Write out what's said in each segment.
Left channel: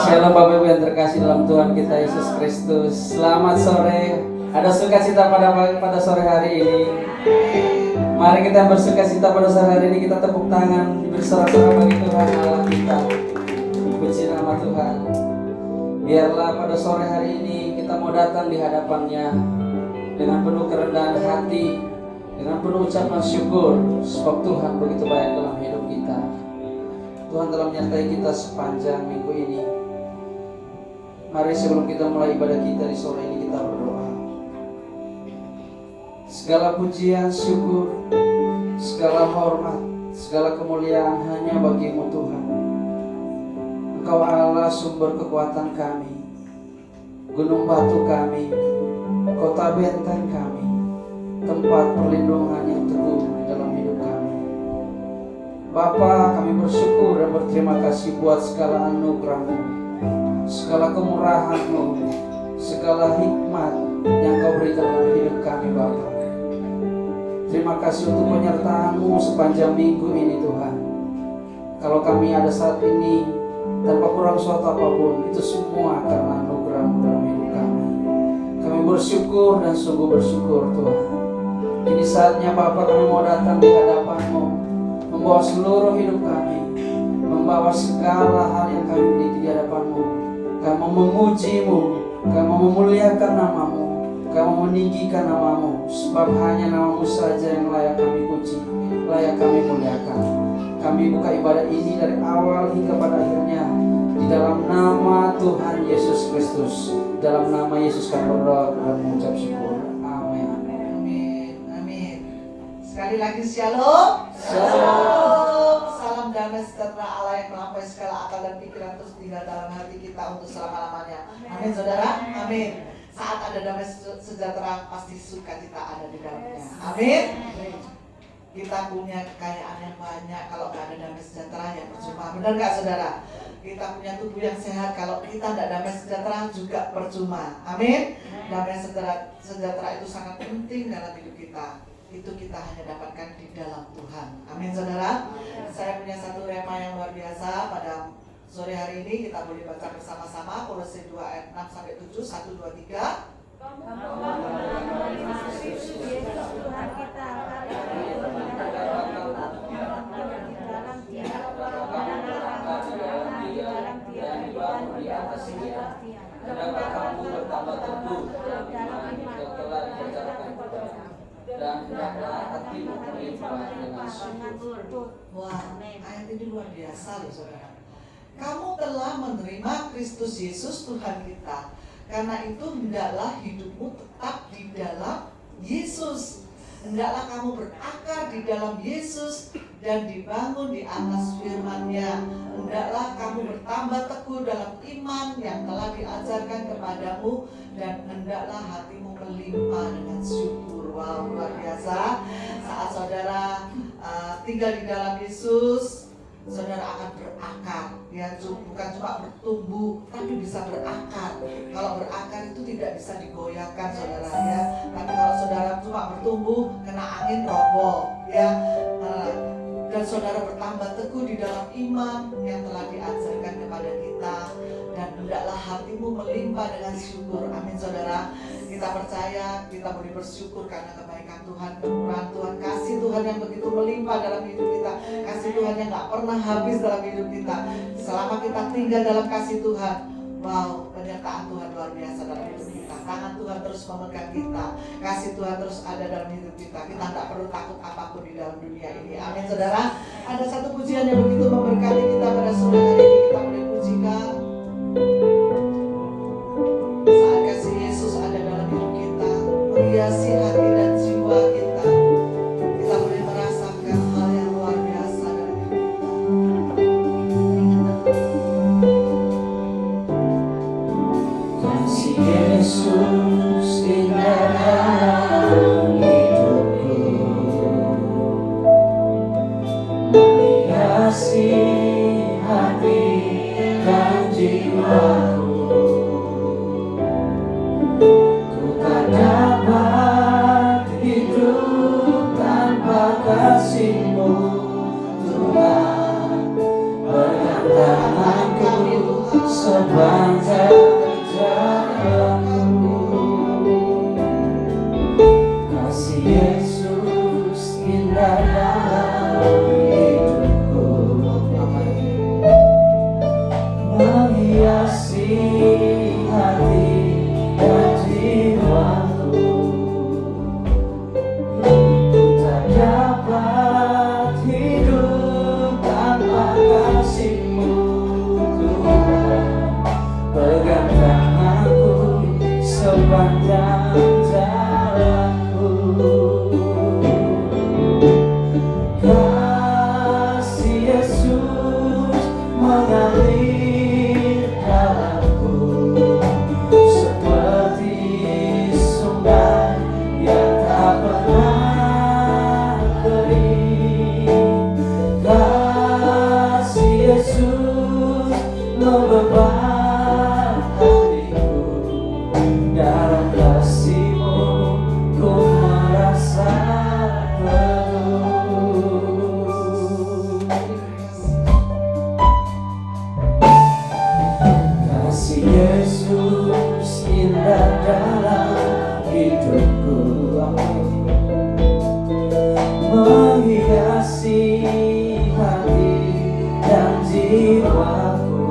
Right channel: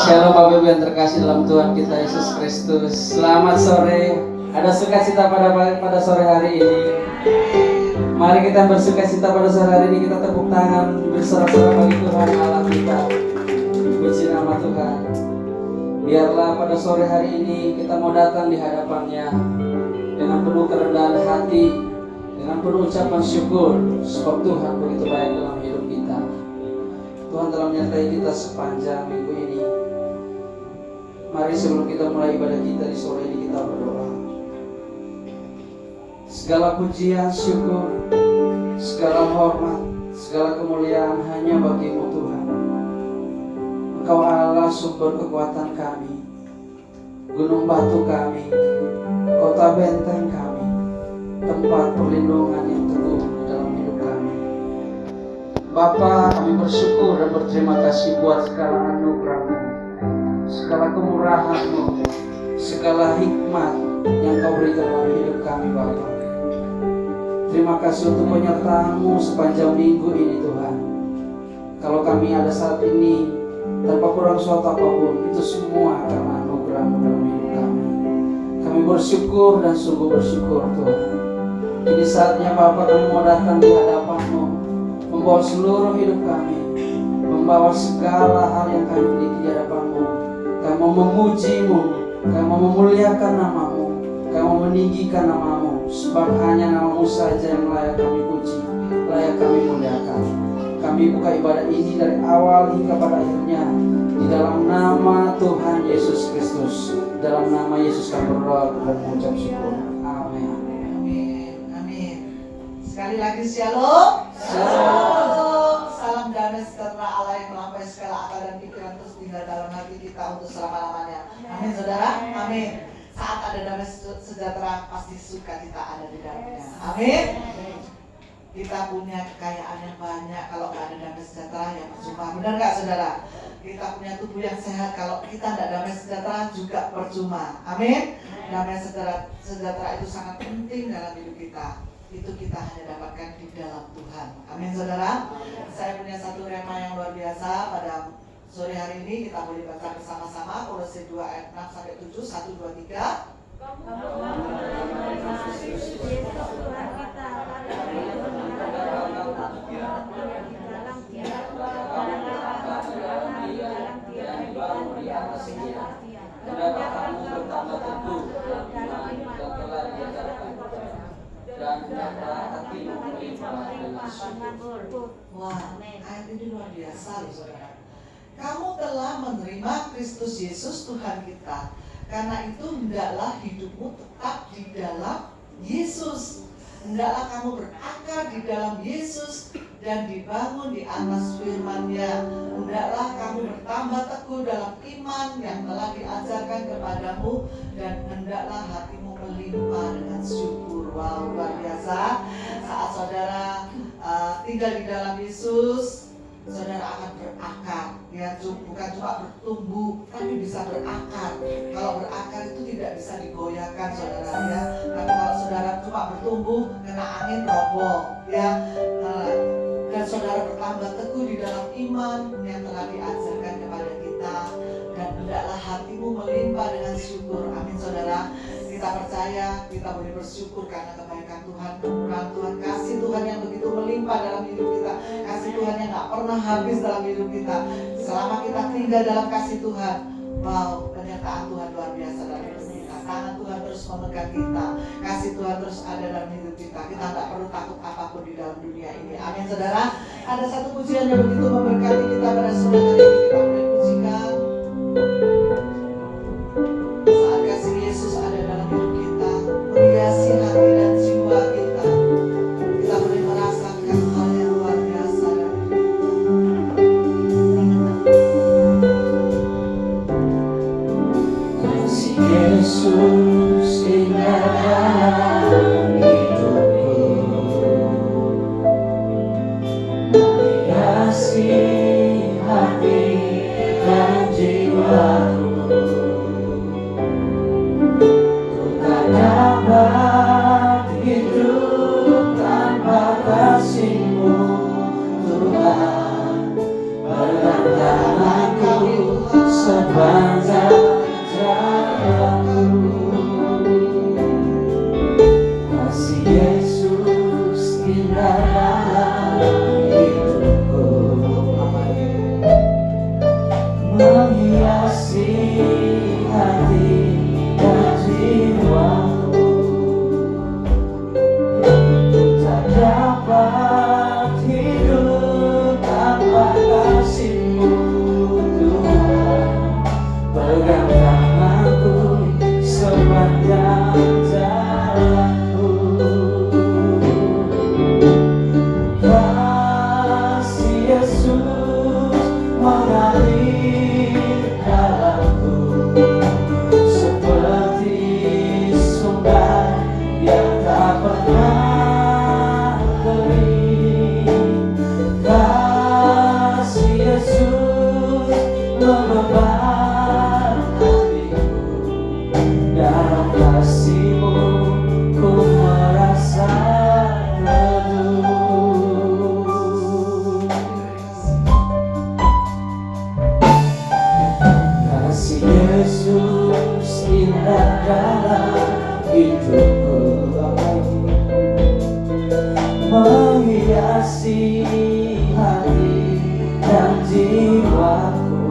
Shalom Bapak Ibu yang terkasih dalam Tuhan kita Yesus Kristus. Selamat sore. Ada sukacita pada sore hari ini. Mari kita bersukacita pada sore hari ini. Kita tepuk tangan bersorak-sorak bagi Tuhan Allah kita. Puji nama Tuhan. Biarlah pada sore hari ini kita mau datang di hadapan-Nya dengan penuh kerendahan hati, dengan penuh ucapan syukur, sebab Tuhan begitu baik dalam hidup kita. Tuhan telah menyertai kita sepanjang minggu ini. Mari sebelum kita mulai ibadah kita di sore ini, kita berdoa. Segala pujian, syukur, segala hormat, segala kemuliaan hanya bagi-Mu Tuhan. Engkau Allah sumber kekuatan kami, gunung batu kami, kota benteng kami, tempat perlindungan yang teguh di dalam hidup kami. Bapa, kami bersyukur dan berterima kasih buat segala anugerah-Mu, segala kemurahan-Mu, segala hikmat yang Kau berikan dalam hidup kami Bapa. Terima kasih untuk penyertaan-Mu sepanjang minggu ini Tuhan. Kalau kami ada saat ini tanpa kurang suatu apapun, itu semua karena anugerah-Mu dalam hidup kami. Kami bersyukur dan sungguh bersyukur Tuhan. Ini saatnya Bapa, kami mau datang di hadapan-Mu, membawa seluruh hidup kami, membawa segala hal yang kami miliki di hadapan-Mu. Kami mau memuji-Mu, kami mau memuliakan nama-Mu, kami mau meninggikan nama-Mu, sebab hanya nama-Mu saja yang layak kami puji, layak kami muliakan. Kami buka ibadah ini dari awal hingga pada akhirnya di dalam nama Tuhan Yesus Kristus. Dalam nama Yesus kami berdoa dan mengucap syukur. Amin. Amin. Amin. Sekali lagi shalom. Shalom. Salam damai sejahtera Allah yang melampaui segala akal dan pikiran terus tinggal dalam hati kita untuk selama-lamanya. Amin saudara. Amin. Saat ada damai sejahtera pasti sukacita ada di dalamnya. Amin. Kita punya kekayaan yang banyak, kalau nggak ada damai sejahtera ya percuma. Benar nggak saudara? Kita punya tubuh yang sehat, kalau kita nggak damai sejahtera juga percuma. Amin. Damai sejahtera itu sangat penting dalam hidup kita. Itu kita hanya dapatkan di dalam Tuhan. Amin saudara. Saya punya satu rema yang luar biasa pada sore hari ini. Kita boleh baca bersama-sama Kolose 2 ayat 6 sampai 7. 1, 2, 3. Kamu telah menerima Kristus Yesus Tuhan kita dari dalam jiwa di atas dia, dan kamu bertambah teguh dalam iman yang telah diajarkan kepadamu, dan hendaklah hatimu melimpah dengan syukur. Wah, ayat ini luar biasa loh saudara. Kamu telah menerima Kristus Yesus Tuhan kita. Karena itu hendaklah hidupmu tetap di dalam Yesus. Hendaklah kamu berakar di dalam Yesus dan dibangun di atas firman-Nya. Hendaklah kamu bertambah teguh dalam iman yang telah diajarkan kepadamu, dan hendaklah hatimu melimpah dengan syukur. Wow, luar biasa. Saat saudara tinggal di dalam Yesus, saudara akan berakar, ya, bukan cuma bertumbuh, tapi bisa berakar. Kalau berakar itu tidak bisa digoyahkan, saudara, ya. Tapi kalau saudara cuma bertumbuh, kena angin roboh, ya. Dan saudara bertambah teguh di dalam iman yang telah diajarkan kepada kita, dan hendaklah hatimu melimpah dengan syukur. Amin, saudara. Kita percaya, kita boleh bersyukur karena kebaikan Tuhan, kemurahan Tuhan, kasih Tuhan yang begitu melimpah dalam hidup kita, kasih Tuhan yang gak pernah habis dalam hidup kita. Selama kita tinggal dalam kasih Tuhan, wow, penyertaan Tuhan luar biasa dalam hidup kita. Tangan Tuhan terus memegang kita, kasih Tuhan terus ada dalam hidup kita. Kita gak perlu takut apapun di dalam dunia ini. Amin saudara. Ada satu pujian yang begitu memberkati kita pada sore hari ini. Kita boleh pujikan. Saat kasih Yesus ada dalam hidup kita, menghiasi hati dan jiwa kita, kita boleh merasakan hal yang luar biasa dalam hidup kita. Kasih Yesus indah dalam hidupku, menghiasi hati sepanjang jalanku. Kasih Yesus indah dalam hidupku, menghiasi hati dan jiwaku. Ku tak dapat hidup tanpa kasih-Mu, Tuhan. Pegang tanganku sepanjang jalanku. Kasih Yesus mengalir dalamku, seperti sungai yang tak pernah kering. Kasih Yesus membeban hatiku, dalam kasih-Mu ku merasa teduh. Kasih Yesus indah dalam hidupku, menghiasi hati dan jiwaku.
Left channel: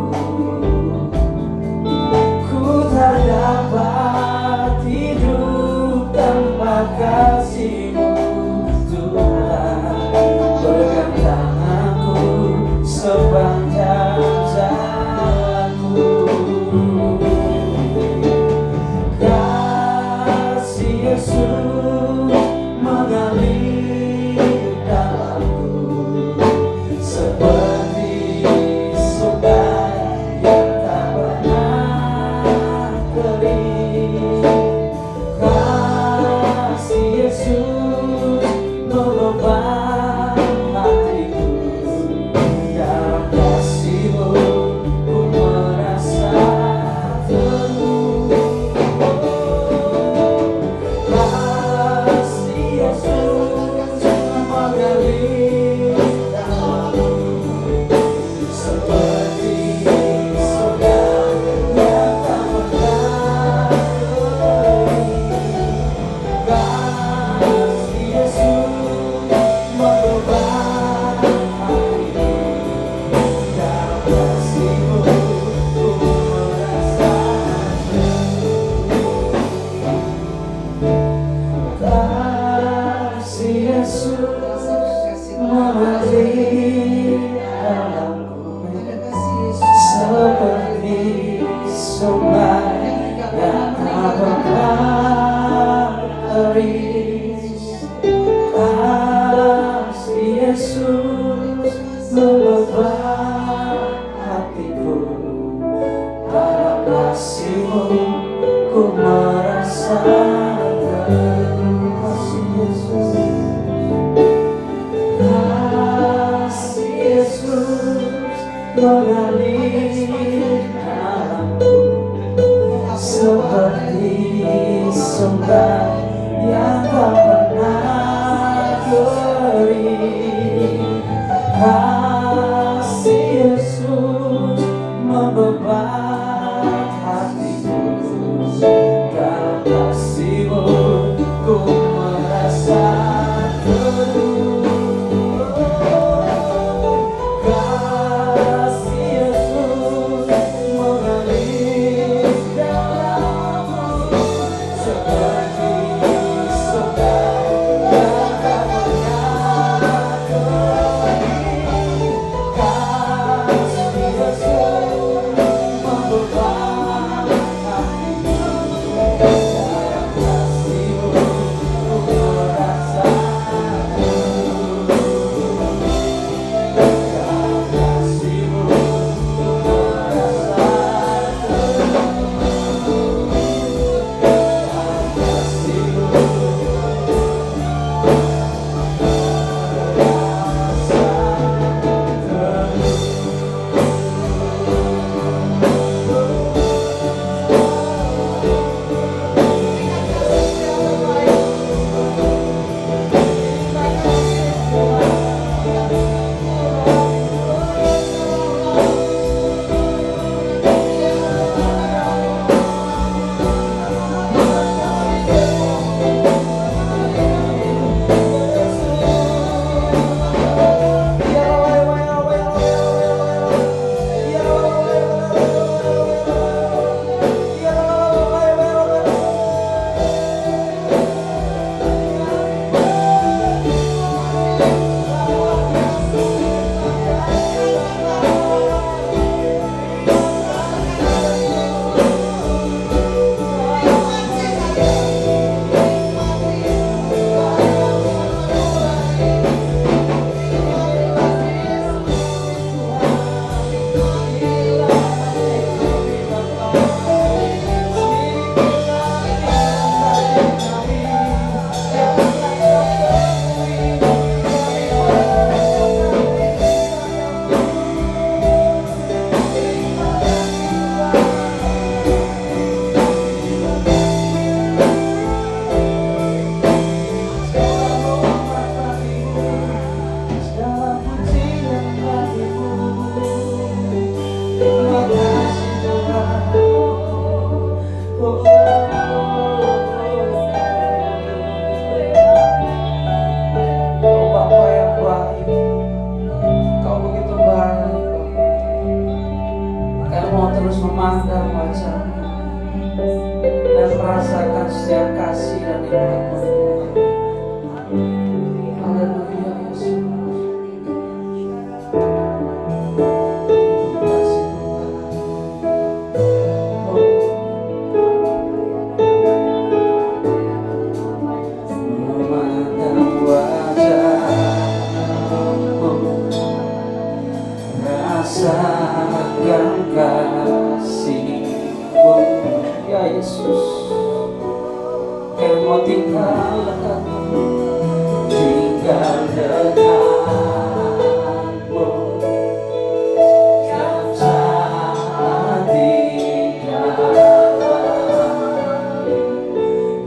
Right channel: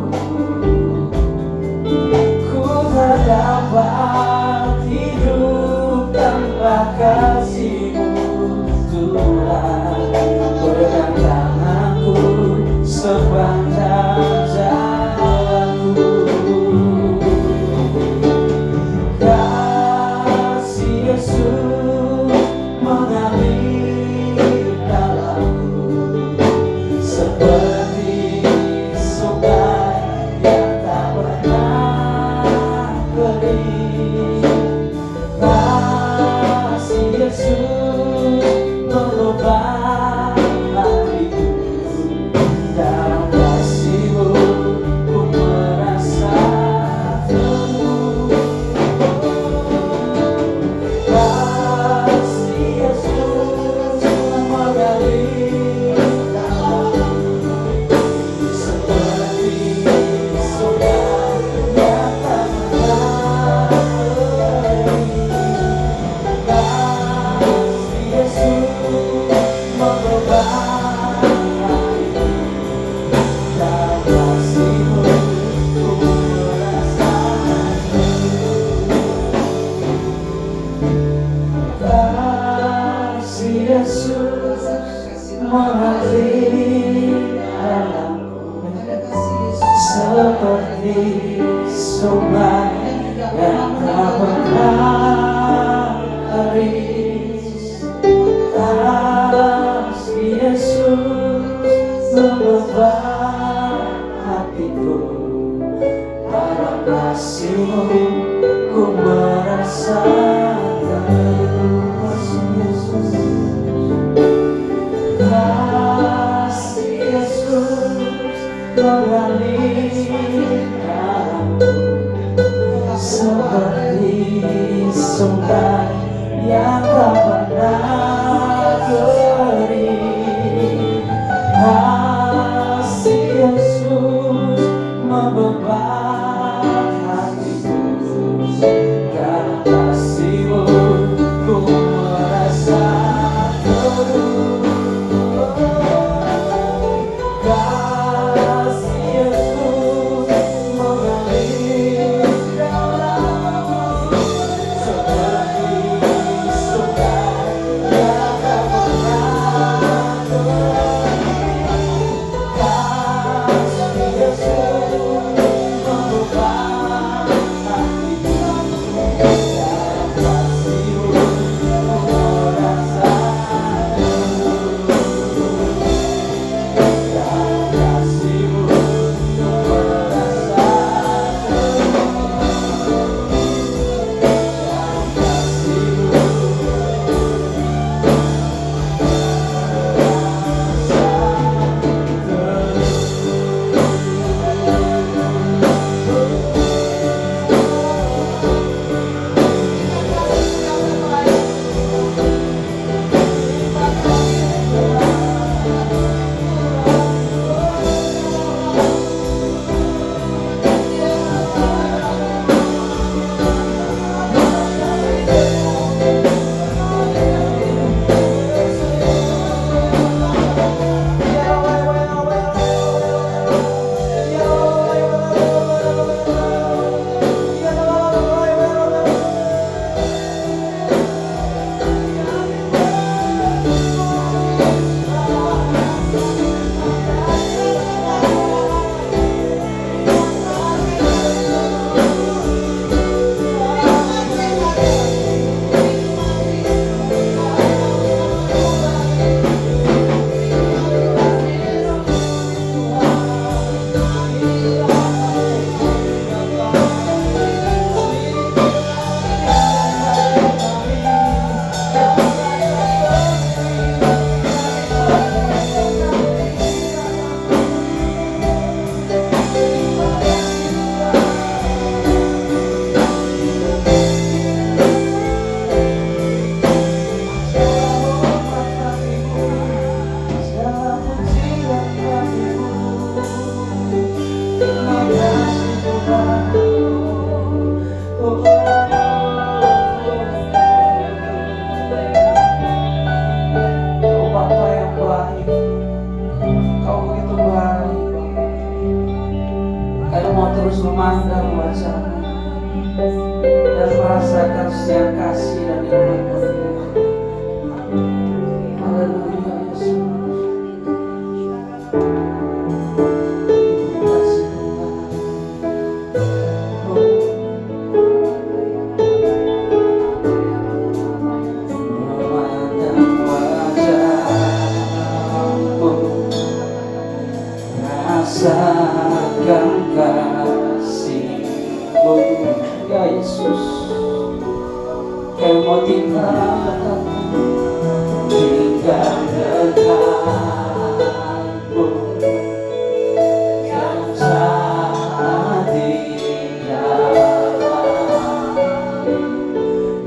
Ku tak dapat hidup tanpa kasih-Mu, Tuhan. Pegang tanganku sepanjang jalanku. Kasih Yesus mengalir dalamku, seperti sungai yang tak pernah kering. Kasih Yesus membeban hatiku, dalam kasih-Mu ku merasa teduh. Kasih Yesus mengalir dalamku, seperti sungai yang tak pernah kering. Kasih Yesus membeban hatiku, dalam kasih-Mu ku merasa teduh. Kasih Yesus mengalir dalamku, seperti sungai yang tak pernah kering. Kasih Yesus membeban hatiku, dalam kasih-Mu ku merasa teduh. Kasih Yesus, kasih Yesus mengalir dalamku, seperti sungai yang tak pernah kering. Kasih Yesus membeban hatiku, dalam kasih-Mu ku merasa teduh. Kasih Yesus mengalir dalamku, seperti sungai yang tak pernah kering. Kasih Yesus terus memandang wajah-Mu dan merasakan setiap kasih dan nikmat-Mu. Haleluya Yesus. Kasih Tuhan. Memandang wajah-Mu, rasakan kasih-Mu, ya Yesus. Mau tinggal dekatmu, yang saat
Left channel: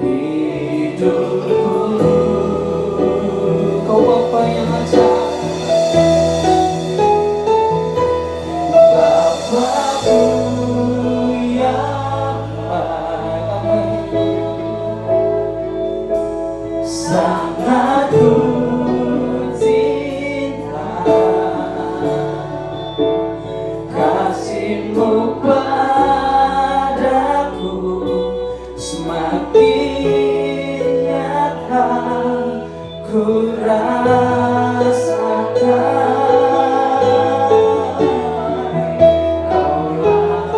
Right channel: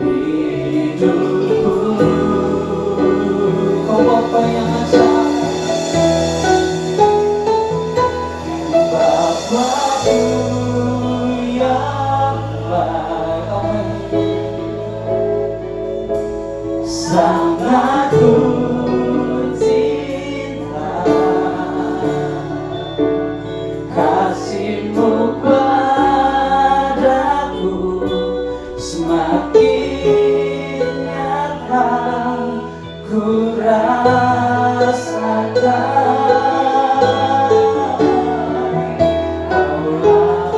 hidupku. Kau Bapa yang ajaib, Bapa-Ku yang baik. Sangat ku cinta kasih-Mu padaku, semakin nyata ku rasakan. Kaulah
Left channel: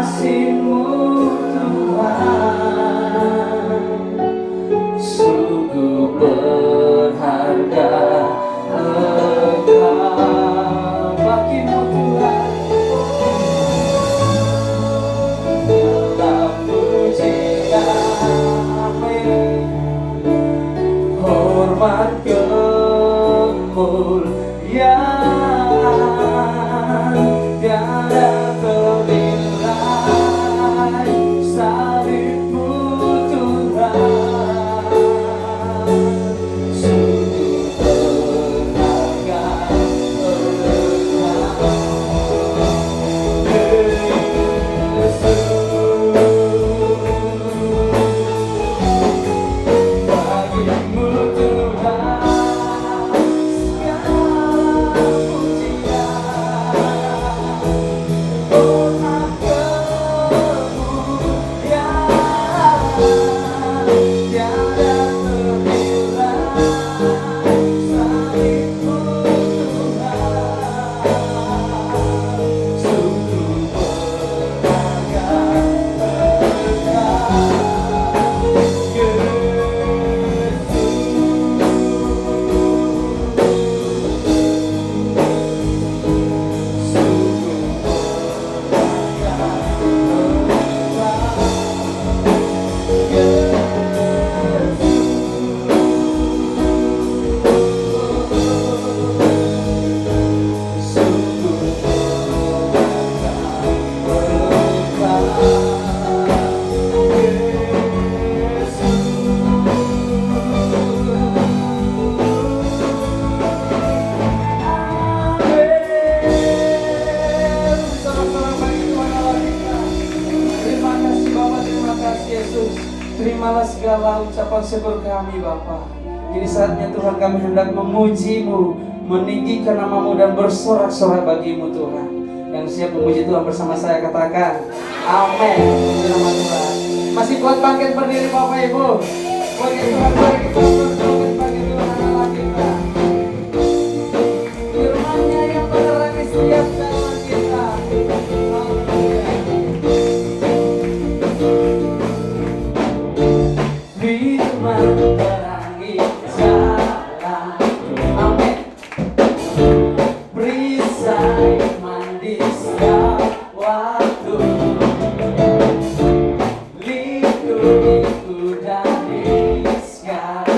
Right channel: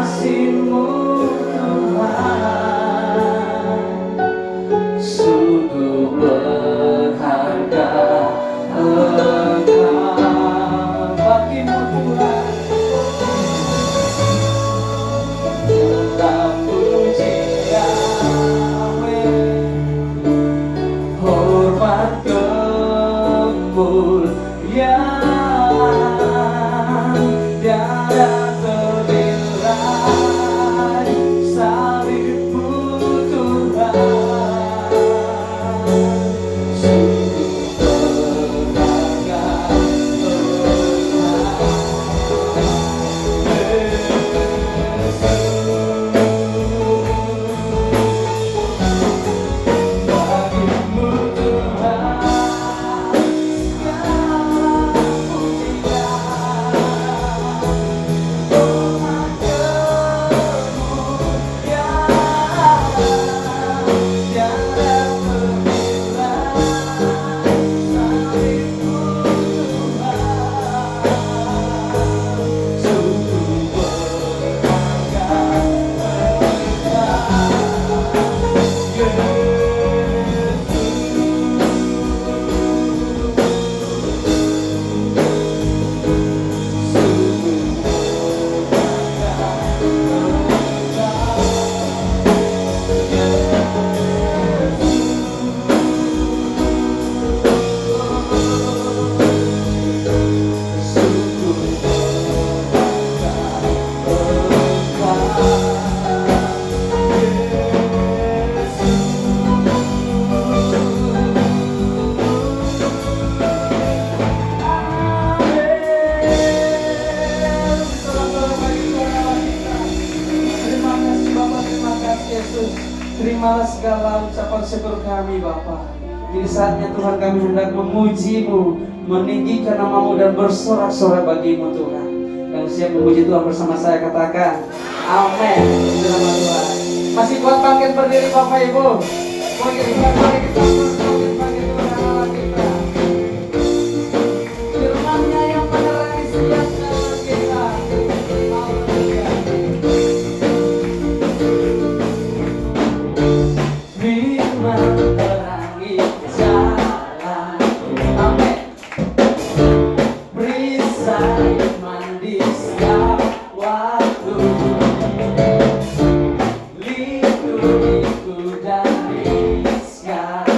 kasih-Mu Tuhan sungguh berharga. Engkau bagimu Tuhan dalam puji-Mu, hormat kemuliaan tiada ternilai. Salib-Mu Tuhan sungguh berharga. Bagimu Tuhan terimalah segala ucapan syukur kami Bapa. Di saatnya Tuhan kami hendak memuji-Mu, meninggikan nama-Mu dan bersorak-sorak bagi-Mu Tuhan. Yang siap memuji Tuhan bersama saya katakan amin. Masih kuat bangkit berdiri Bapak Ibu. Bangkit Tuhan, bangkit Tuhan, bangkit Tuhan Allah kita. Firman-Nya yang menerangi setiap jalan kita. Firman terangi jalan, amin. Perisai mandi setiap waktu, lindungiku dari segala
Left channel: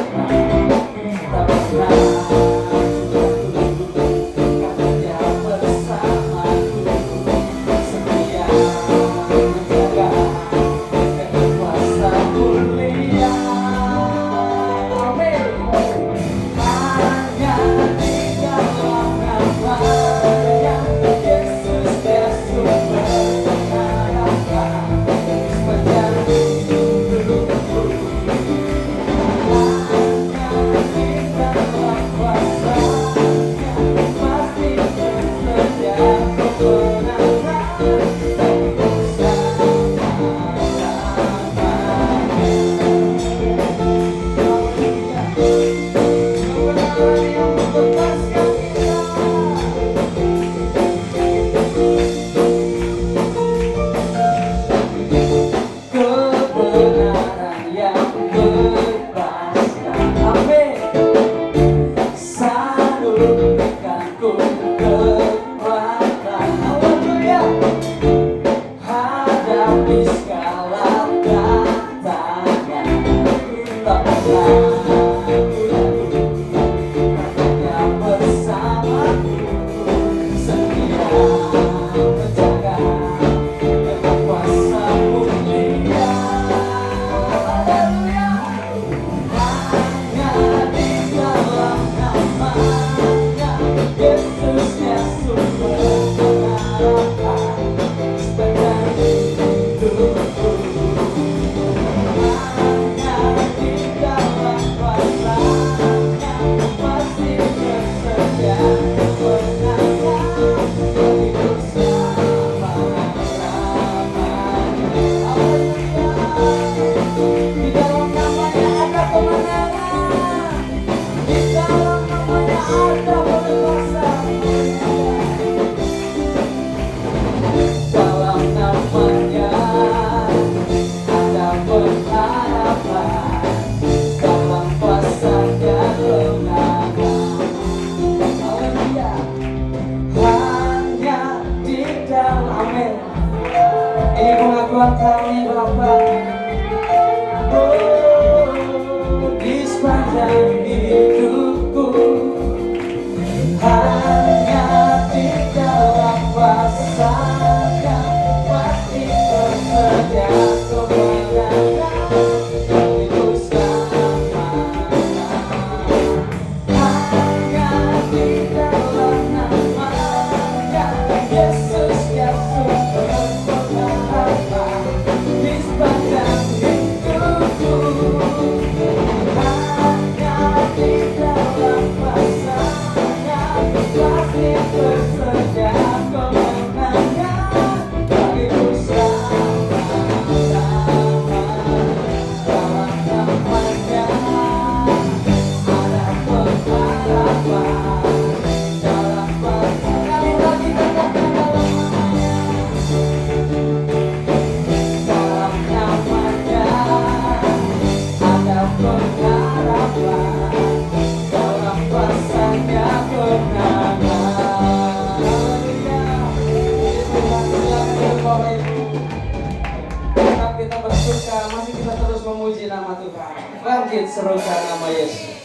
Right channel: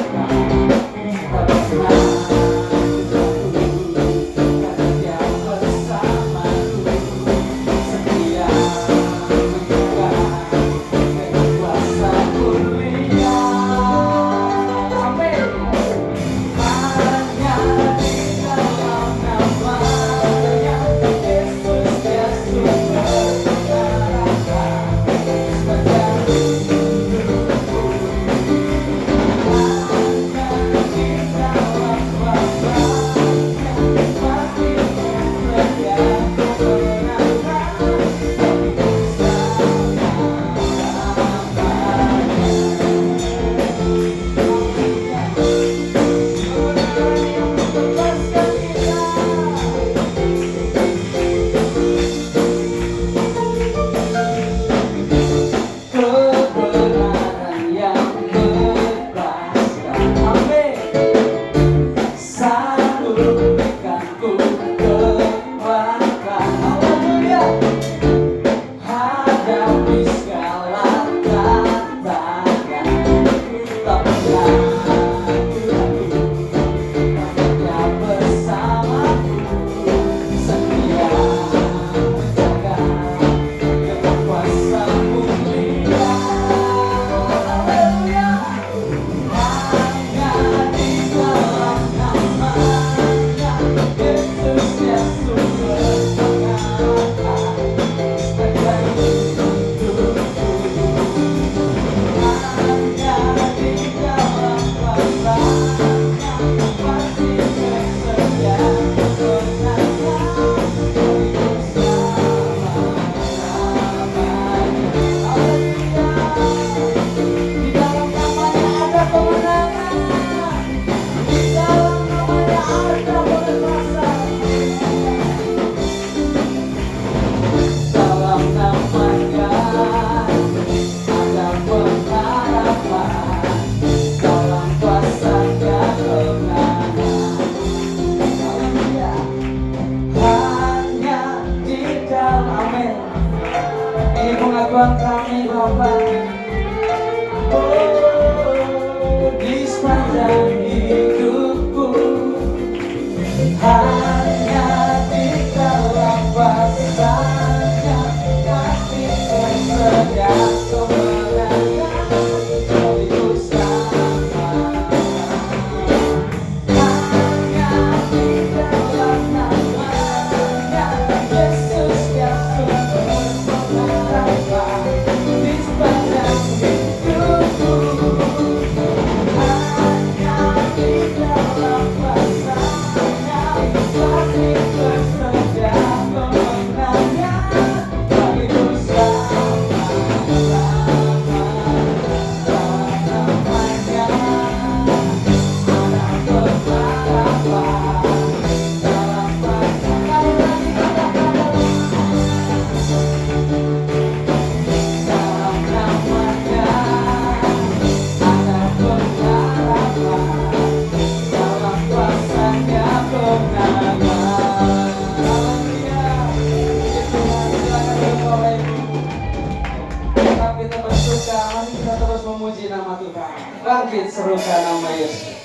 bangkit serukan nama Yesus.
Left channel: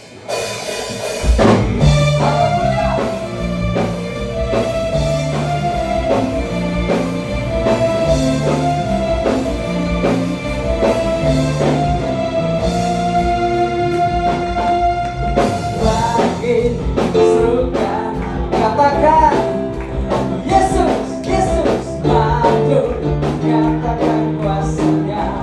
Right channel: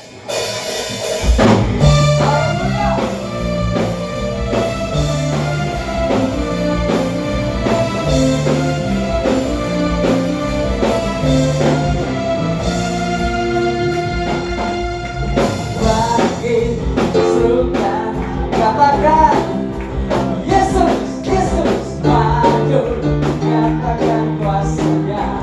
Bangkit serukan, katakan Yesus, Yesus maju, nyatakan kuasanya.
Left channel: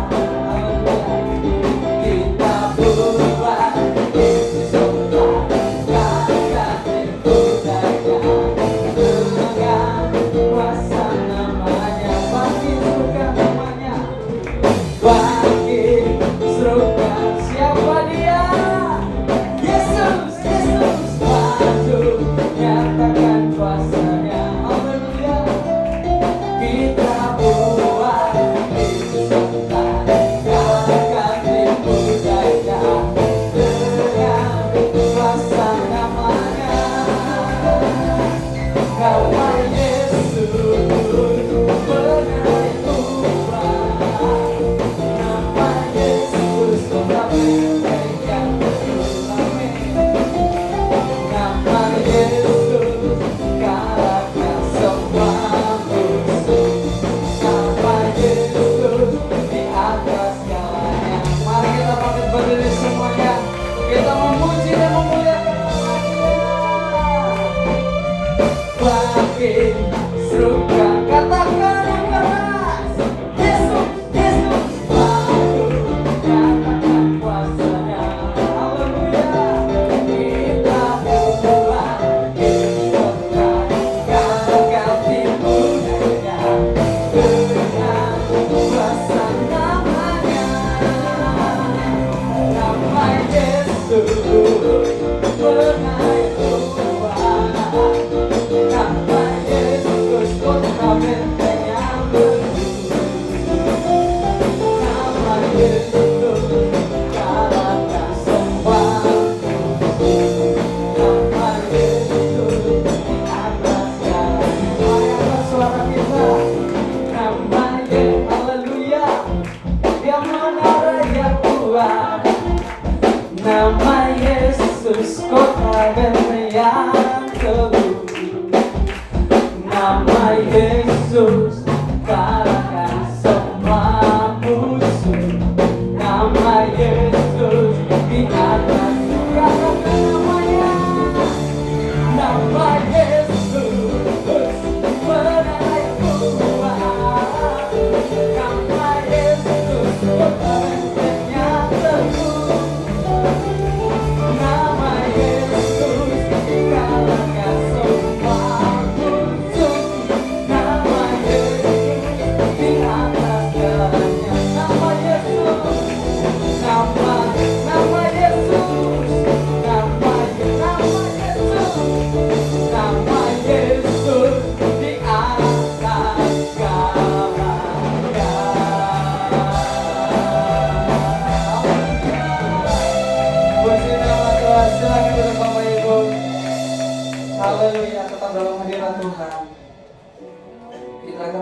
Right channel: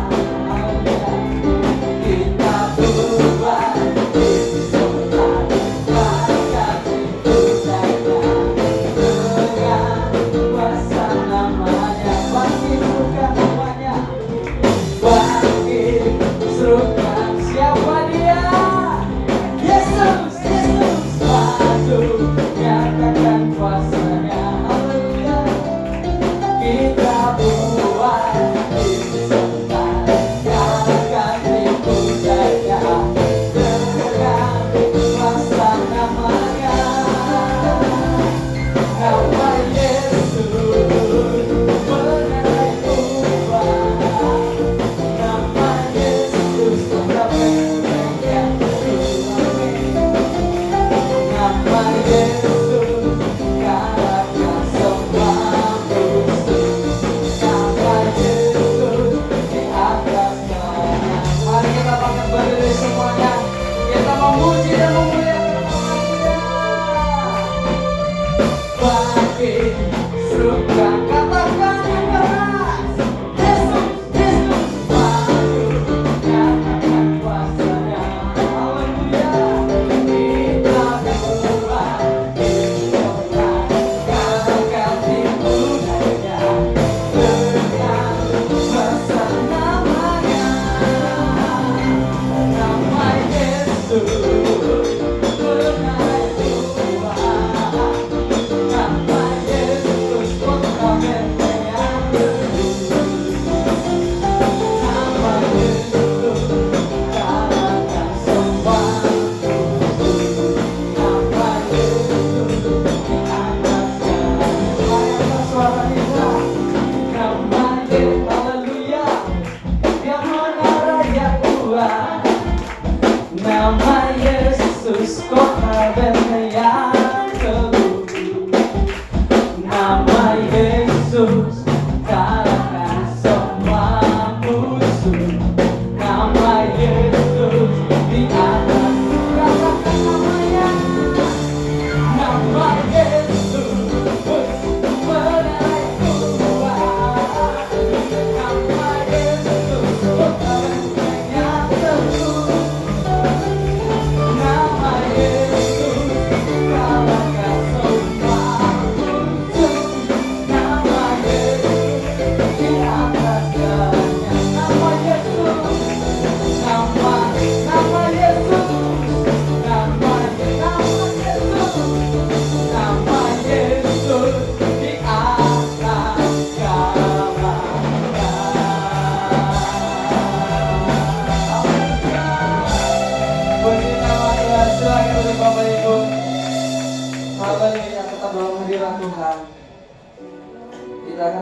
Kita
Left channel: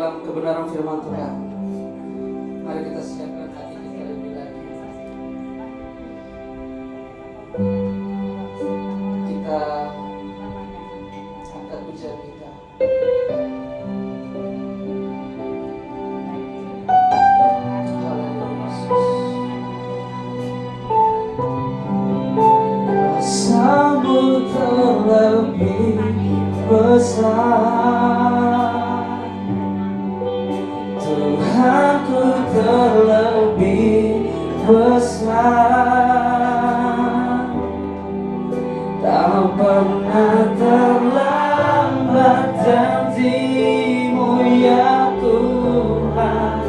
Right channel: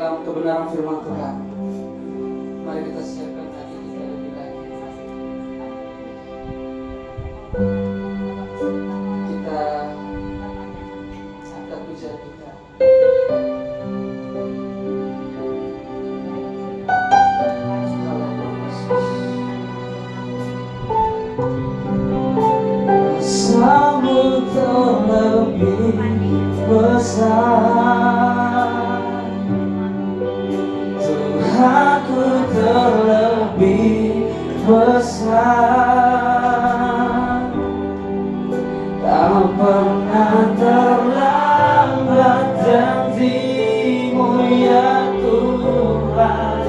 buat kebenaran firman Tuhan. Mari kita siapkan hati kita lebih lagi. Kita angkat pujian kita. Kuasamu terlebih besar, Tuhanku terlebih besar. Tak pernah terlambat janji-Mu ya Tuhan,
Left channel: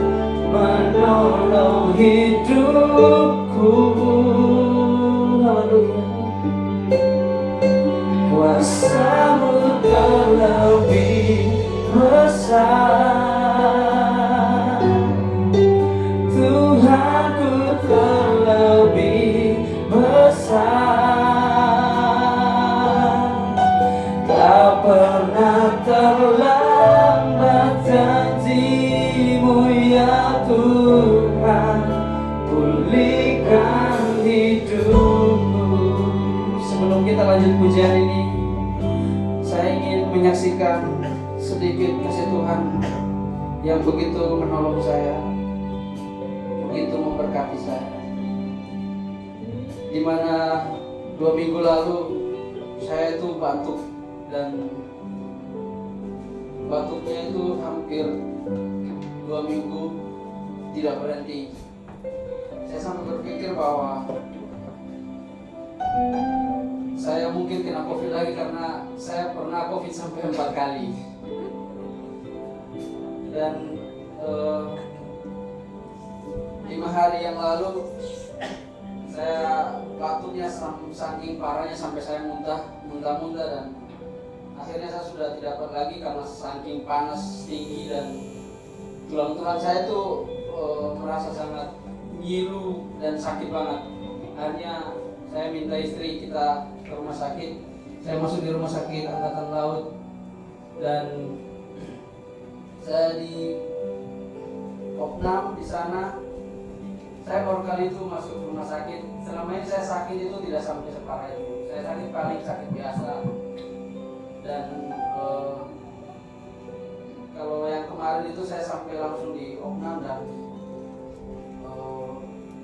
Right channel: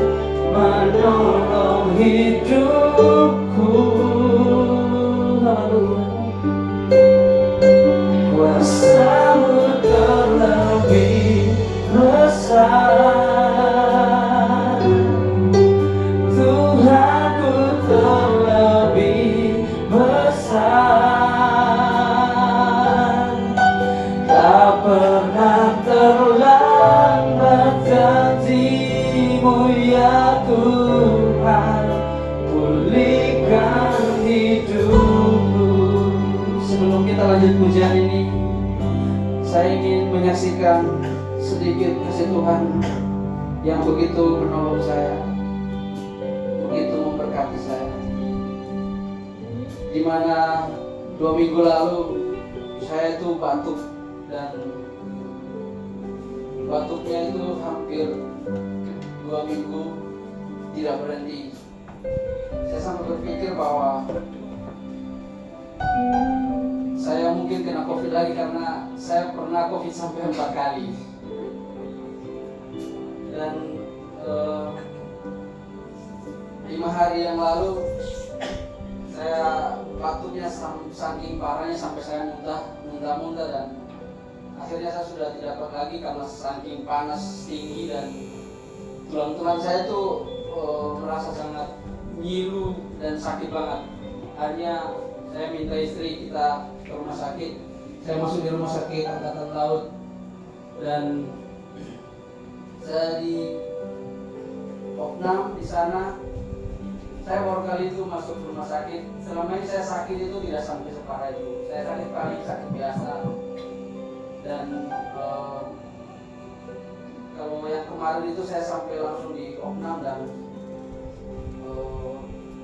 menolong hidupku. Kuasa-Mu terlebih besar, Tuhanku terlebih besar. Tak pernah terlambat janji-Mu ya Tuhan, pulihkan lanjut pujian ini, saya ingin menyaksikan sedikit kasih Tuhan yang begitu menolong saya, begitu memberkati saya. Dimana 2 minggu lalu saya itu batuk, dan batuknya itu hampir 2 minggu tidak berhenti. Saya sampai berpikir bahwa saya mungkin kena COVID lagi, karena saya pernah COVID sampai 4 kali. Dan 5 hari yang lalu saya batuknya saking parahnya sampai saya muntah-muntah, dan akhirnya saya sudah tidak dapat lagi karena saking panas tinggi, dan tulang-tulang saya tuh merasa sangat nyilu dan sakit banget. Akhirnya saya minta istri kita ke rumah sakit. Saya masuk di rumah sakit Angkatan Laut, dan saya di Oknam di sana. Saya baru kali itu masuk ke rumah sakit. Selama ini saya sakit itu tidak sampai separah itu. Saya sakit paling sakit biasa. Dan kalau yang kemarin itu saya sampai langsung di Oknam, dan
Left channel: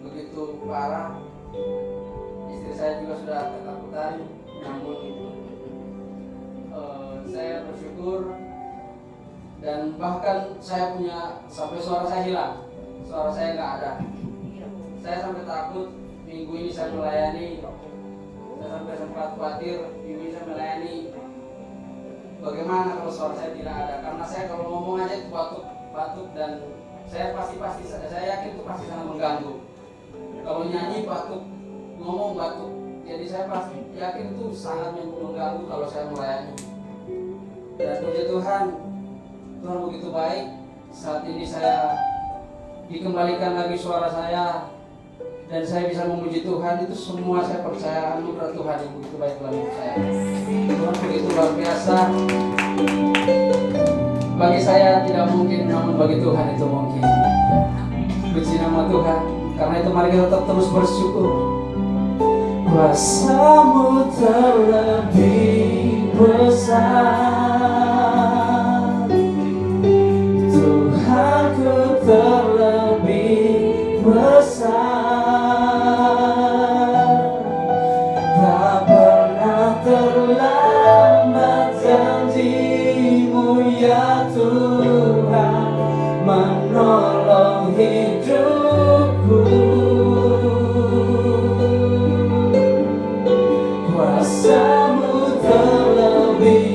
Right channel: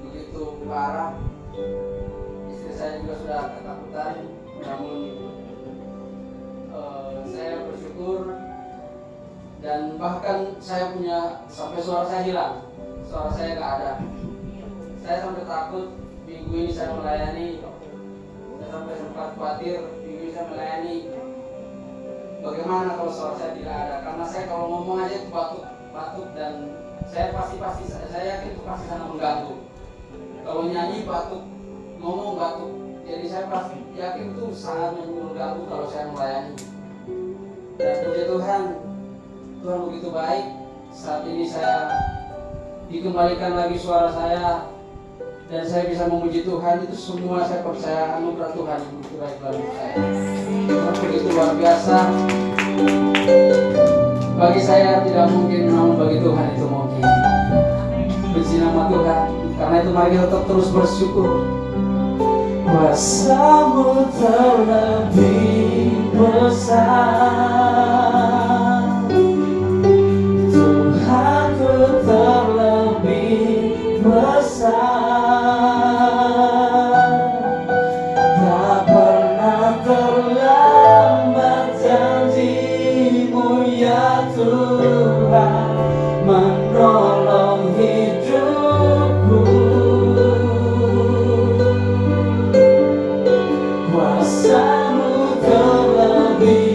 begitu parah. Istri saya juga sudah ketakutan, namun saya bersyukur, dan bahkan saya punya sampai suara saya hilang, suara saya nggak ada. Saya sampai takut minggu ini saya melayani, saya sampai sempat khawatir minggu ini saya melayani. Bagaimana kalau suara saya tidak ada? Karena saya kalau ngomong aja itu batuk, dan saya yakin itu pasti sangat mengganggu. Kalau nyanyi batuk, ngomong batuk, jadi saya pasti yakin itu sangat mengganggu kalau saya melayani. Dan puji Tuhan, Tuhan begitu baik. Saat ini saya dikembalikan lagi suara saya, dan saya bisa memuji Tuhan. Itu semua saya percaya anugerah Tuhan yang begitu baik dalam hidup saya. Tuhan begitu luar biasa. Bagi saya tidak mungkin, namun bagi Tuhan itu mungkin. Puji nama Tuhan. Karena itu mari kita tetap terus bersyukur. Kuasa-Mu terlebih besar, Tuhanku terlebih besar. Tak pernah terlambat janji-Mu ya Tuhan, menolong hidupku. Kuasa-Mu terlebih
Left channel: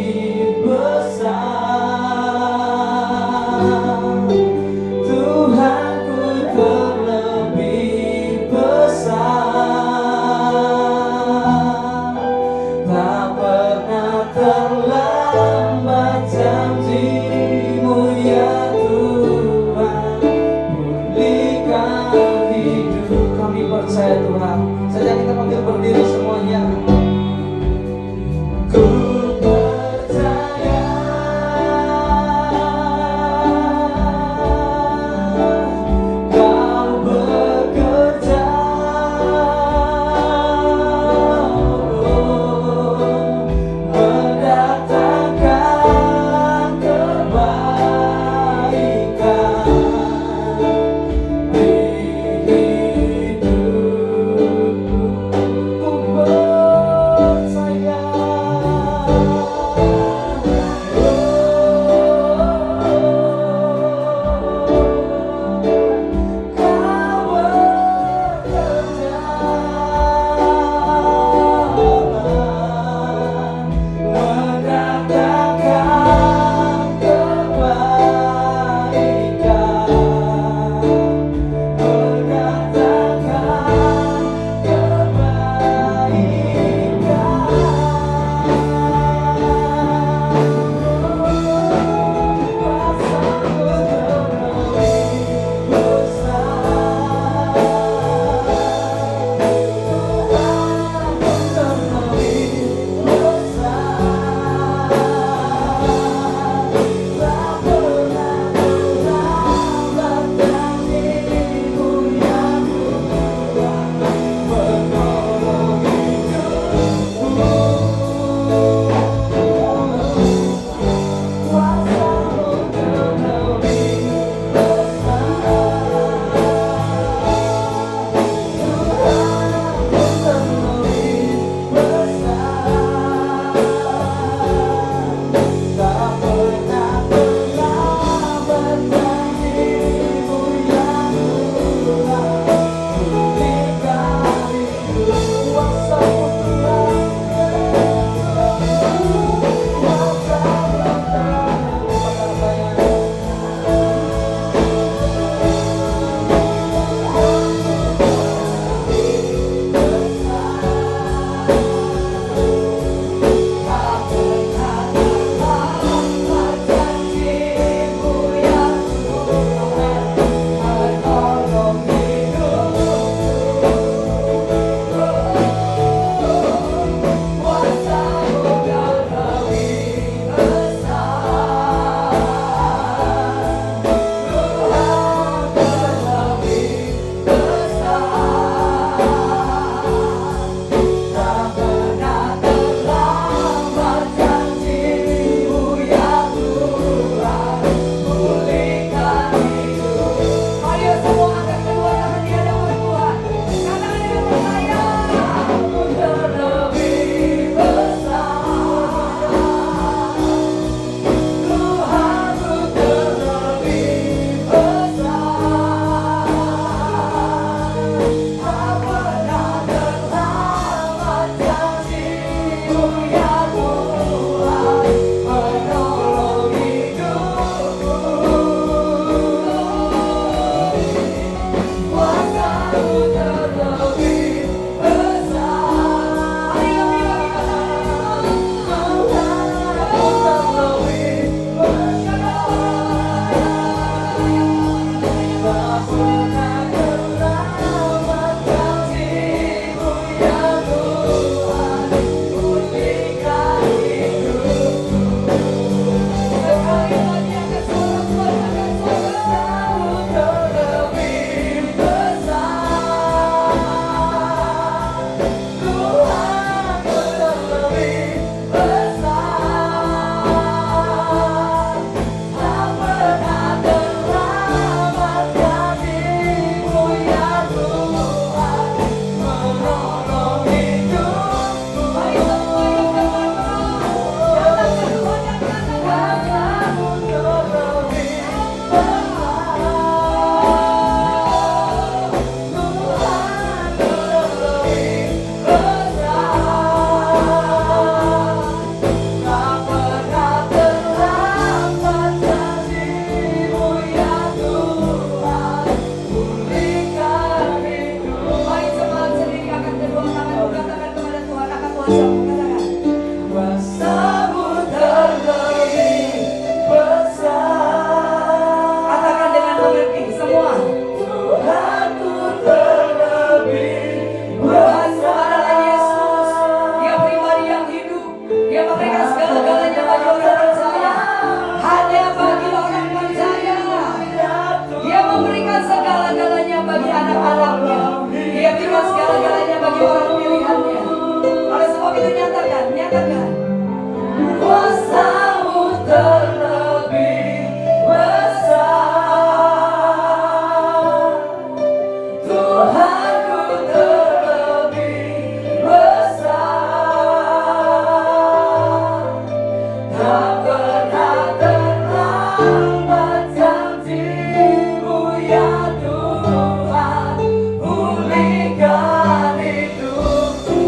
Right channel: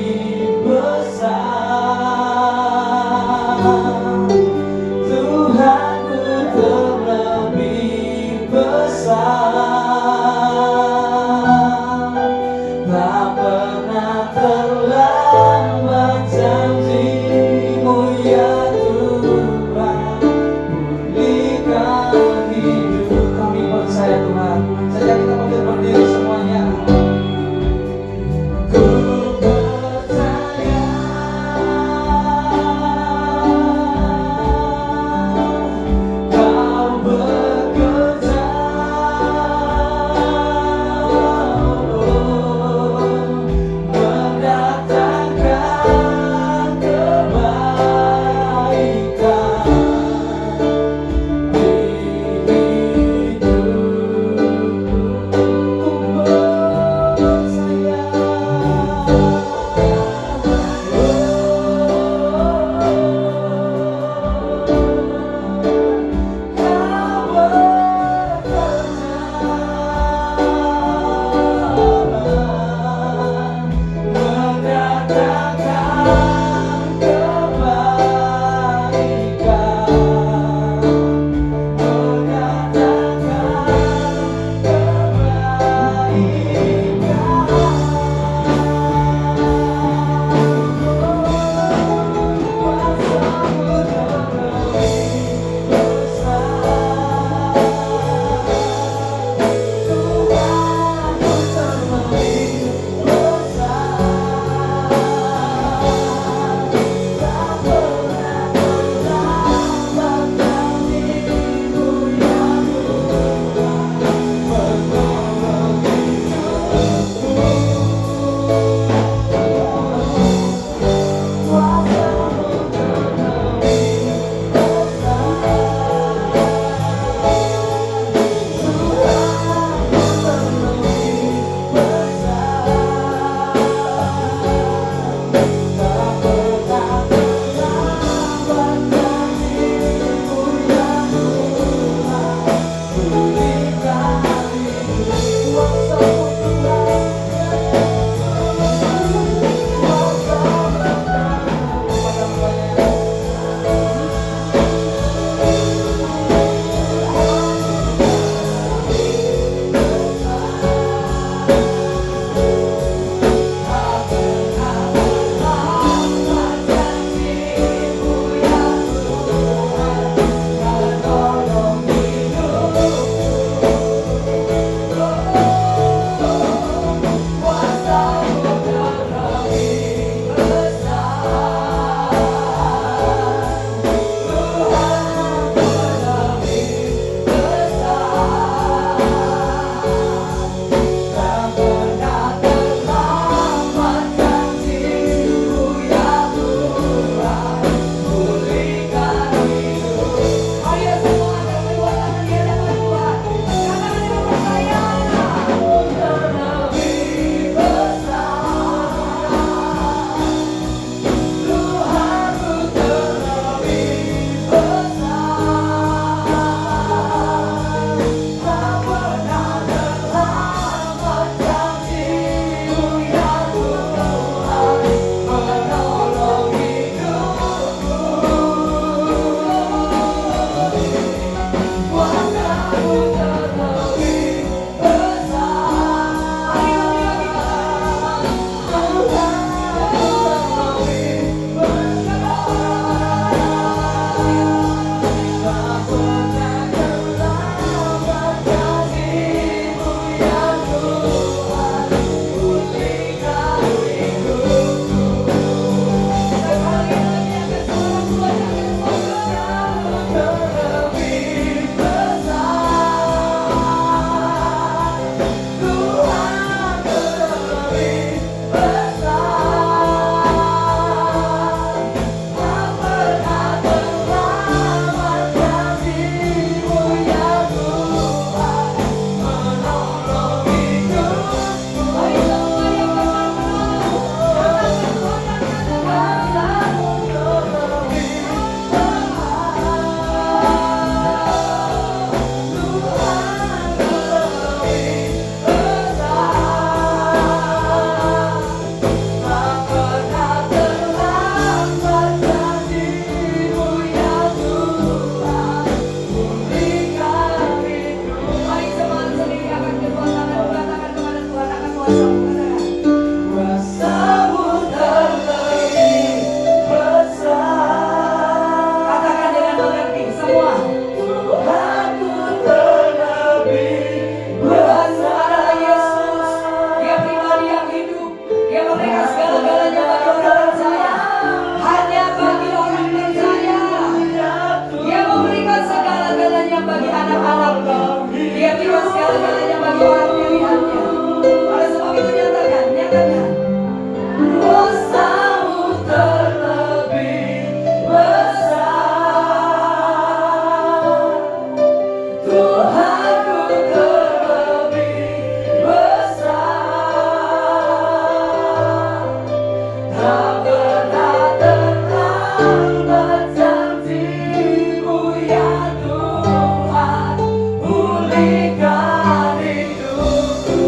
kasih-Mu ya Tuhan, pulihkan hidupku.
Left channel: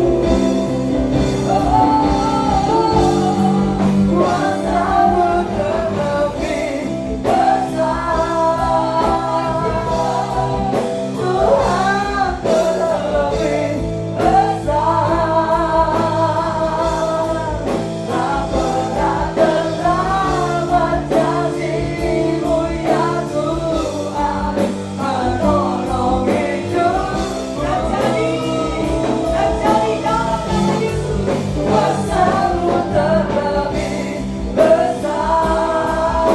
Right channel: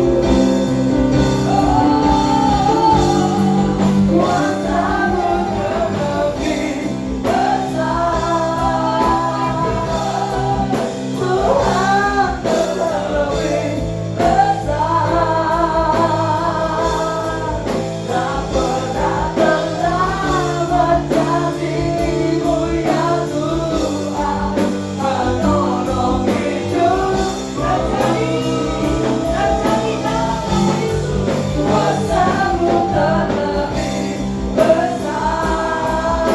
Kuasa-Mu terlebih besar, Tuhan terlebih besar. Tak pernah terlambat janji-Mu ya Tuhan, menolong hidup. Terjadi dalam Yesus, kuasa-Mu terlebih besar,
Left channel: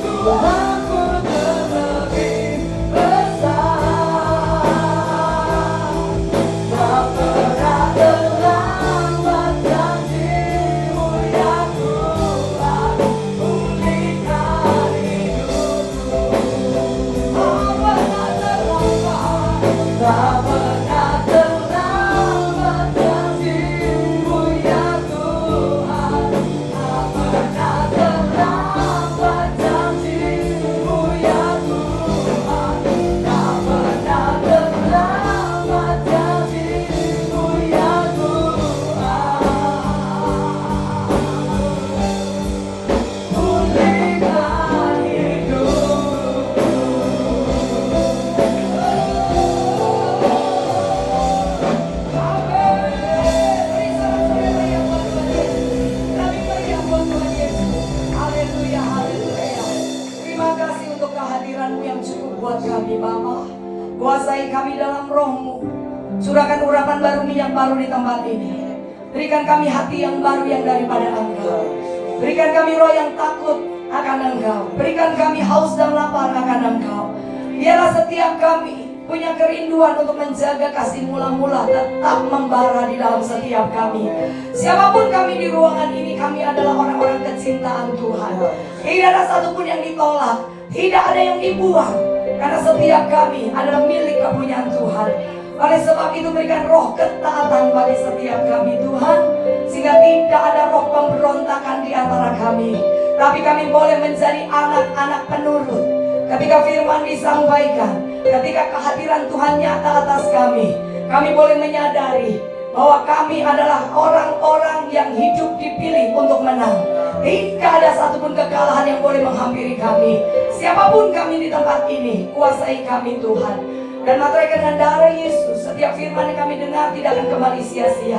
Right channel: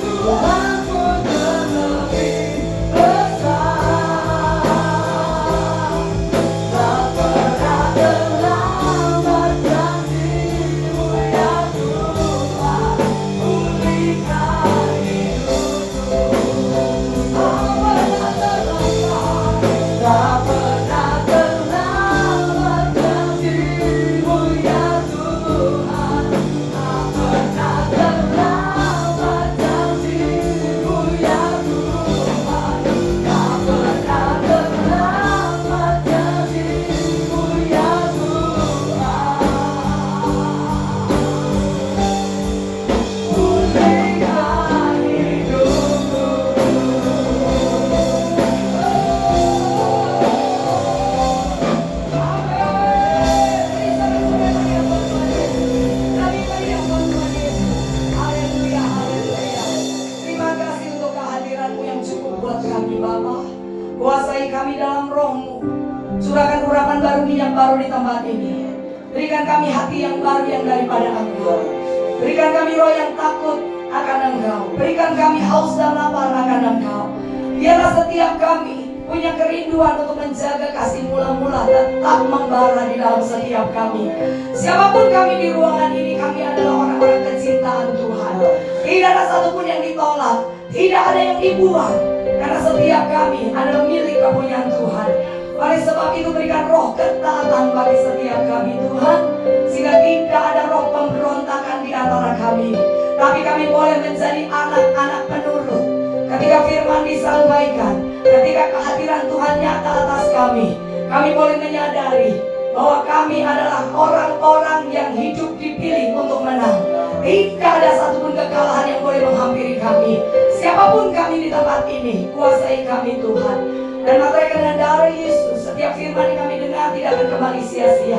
Tuhanku terlebih besar. Tak pernah terlambat janji-Mu ya Tuhan, pulihkan hidupku. Tak pernah terlambat, tak pernah terlambat janji-Mu ya Tuhan, tak pernah terlambat janji-Mu ya Tuhan, tak pernah terlambat janji-Mu ya Tuhan, pulihkan Terima kasih untuk kehadiran-Mu yang cukup buat kami, Bapa. Kuasai kami dalam Roh-Mu. Curahkan urapan baru, minyak baru di tempat ini. Berikan kami hati yang baru yang daripada Engkau. Berikan kami roh yang takut akan Engkau. Berikan kami haus dan lapar akan Engkau. Biarlah setiap kami punya kerinduan untuk menjaga kasih mula-mula tetap membara di dalam setiap kami. Siapapun kami di ruangan ini, kami adalah orang-orang kecintaan Tuhan. Tidak ada satupun yang ditolak, tidak ada yang dibuang, karena setiap kami adalah milik kepunyaan Tuhan. Oleh sebab itu berikan roh ketaatan bagi setiap kami Tuhan, sehingga tidak ada roh pemberontakan di antara kami, tapi kami boleh menjadi anak-anak penurut. Ketika firman disampaikan, ketika kehadiran Tuhan nyata atas kami boleh menyadari bahwa kami adalah orang-orang yang hidup dipilih untuk menang. Tidak ada satupun kekalahan yang boleh menghampiri kami. Siapapun kami di tempat ini, kuasai kami Tuhan. Dan materi dan darah Yesus, setiap firman yang kami dengar tidak akan kembali sia-sia.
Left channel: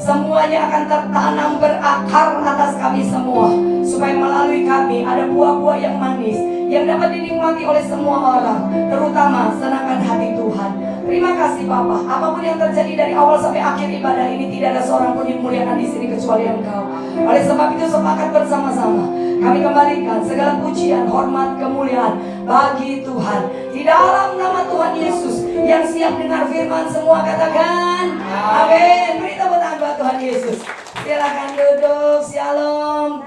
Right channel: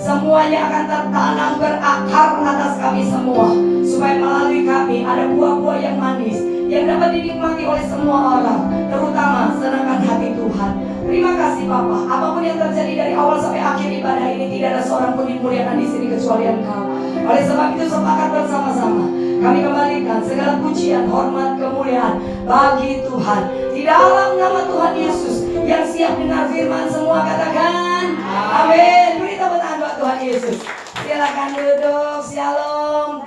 Semuanya akan tertanam berakar atas kami semua, supaya melalui kami ada buah-buah yang manis yang dapat dinikmati oleh semua orang, terutama senangkan hati Tuhan. Terima kasih Bapa. Apapun yang terjadi dari awal sampai akhir ibadah ini, tidak ada seorang pun yang muliakan di sini kecuali Engkau. Oleh sebab itu sepakat bersama-sama kami kembalikan segala pujian, hormat, kemuliaan bagi Tuhan. Di dalam nama Tuhan Yesus yang siap dengar firman semua katakan amin. Beri tepuk tangan buat Tuhan Yesus. Silakan duduk. Shalom.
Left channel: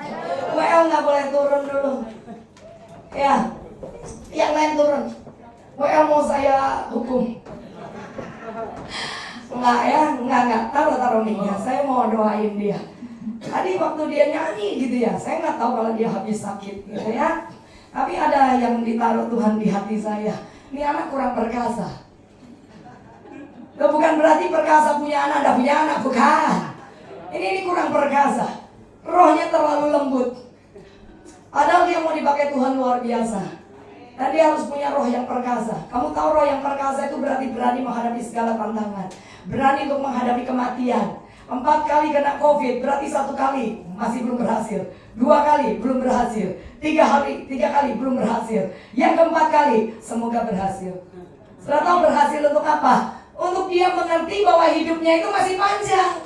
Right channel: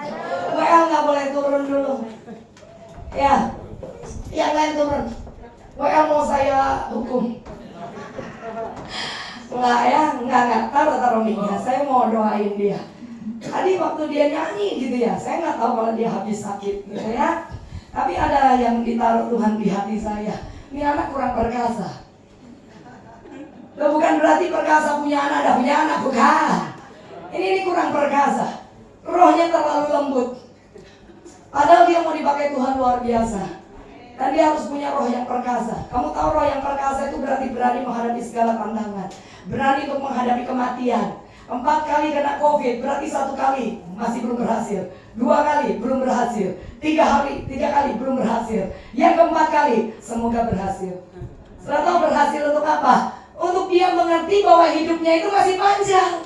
WL nggak boleh turun dulu. Ya, yang lain turun. WL mau saya hukum. Enggak ya, enggak. Taruh minyak. Saya mau doain dia. Tadi waktu dia nyanyi gitu ya, saya nggak tahu kalau dia habis sakit gitu ya. Tapi ada yang ditaruh Tuhan di hati saya. Ini anak kurang perkasa. Loh, bukan berarti perkasa punya anak, bukan. Ini kurang perkasa. Rohnya terlalu lembut. Padahal dia mau dipakai Tuhan luar biasa. Dan dia harus punya roh yang perkasa. Kamu tahu roh yang perkasa itu berarti berani menghadapi segala tantangan. Berani untuk menghadapi kematian. 4 kali kena COVID, berarti 1 kali masih belum berhasil. 2 kali belum berhasil. 3 kali belum berhasil. Yang keempat kali semoga berhasil. Sudah tahu berhasil untuk apa? Untuk dia mengerti bahwa hidupnya itu masih panjang.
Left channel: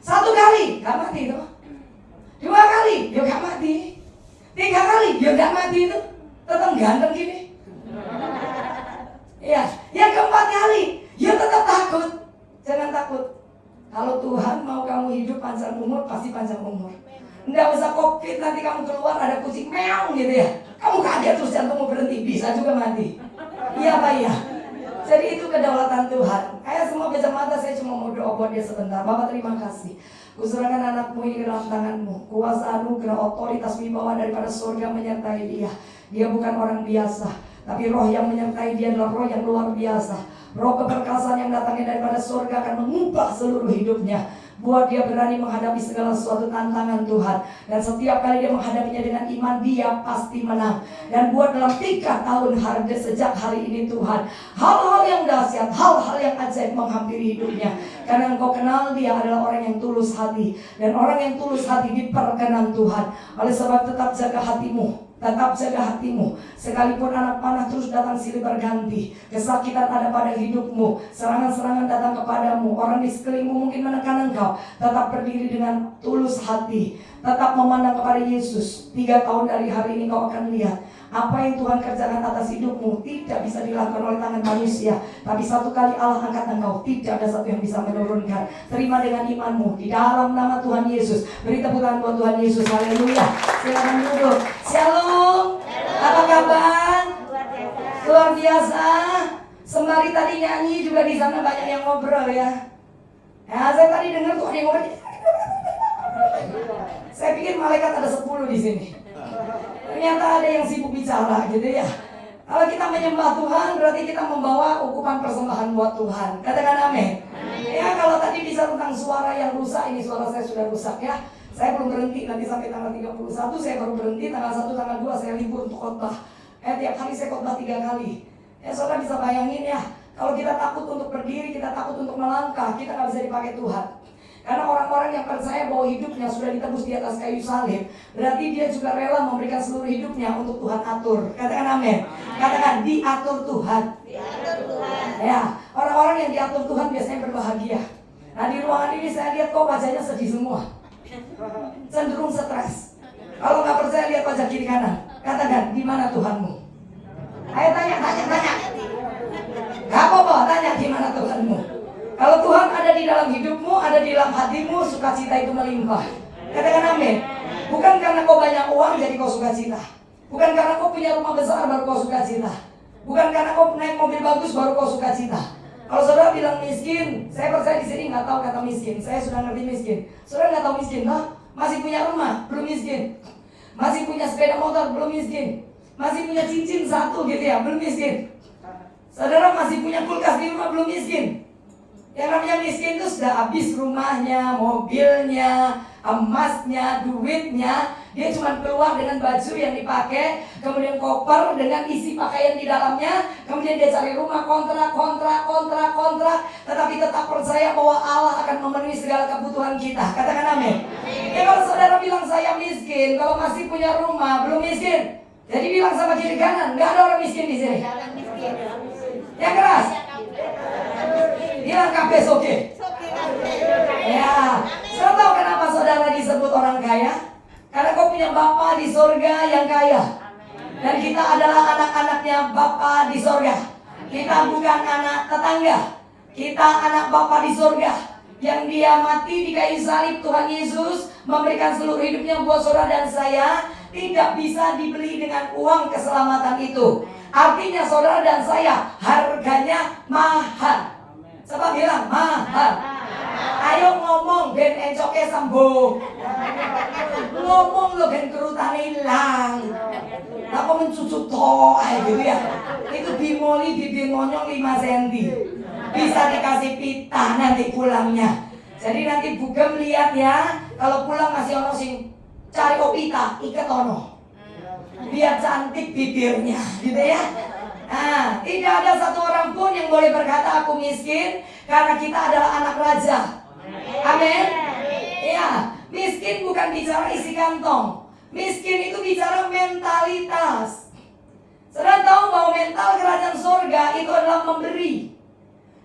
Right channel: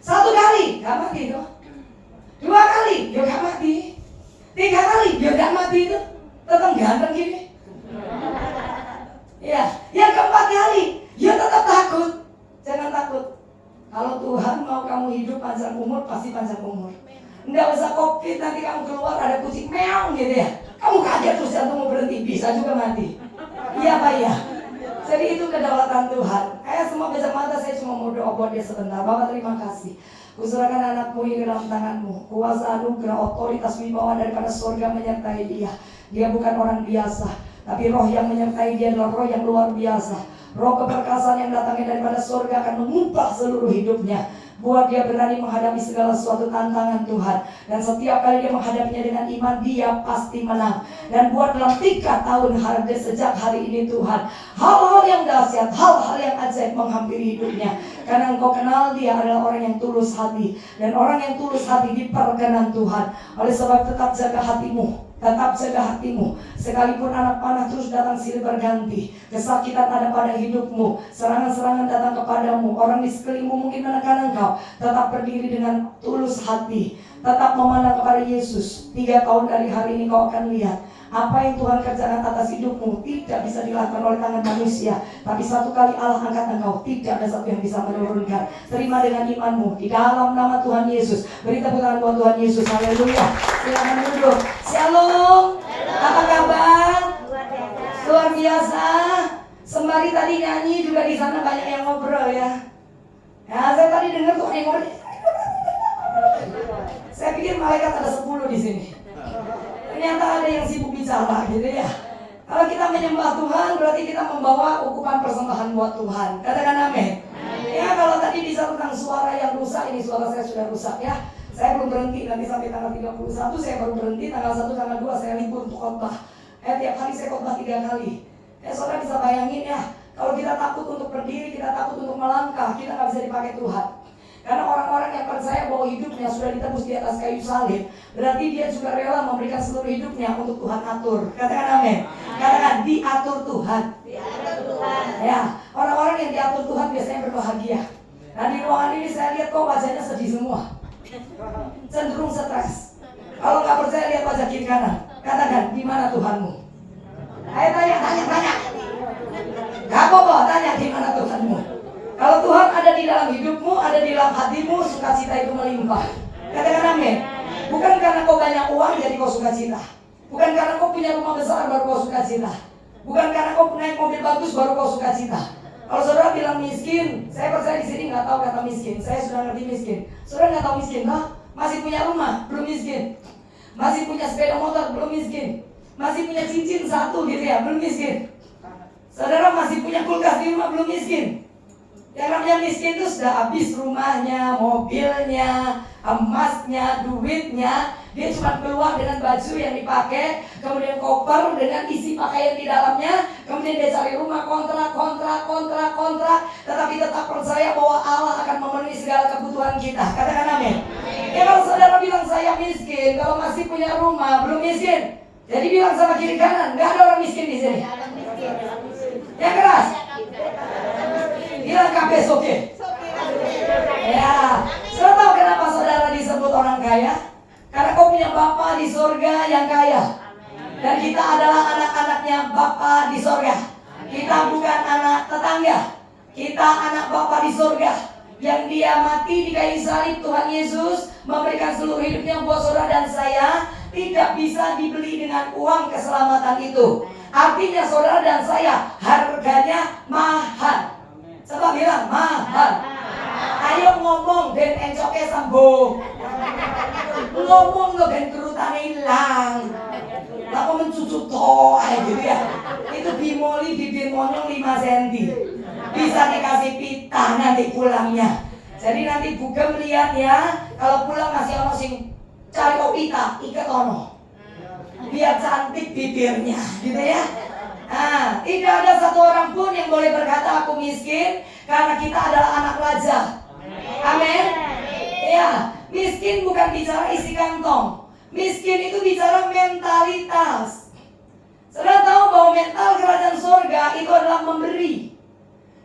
1 kali gak mati itu. 2 kali dia gak mati. 3 kali dia gak mati itu. Tetap ganteng gini. Ya, yang keempat kali dia tetap takut. Jangan takut. Kalau Tuhan mau kamu hidup panjang umur, pasti panjang umur. Nggak usah COVID, nanti kamu keluar ada kucing meong gitu ya. Kamu kaget terus jantungmu berhenti, bisa juga mati. Iya Pak ya. Jadi itu kedaulatan Tuhan. Semua bejat mata, saya cuma mau doa buat dia sebentar. Bapak terima kasih. kasih. Kuserahkan anakmu ini ke dalam tanganmu. Kuasa anugerah, otoritas, wibawa daripada surga menyertai dia. Dia bukan orang biasa, tapi roh yang menyertai dia adalah roh yang luar biasa. Roh keperkasaan yang datangnya daripada surga akan mengubah seluruh hidupnya. Buat dia berani menghadapi segala suatu tantangan Tuhan. Dan setiap kali dia menghadapinya dengan iman, dia pasti menang. Dan buat dalam 3 tahun harga sejak hari ini Tuhan, hal-hal yang dahsyat, hal-hal yang ajaib menghampiri hidupnya. Karena engkau kenal dia adalah orang yang tulus hati. Dan orang yang tulus hati diperkenan Tuhan. Oleh sebab tetap jaga hatimu. Tetap jaga hatimu. Sekalipun anak panah terus datang silih berganti, kesakitan ada pada hidupmu, serangan-serangan datang kepadamu, orang di sekelilingmu mungkin menekan engkau, tetap berdiri dengan tulus hati. Tetap memandang kepada Yesus. 3 tahun dari hari ini kau akan lihat apa yang Tuhan kerjakan atas hidupmu tidak bisa dilakukan oleh tangan manusia. Tapi satu kali Allah angkat engkau, tidak ada satu yang bisa menurunkan. Terima dengan imanmu di dalam nama Tuhan Yesus. Beri tepuk tangan buat Tuhan Yesus. Haleluya. Silakan duduk. Shalom. Apa kabar? Luar biasa. Sembari tadi nyanyi juga di sana banyak yang ngobrol ya. Nah, saya tadi dengar tuh ada yang ngobrol. Saya pikir malaikat ada 10 di sini. Ternyata ada yang sibuk bicara gitu ya. Kalau kita menyembah Tuhan berarti kita membawa ukupan persembahan buat Tuhan. Katakan amin. Ya, kalau tadi bisa tentang suara yang rusak, ini suara saya sudah rusak ya. Saya belum berhenti, nanti sampai tanggal 31 saya baru berhenti, tanggal 1, tanggal 2 saya libur untuk khotbah. Tiap hari saya khotbah 3 kali. Saudara bisa bayangin ya, kalau kita takut untuk berdiri, kita takut untuk melangkah, kita nggak bisa dipakai Tuhan. Karena orang-orang yang percaya bahwa hidupnya sudah ditebus di atas kayu salib, berarti dia juga rela memberikan seluruh hidupnya untuk Tuhan atur. Katakan amin. Katakan diatur Tuhan. Diatur Tuhan. Ya, orang-orang yang diatur Tuhan biasanya berbahagia. Nah, di ruangan ini saya lihat kok wajahnya sedih semua, cenderung stres. Kalau nggak percaya lihat wajah kiri kanan. Katakan, di mana Tuhanmu? Ayo tanya. Gak apa-apa, tanya di mana Tuhanmu. Kalau Tuhan ada di dalam hidupmu, ada di dalam hatimu, sukacita itu melimpah. Katakan amin. Bukan karena kau banyak uang jadi kau sukacita. Bukan karena kau punya rumah besar baru kau sukacita. Bukan karena kau naik mobil bagus baru kau sukacita. Kalau saudara bilang miskin, saya percaya di sini nggak tahu kata miskin. Saya sudah ngerti miskin. Saudara nggak tahu miskin, masih punya rumah belum miskin, masih punya sepeda motor belum miskin, masih punya cincin 1 gitu ya belum miskin. Saudara masih punya kulkas di rumah belum miskin. Yang namanya miskin itu sudah habis rumahnya, mobilnya, emasnya, duitnya. Dia cuma keluar dengan baju yang dipakai, kemudian koper dengan isi pakaian di dalamnya, kemudian dia cari rumah kontrak. Tetapi tetap percaya bahwa Allah akan memenuhi segala kebutuhan kita. Katakan amin. Ya, kalau saudara bilang saya miskin, kalau masih punya rumah belum miskin. Jadi bilang sama kiri kanan, nggak ada orang miskin di sini. Yang keras. Bilang KPS oke. Ya, saudara tahu kenapa saudara disebut orang kaya? Karena kau punya Bapa di surga yang kaya. Dan kita adalah anak-anaknya Bapa di surga. Kita bukan anak tetangga. Kita anak Bapa di surga. Yang dia mati di kayu salib, Tuhan Yesus memberikan seluruh hidupnya buat saudara dan saya. Tidak bisa dibeli dengan uang keselamatan itu. Artinya saudara dan saya harganya mahal. Coba bilang mahal. Ayo ngomong ben encoke sambung. Ngomong lo ben kerutane hilang. Aku mencucuk toh gitu ya. Itu bimoli bibir monyong 5 cm. Bisa dikasih pita nanti pulangnya. Jadi nanti Bugem lihat ya, kalau pulang masih ono sing cari kok pita, ikat ono. Biar cantik bibirnya gitu ya. Nah, tidak ada satu orang pun yang boleh berkata aku miskin, karena kita adalah anak raja. Amin. Ya, miskin bukan bicara isi kantong. Miskin itu bicara mentalitas. Saudara tahu bahwa mental kerajaan surga itu adalah memberi.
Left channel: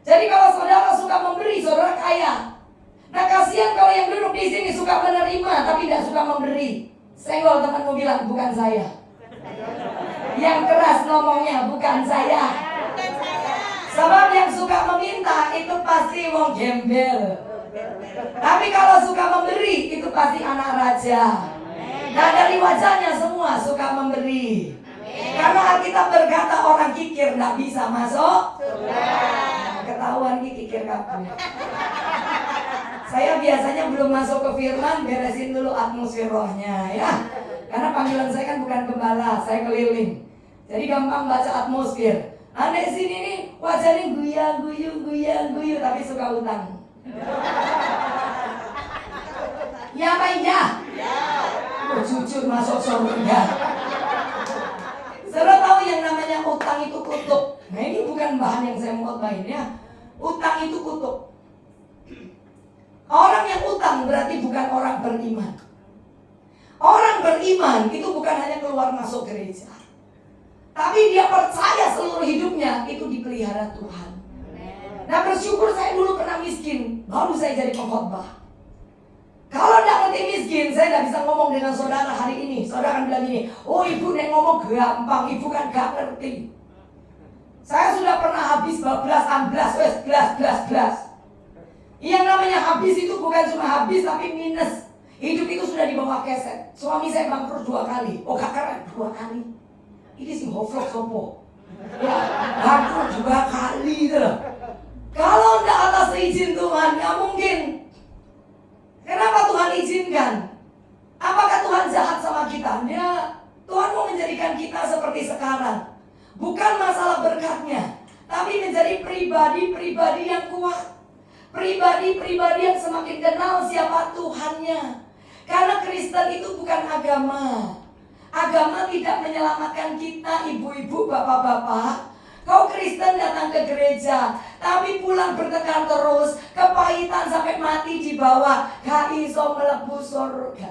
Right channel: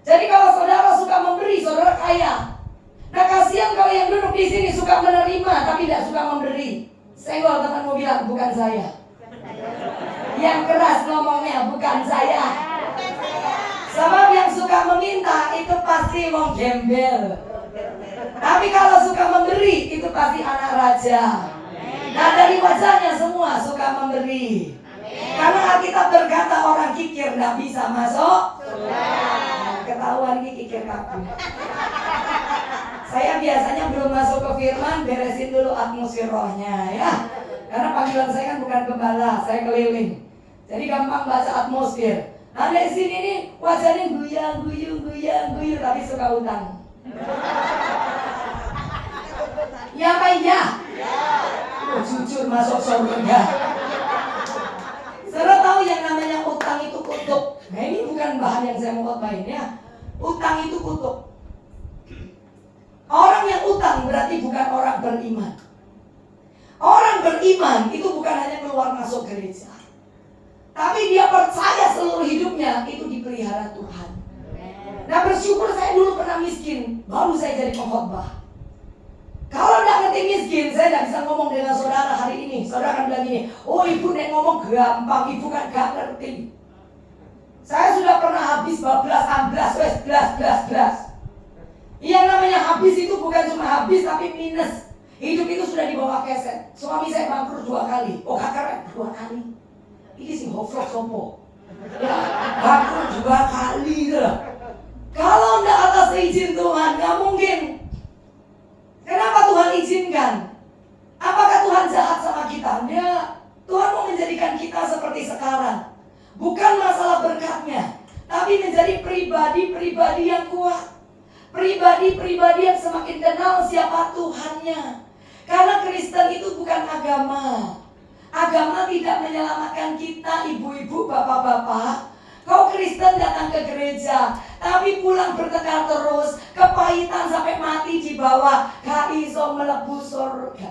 Jadi kalau saudara suka memberi, saudara kaya. Nah, kasihan kalau yang duduk di sini suka menerima tapi tidak suka memberi. Senggol temanmu bilang bukan saya. Yang keras ngomongnya bukan saya. Sebab yang suka meminta itu pasti mau gembel. Tapi kalau suka memberi itu pasti anak raja. Nah, dari wajahnya semua suka memberi. Karena Alkitab berkata orang kikir tidak bisa masuk. Ketahuan kikir kabeh. Saya biasanya belum masuk ke firman, beresin dulu atmosfer rohnya ya. Karena panggilan saya kan bukan gembala, saya keliling. Jadi gampang baca atmosfer. Ada di sini nih wajahnya guyu, tapi suka utang. Ya apa iya? Oh, jujur masuk surga. Saudara tahu yang namanya utang itu kutuk. Nah ini bukan bahan yang saya mau khotbahin ya. Utang itu kutuk. Orang yang utang berarti bukan orang beriman. Orang beriman itu bukan hanya keluar masuk gereja, tapi dia percaya seluruh hidupnya itu dipelihara Tuhan. Nah bersyukur saya dulu pernah miskin, baru saya jadi pengkhotbah. Kalau tidak ngerti miskin, saya tidak bisa ngomong dengan saudara hari ini. Saudara akan bilang gini, oh ibu nek ngomong gampang, ibu kan gak ngerti. Saya sudah pernah habis 12 Yang namanya habis itu bukan cuma habis tapi minus. Hidup itu sudah dibawa keset. Suami saya bangkrut 2 kali. Oh kakak 2 kali. Ini sih hoflok sopo. Bangkrut 2 kali deh. Kalau tidak atas izin Tuhan, nggak mungkin. Kenapa Tuhan izinkan? Apakah Tuhan jahat sama kita? Ya, Tuhan mau menjadikan kita seperti sekarang. Bukan masalah berkatnya, tapi menjadi pribadi-pribadi yang kuat. Pribadi-pribadi yang semakin kenal siapa Tuhannya. Karena Kristen itu bukan agama. Agama tidak menyelamatkan kita, ibu-ibu, bapak-bapak. Kau Kristen datang ke gereja, tapi pulang bertengkar terus, kepahitan sampai mati di bawah, gak iso mlebu surga.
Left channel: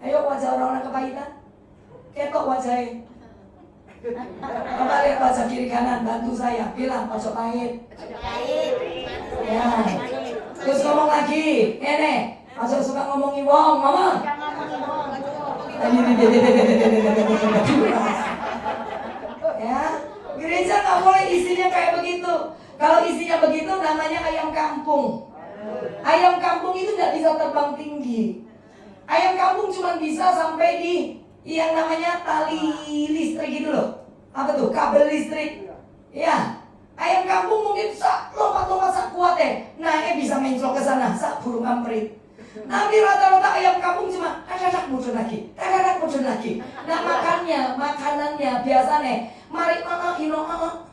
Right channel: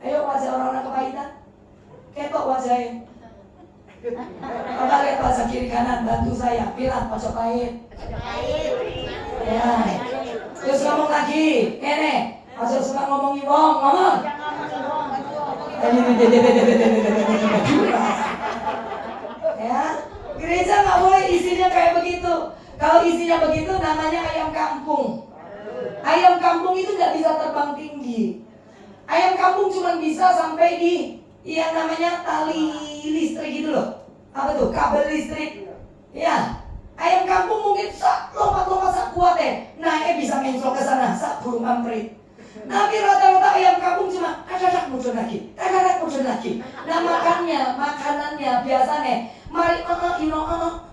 Ayo wajah orang-orang kepahitan, ketok wajahnya. Coba lihat wajah kiri kanan, bantu saya, bilang ojo pahit. Ya, terus ngomong lagi, nenek, ojo suka ngomongi wong, ngomong. Ya, gereja nggak boleh isinya kayak begitu. Kalau isinya begitu namanya ayam kampung. Ayam kampung itu tidak bisa terbang tinggi. Ayam kampung cuma bisa sampai di yang namanya tali listrik gitu loh. Apa tuh? Kabel listrik. Ya, ayam kampung mungkin lompat-lompat sak kuat naiknya bisa menclok ke sana sak burung amprit. Nanti rata-rata ayam kampung cuma muncul lagi. Nah makanannya biasanya mari ino kangen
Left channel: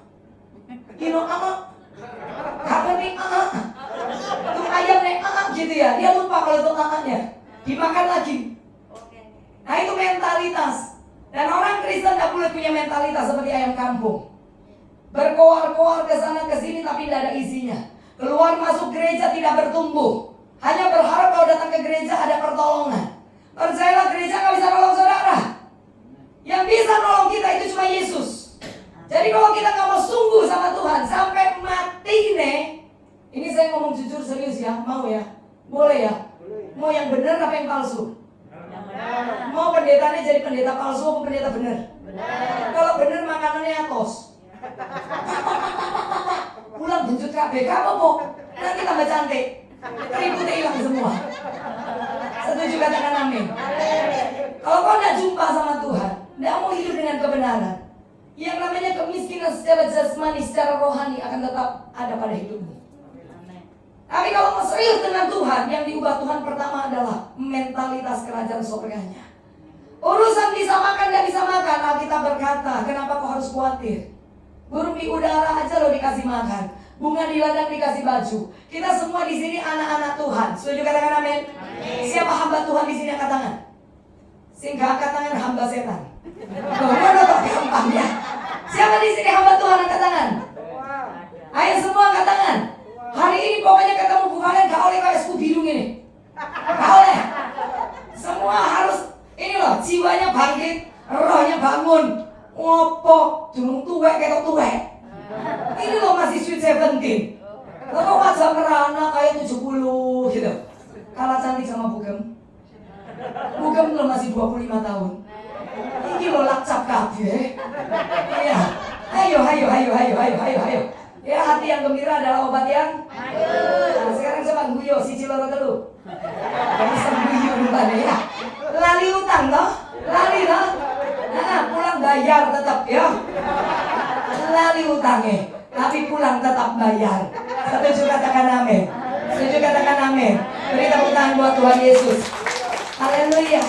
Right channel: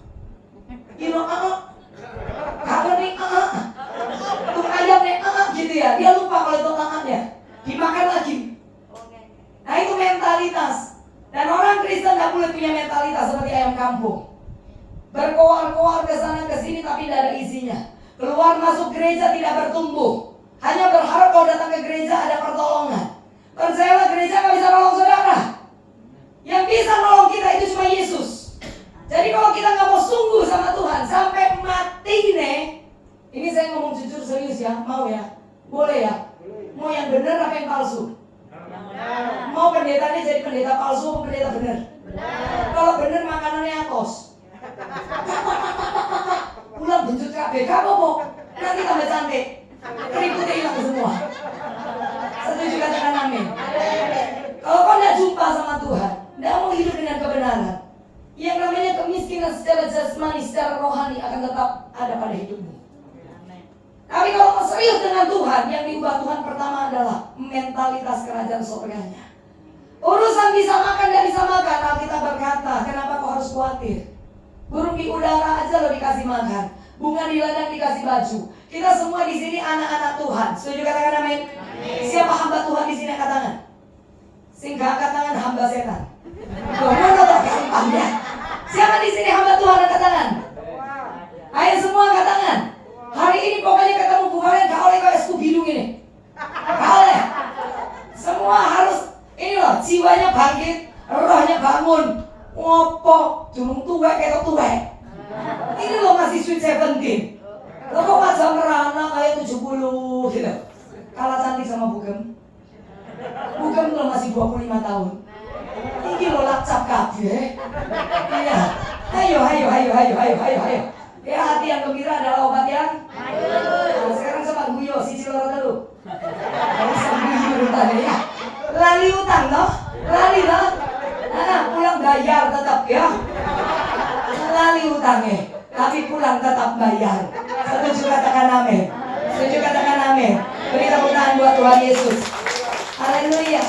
nih tuh ayam nih gitu ya. Dia lupa kalau itu anaknya dimakan lagi. Nah itu mentalitas. Dan orang Kristen tidak boleh punya mentalitas seperti ayam kampung. Berkoar-koar ke sana ke sini tapi tidak ada isinya. Keluar masuk gereja tidak bertumbuh. Hanya berharap kalau datang ke gereja ada pertolongan. Percayalah gereja nggak bisa nolong saudara. Yang bisa nolong kita itu cuma Yesus. Jadi kalau kita nggak mau sungguh sama Tuhan sampai mati nih, ini saya ngomong jujur serius ya, mau ya, boleh ya, mau yang benar apa yang palsu? Mau pendetanya jadi pendeta palsu atau pendeta benar? Kalau benar makanannya atos. Pulang buntut KBK apa? Nanti tambah cantik. Ributnya hilang semua. Setuju katakan amin. Kalau kau tidak jumpa sama Tuhan, tidak mau hidup dengan kebenaran, yang namanya kemiskinan secara jasmani, secara rohani akan tetap ada pada hidupmu. Tapi kalau serius dengan Tuhan, yang diubah Tuhan pertama adalah mentalitas kerajaan surganya. Urusan bisa makan dan bisa makan, Alkitab berkata, kenapa kau harus khawatir? Burung di udara aja lo dikasih makan, bunga di ladang dikasih baju. Kita semua di sini anak-anak Tuhan. Setuju katakan amin? Siapa hamba Tuhan di sini angkat tangan? Sehingga angkat tangan hamba setan. Siapa di sini hamba Tuhan angkat tangan? Ayo semua angkat tangan. Hari ini pokoknya ketemu Bu Valen gak oleh kayak suku biru ini. Gak oleh. Semua harus ini loh, jiwanya bangkit, rohnya bangun. Ngopo, durung tuwek kayak tuwek. Ini loh masih sweet 17. Lo kok wajah merana kayak 70 gitu. Kalah cantik sama Bugem. Bugem lo masih 25 tahun. Ini lo lacap kabeh. Iya. Ayo. Ya hati yang gembira adalah obat yang nah, sekarang coba guyo si ciloro dulu. Jadi sembuh tadi ya. Lali utang loh. Lali loh. Nah, pulang bayar tetap ya. Lali utangnya, tapi pulang tetap bayar. Setuju katakan amin. Setuju, katakan amin. Beri tepuk tangan buat Tuhan Yesus. Haleluya.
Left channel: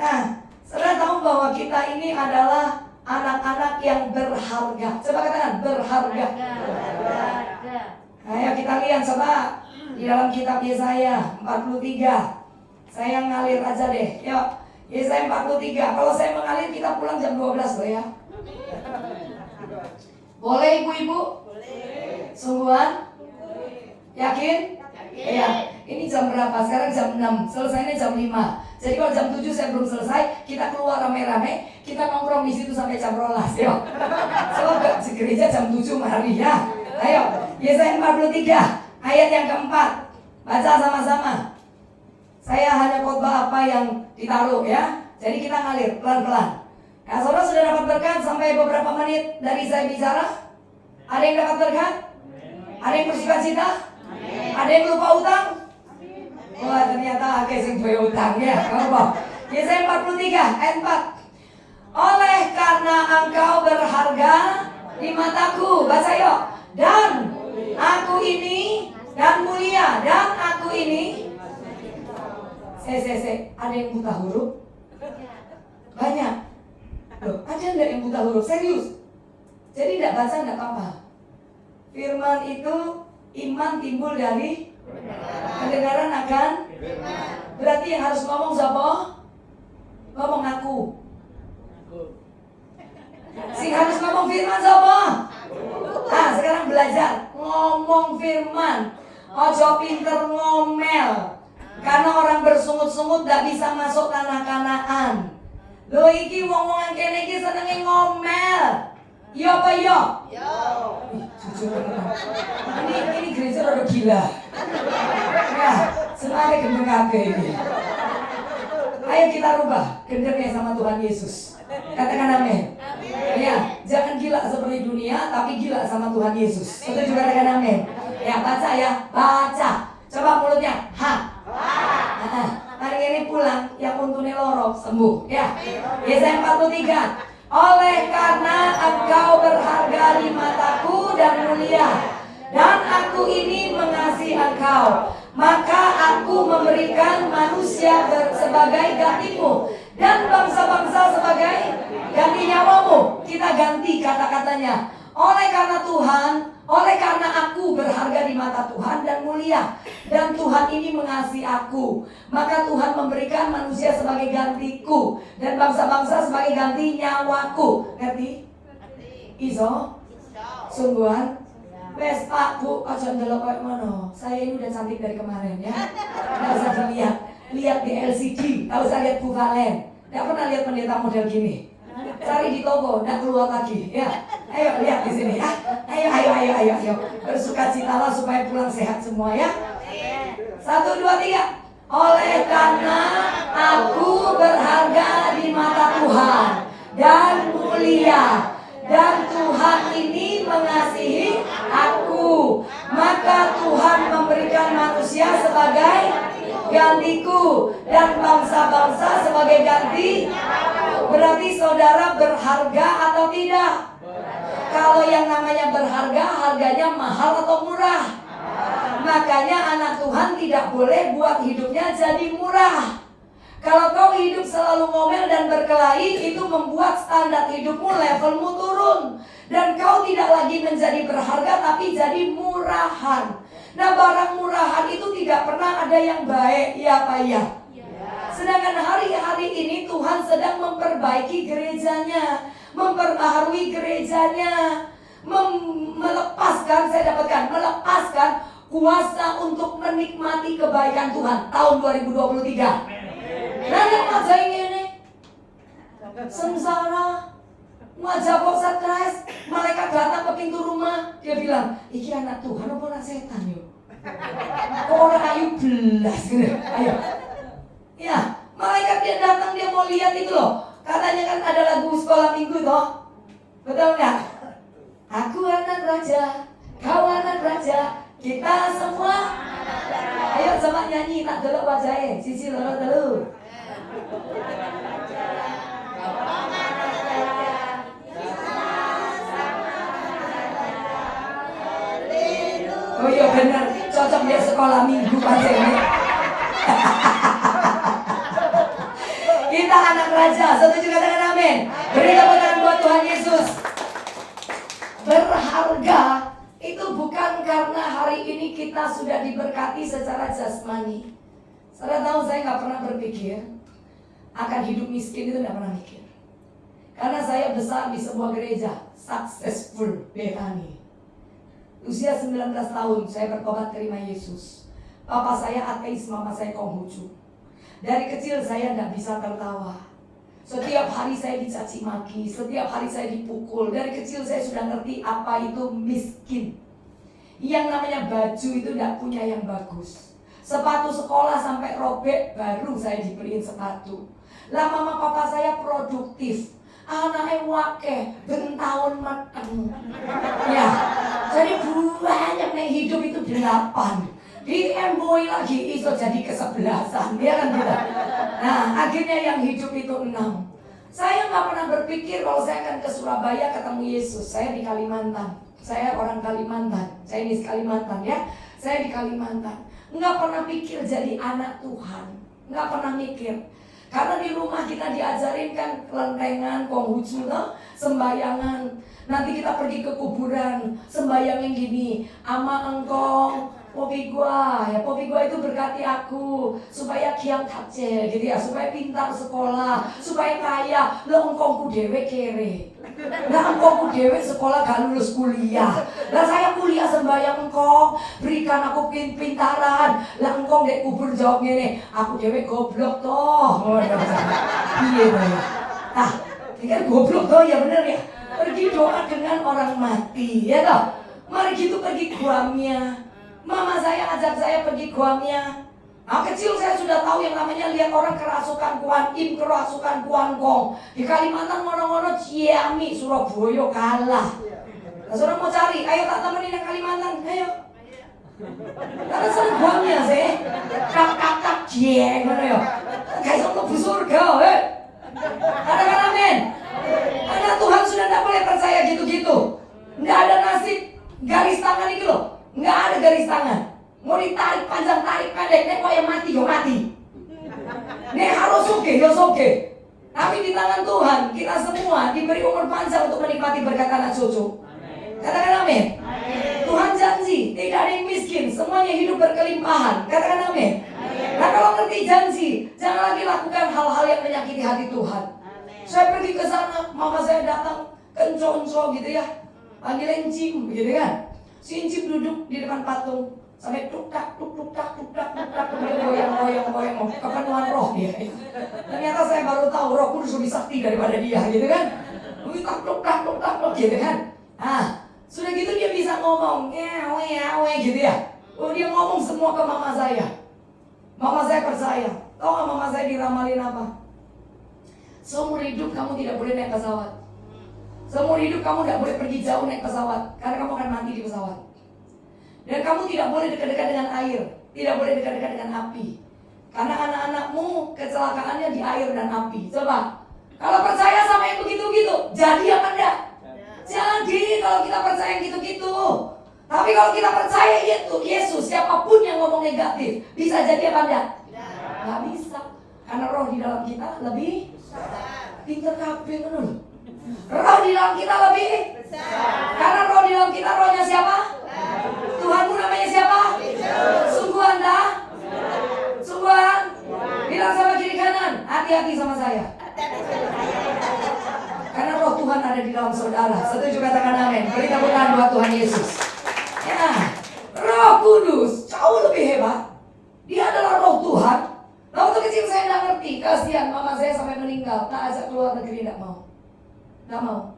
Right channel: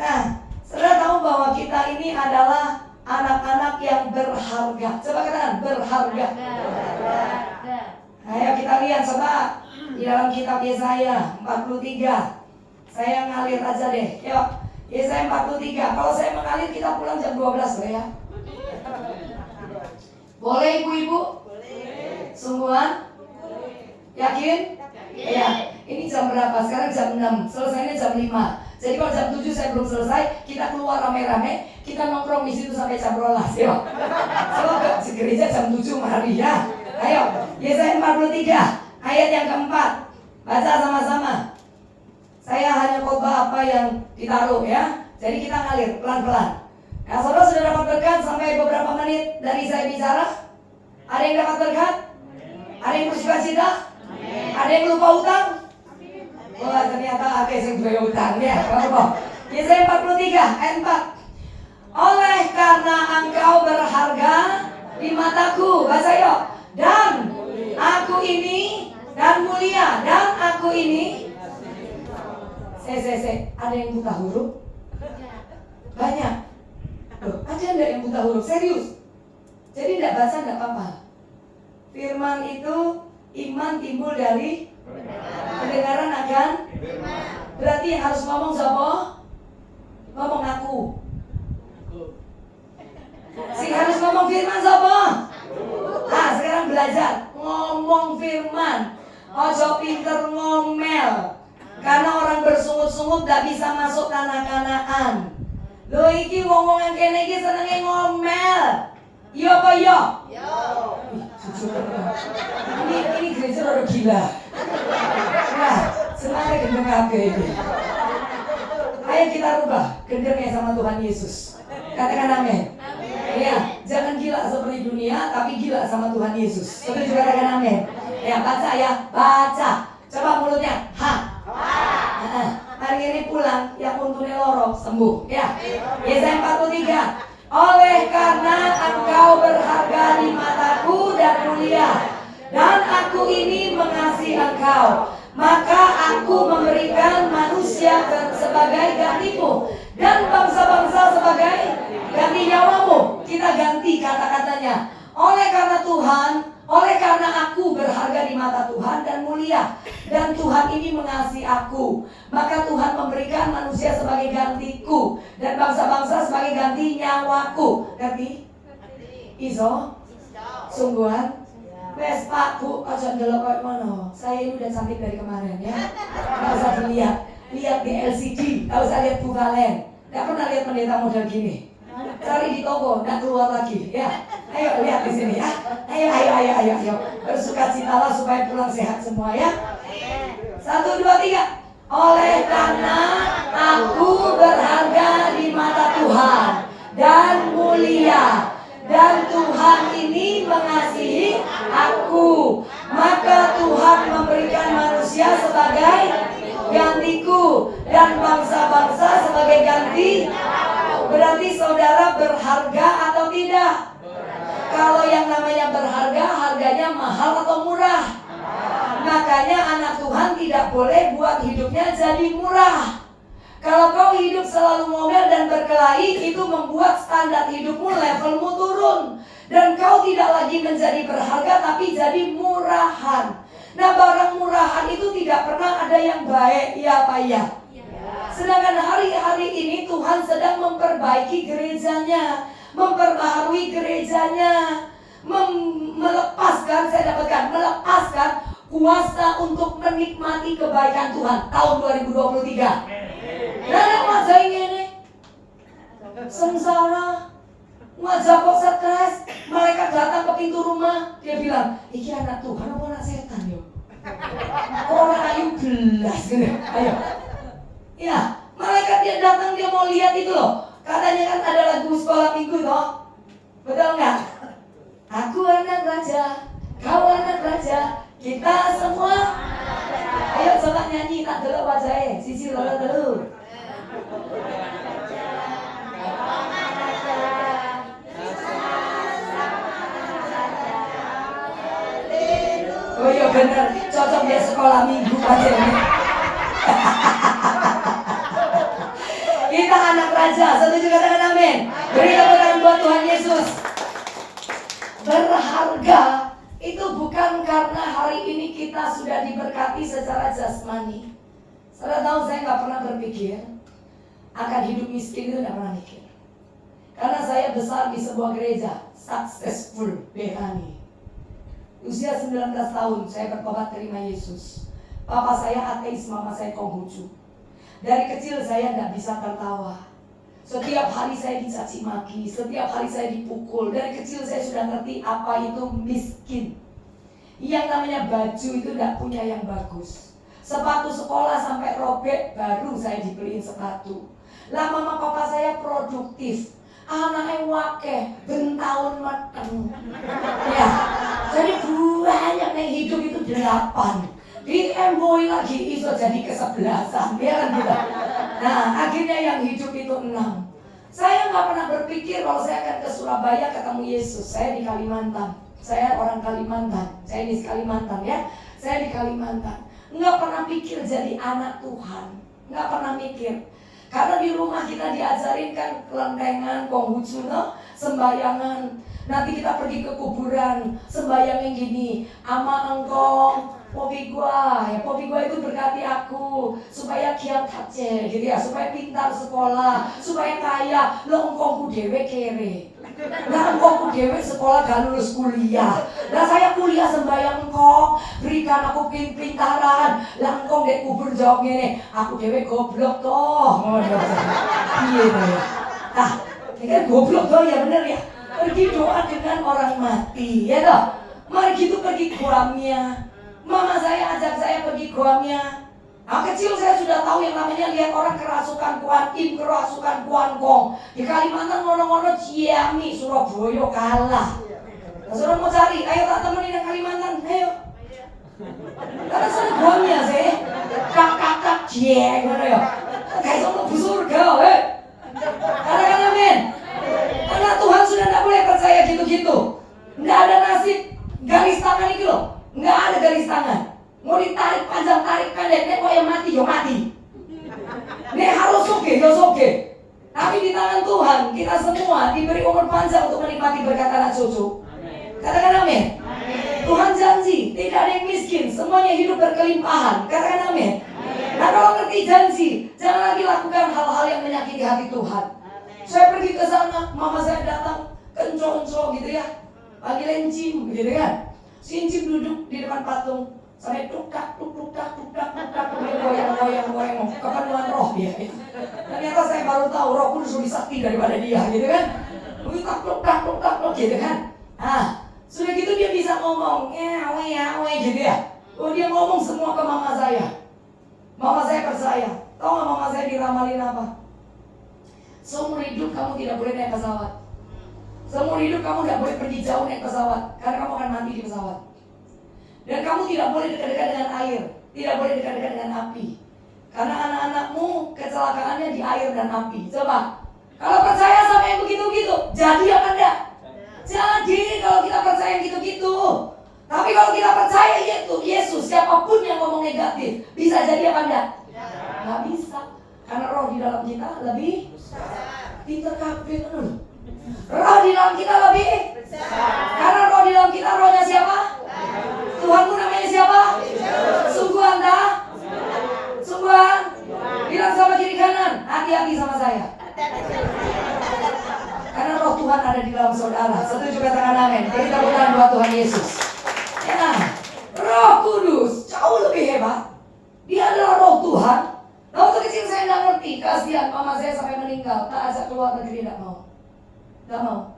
Nah, saudara tahu bahwa kita ini adalah anak-anak yang berharga. Coba katakan berharga. Ayo kita lihat coba di dalam kitab Yesaya 43. Saya ngalir aja deh. Yuk, Yesaya 43. Kalau saya mengalir kita pulang jam 12 loh ya. Boleh ibu-ibu? Boleh. Sungguhan? Yakin? Iya. Ini jam berapa? Sekarang jam 6. Selesainya jam 5. Jadi kalau jam 7 saya belum selesai, kita keluar rame-rame, kita nongkrong di situ sampai jam 12. Yuk. Soalnya ke gereja jam 7 hari ya. Ayo, Yesaya 43 ayat yang keempat. Baca sama-sama. Saya hanya khotbah apa yang ditaruh ya. Jadi kita ngalir pelan-pelan. Nah, saudara sudah dapat berkat sampai beberapa menit dari saya bicara? Ada yang dapat berkat? Ada yang bersuka cita? Ada yang lupa utang? Wah, ternyata ada yang lupa utang ya. Yesaya 43 ayat 4. Oleh karena engkau berharga di mataku, baca yuk. Dan aku ini dan mulia, dan aku ini. Ada yang buta huruf? Banyak. Loh, ada enggak yang buta huruf? Serius? Jadi enggak baca enggak apa-apa. Firman itu iman timbul dari pendengaran akan. Berarti yang harus ngomong siapa? Ngomong aku. Sing harus ngomong firman siapa? Nah, sekarang belajar ngomong firman. Ojo pinter ngomel. Karena orang bersungut-sungut gak bisa masuk tanah Kanaan. Lo iki wong-wong yang kene iki senenge ngomel. Yo apa yo? Yo. Ini gereja udah gila. Ya, semuanya gendeng kabeh ini. Ayo kita rubah gendengnya sama Tuhan Yesus. Katakan amin. Ya, jangan gila seperti dunia, tapi gila sama Tuhan Yesus. Setuju, katakan amin. Ya, baca ya, baca. Coba mulutnya, ha. Hari ini pulang, yang untungnya loro sembuh. Ya, Yesaya 43. Oleh karena engkau berharga di mataku dan mulia, dan aku ini mengasihi engkau, maka aku memberikan manusia sebagai gantimu dan bangsa-bangsa sebagai ganti nyawamu. Kita ganti kata-katanya. Oleh karena Tuhan, oleh karena aku berharga di mata Tuhan dan mulia, dan Tuhan ini mengasihi aku, maka Tuhan memberikan manusia sebagai gantiku dan bangsa-bangsa sebagai ganti nyawaku. Ngerti? Iso? Sungguhan? Wes Pak Bu, aja ndelok koyo ngono. Saya ini udah cantik dari kemarin ya. Enggak usah dilihat. Lihat di LCD, enggak usah lihat Bu Valen. Enggak pernah lihat pendeta model gini. Cari di toko, enggak keluar lagi ya. Ayo lihat di sini ya. Ayo. Bersukacitalah supaya pulang sehat semua ya. 1, 2, 3. Oleh karena aku berharga di mata Tuhan dan mulia, dan Tuhan ini mengasihi aku, maka Tuhan memberikan manusia sebagai gantiku dan bangsa-bangsa sebagai ganti. Berarti saudara berharga atau tidak? Kalau yang namanya berharga, harganya mahal atau murah? Makanya anak Tuhan tidak boleh buat hidupnya jadi murah. Kalau kau hidup selalu ngomel dan berkelahi, itu membuat standar hidupmu, levelmu turun. Dan kau tidak lagi menjadi berharga, tapi jadi murahan. Nah, barang murahan itu tidak pernah ada yang baik, ya Pak ya. Sedangkan hari-hari ini Tuhan sedang memperbaiki gerejanya, memperbaharui gerejanya, melepaskan, saya dapatkan, melepaskan kuasa untuk menikmati kebaikan Tuhan tahun 2023. Nah, wajah ini sengsara, wajah kok stres. Malaikat datang ke pintu rumah, dia bilang, iki anak Tuhan apa anak setan yo? Orang ayu belas gitu. Ayo. Ya, malaikat dia datang, dia mau lihat itu loh. Katanya kan ada lagu sekolah minggu toh. Betul nggak? Aku anak raja, kau anak raja, kita semua. Ayo coba nyanyi, tak dulu wajahnya. Sisi loro dulu. Oh iya benar, cocok dia sekolah Pak Jenny. Kita anak raja, setuju katakan amin. Beri tepuk tangan buat Tuhan Yesus. Berharga itu bukan karena hari ini kita sudah diberkati secara jasmani. Saudara tahu saya nggak pernah berpikir akan hidup miskin, itu nggak pernah mikir. Karena saya besar di sebuah gereja successful Bethany. Usia 19 tahun saya bertobat terima Yesus. Papa saya ateis, mama saya Konghucu. Dari kecil saya tidak bisa tertawa. Setiap hari saya dicaci maki, setiap hari saya dipukul. Dari kecil saya sudah ngerti apa itu miskin. Yang namanya baju itu tidak punya yang bagus. Sepatu sekolah sampai robek baru saya dibeliin sepatu. Lah mama papa saya produktif. Anaknya wakeh, bentahun mateng. Ya, jadi banyak yang hidup itu 8. Di boy lagi iso jadi ke-11, ya kan gitu. Nah, akhirnya yang hidup itu 6. Saya nggak pernah berpikir kalau saya akan ke Surabaya ketemu Yesus. Saya di Kalimantan. Saya orang Kalimantan. Saya di Kalimantan ya. Saya di Kalimantan. Nggak pernah pikir jadi anak Tuhan. Nggak pernah mikir. Karena di rumah kita diajarin kan kelentengan, Konghucu, sembayangan. Nanti kita pergi ke kuburan, sembayangin gini, ama engkong, popi gua itu berkati aku supaya kiam tace, gitu ya, supaya pintar sekolah, supaya kaya. Lo engkongku dewe kere, lah engkongku dewe sekolah gak lulus kuliah. Lah saya kuliah sembayang engkong, berikan aku pintaran. Lah engkong dek kubur jawab gini, aku dewe goblok toh. Iya deh. Ah, ini kan goblok toh ya bener ya. Pergi doa dengan orang mati, ya toh. Mari gitu pergi guamnya. Mama saya ajak saya pergi guamnya. Nah, kecil saya sudah tahu yang namanya lihat orang kerasukan Kuan Im, kerasukan Kuan Gong. Di Kalimantan ngono-ngono Ciami, Surabaya kalah. Nah, saudara mau cari, ayo tak temenin yang Kalimantan, ayo. Karena saya guamnya sih, kak cieng, ngono ya. Kayak sama bu surga, katakan amin. Anak Tuhan sudah tidak boleh percaya gitu-gitu. Nggak ada nasib garis tangan itu loh. Nggak ada garis tangan. Mau ditarik panjang, tarik pendek. Nek mau yang mati, yo mati. Nek harus soge, yo soge. Tapi di tangan Tuhan, kita semua diberi umur panjang untuk menikmati berkat anak cucu. Katakan amin. Tuhan janji, tidak ada yang miskin. Semuanya hidup berkelimpahan. Katakan amin. Nah kalau ngerti janji, jangan lagi lakukan hal-hal yang menyakiti hati Tuhan. Saya pergi ke sana, mama saya datang kenco-kenco gitu ya, panggilin Cim gitu kan. Si Cim duduk di depan patung sampai tuk-tak, goyang-goyang, kepenuhan roh dia. Ternyata saya baru tahu Roh Kudus lebih sakti daripada dia gitu kan. Tuk-tak gitu kan. Nah, sudah gitu dia bisa ngomong, awe gitu ya. Oh dia ngomong semua ke mama saya. Mama saya percaya. Tahu nggak mama saya diramalin apa? Seumur hidup kamu tidak boleh naik pesawat. Seumur hidup kamu tidak boleh pergi jauh naik pesawat, karena kamu akan mati di pesawat. Dan kamu tidak boleh dekat-dekat dengan air, tidak boleh dekat-dekat dengan api, karena anak-anakmu kecelakaannya di air dan api. Coba, kalau percaya sama yang begitu-gitu, jadi apa enggak? Jadi kalau kita percaya yang gitu-gitu. Tapi kalau kita percaya itu Yesus, siapapun yang ngomong negatif, bisa jadi apa enggak? Nggak bisa, karena roh di dalam kita lebih pintar kabeh kan. Roh di dalam kita lebih karena roh di dalam kita, rohnya siapa? Tuhanmu namanya siapa? Sungguhan dah? Sungguhan? Bilang sama kiri kanan, hati-hati sama saya. Karena roh Tuhan ada di dalam saudara. Setuju katakan amin. Beri tepuk tangan buat Tuhan Yesus. Ya, Roh Kudus jauh lebih hebat. Dia adalah roh Tuhan. Nah, waktu kecil saya nggak ngerti. Kasihan mama saya sampai meninggal, tak ajak keluar negeri, tidak mau. Nggak mau.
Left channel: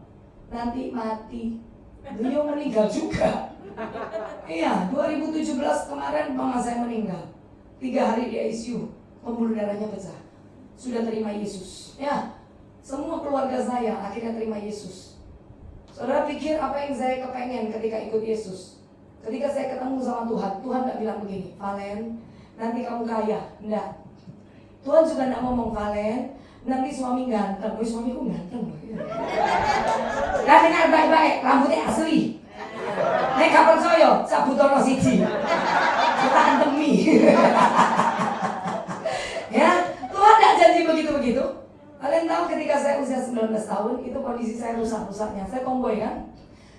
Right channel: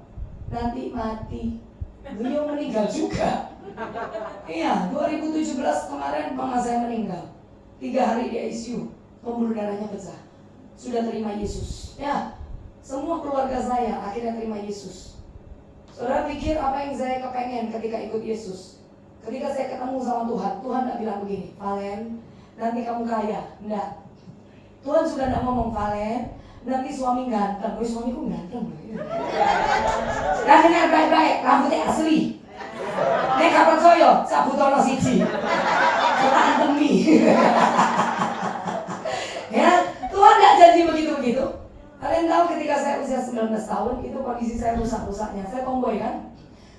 Nanti mati. Beliau meninggal juga. Iya, 2017 kemarin mama saya meninggal. 3 hari di ICU, pembuluh darahnya pecah. Sudah terima Yesus. Ya, semua keluarga saya akhirnya terima Yesus. Saudara pikir apa yang saya kepengen ketika ikut Yesus? Ketika saya ketemu sama Tuhan, Tuhan tidak bilang begini, Valen, nanti kamu kaya. Enggak. Tuhan juga tidak ngomong, Valen, nanti suami ganteng. Suamiku ganteng. Nah, dengar baik-baik, rambutnya asli. Nek kapan soyo, cabutono siji. Kita demi. Ya, Tuhan tidak janji begitu-begitu. Kalian tahu ketika saya usia 19 tahun, itu kondisi saya rusak-rusaknya. Saya tomboy kan?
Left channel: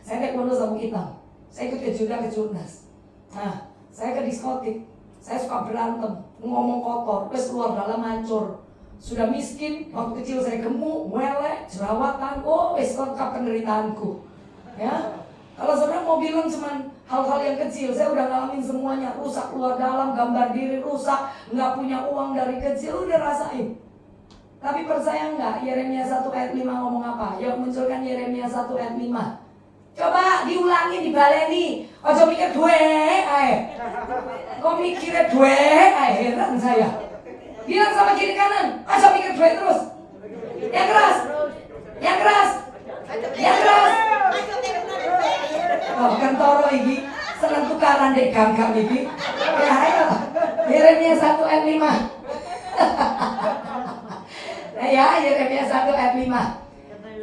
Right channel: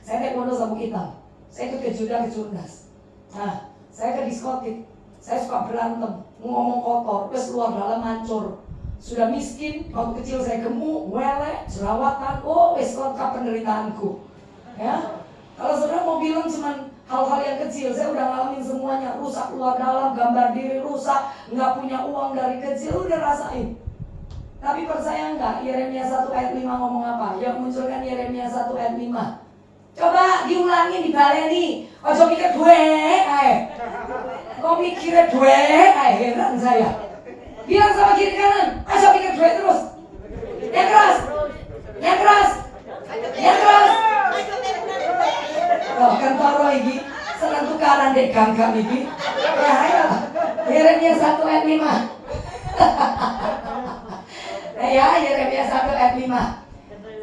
Saya taekwondo sabuk hitam. Saya ikut ke juda, ke jurnas. Nah, saya ke diskotik. Saya suka berantem, ngomong kotor, terus keluar dalam hancur. Sudah miskin, waktu kecil saya gemuk, welek, jerawatan, wes lengkap penderitaanku. Ya, kalau saudara mau bilang cuma hal-hal yang kecil, saya udah ngalamin semuanya. Rusak luar dalam, gambar diri rusak, nggak punya uang dari kecil, udah rasain. Tapi percaya nggak, Yeremia 1 ayat 5 ngomong apa? Yang munculkan Yeremia 1 ayat 5. Coba diulangi, dibaleni. Ojo mikir gue, kok mikirnya gue, heran saya. Bilang sama kiri kanan, ojo mikir gue terus. Yang keras, yang keras, yang keras. Oh, kan toro iki, seneng tukaran dek ganggang iki. Ya ayo, Yeremia 1 ayat 5. Ya, Yeremia 1 ayat 5.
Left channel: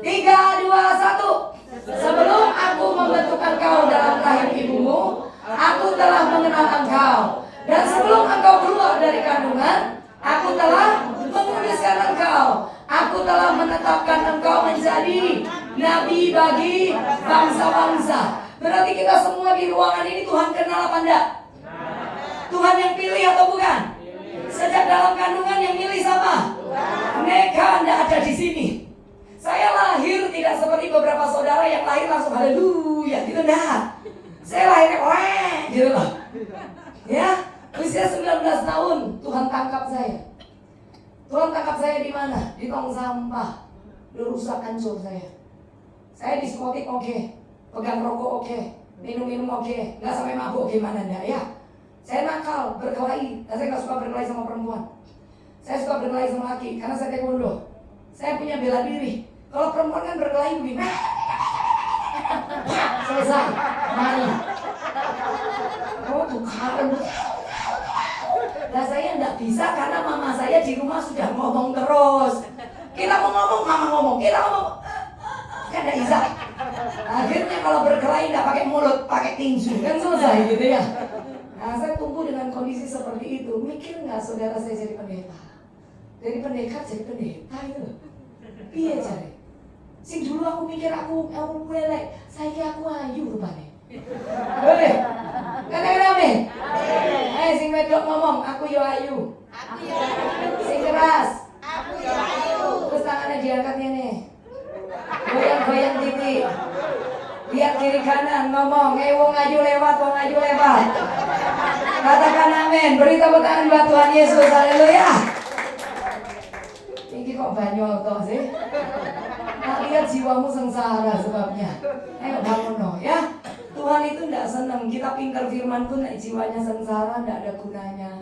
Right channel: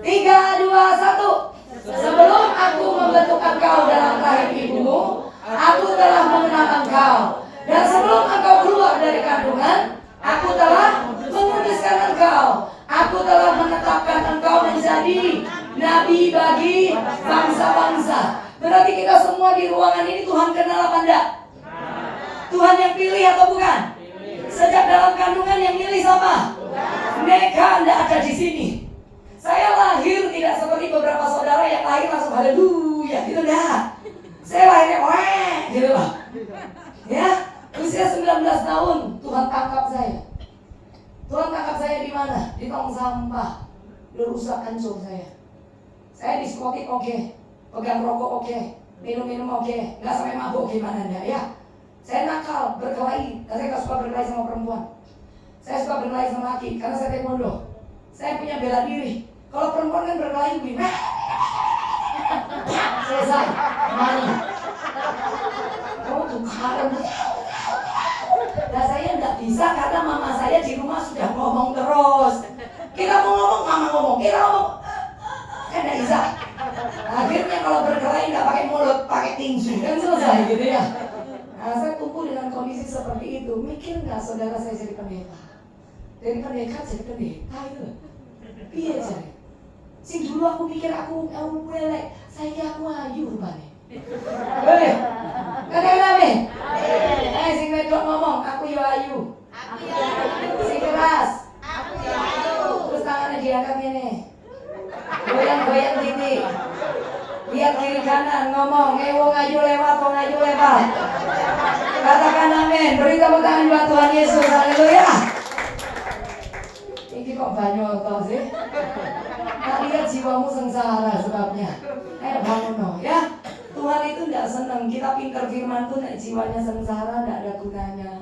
3, 2, 1. Sebelum aku membentuk engkau dalam rahim ibumu, aku telah mengenal engkau. Dan sebelum engkau keluar dari kandungan, aku telah menguduskan engkau. Aku telah menetapkan engkau menjadi nabi bagi bangsa-bangsa. Berarti kita semua di ruangan ini Tuhan kenal apa enggak? Tuhan yang pilih atau bukan? Sejak dalam kandungan yang milih siapa? Mereka enggak ada di sini. Saya lahir tidak seperti beberapa saudara yang lahir langsung haleluya gitu dah. Saya lahirnya gitu loh. Ya, usia 19 tahun Tuhan tangkap saya. Tuhan tangkap saya di mana? Di tong sampah. Udah rusak hancur saya. Saya diskotik oke, pegang rokok oke, minum-minum oke, nggak sampai mabuk gimana enggak ya? Saya nakal, berkelahi, dan saya nggak suka berkelahi sama perempuan. Saya suka berkelahi sama laki karena saya taekwondo. Saya punya bela diri. Kalau perempuan kan berkelahi begini, selesai, mari. Oh tukaran. Nah saya nggak bisa karena mama saya di rumah sudah ngomong terus. Kita mau ngomong, mama ngomong. Kita ngomong, kan nggak bisa. Akhirnya kalau berkelahi nggak pakai mulut, pakai tinju, kan selesai gitu ya. Nah saya tumbuh dengan kondisi seperti itu. Mikir nggak saudara saya jadi pendeta? Dari pendeta jadi pendeta itu. Iya cari. Sing dulu aku mikir aku welek, saya aku ayu rupanya. Boleh? Kalian amin? Sing wedok ngomong, aku yo ayu. Sing keras. Aku yo ayu. Terus tangannya diangkat ini. Goyang-goyang titik. Lihat kiri kanan ngomong, wong ayu lewat, wong ayu lewat. Katakan amin. Beri tepuk tangan buat Tuhan Yesus. Haleluya. Ini kok banyak toh sih? Nah, lihat jiwamu sengsara sebabnya. Ayo bangun no, ya. Tuhan itu tidak senang kita pintar firman tuh nek jiwanya sengsara tidak ada gunanya.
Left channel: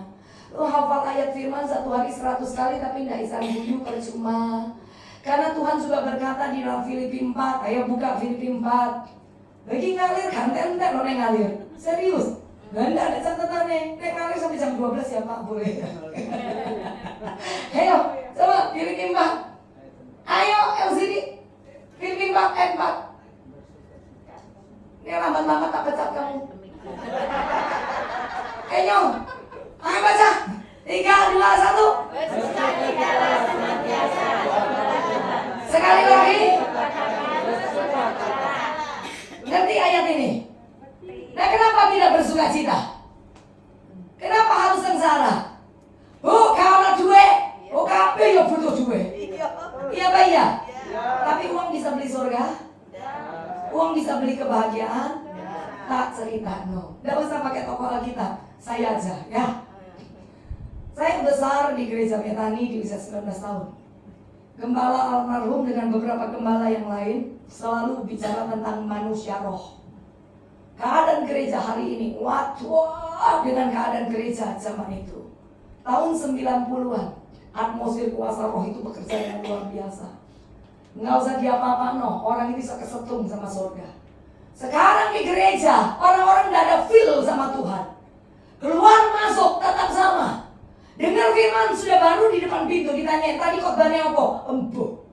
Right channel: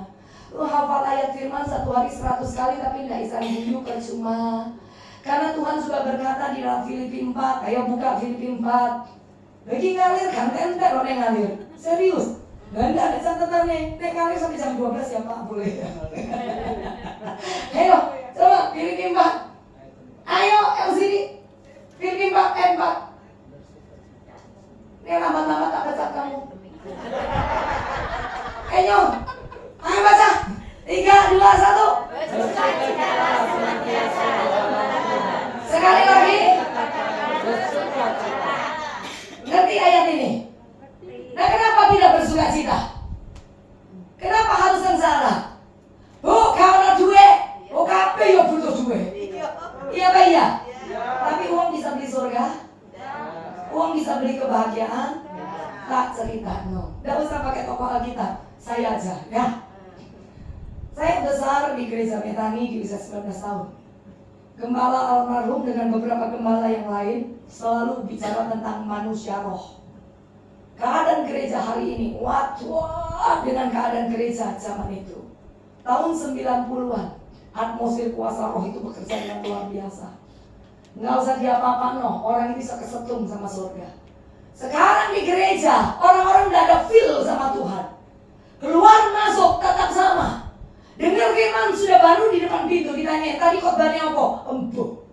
Lu hafal ayat firman 1 hari 100 kali tapi tidak bisa hidup percuma. Karena Tuhan sudah berkata di dalam Filipi 4. Ayo buka Filipi 4. Lagi ngalir kan entek lo ngalir. Serius. Nggak ada catatan nih. Nek ngalir sampai jam 12 ya Pak boleh. Ayo coba Filipi 4. Ayo LCD Filipi 4 ayat 4. Ini lambat-lambat tak pecat kamu. Ayo baca 3, 2, 1. Sekali lagi. Ngerti ayat ini? Nah kenapa tidak bersuka cita? Kenapa harus sengsara? Karena duit. Kabeh yo butuh duit. Iya Pak ya. Tapi uang bisa beli surga. Uang bisa beli kebahagiaan. Tak cerita no. Tidak usah pakai tokoh Alkitab. Saya aja ya. Saya besar di gereja Metani di usia 19 tahun. Gembala almarhum dengan beberapa gembala yang lain selalu bicara tentang manusia roh. Keadaan gereja hari ini, waduh dengan keadaan gereja zaman itu. Tahun 90-an, atmosfer kuasa roh itu bekerja dengan luar biasa. Nggak usah diapa-apa no, orang ini bisa kesetung sama surga. Sekarang di gereja, orang-orang nggak ada feel sama Tuhan. Keluar masuk tetap sama. Dengar firman sudah baru di depan pintu ditanya, tadi khotbahnya apa? Empuk.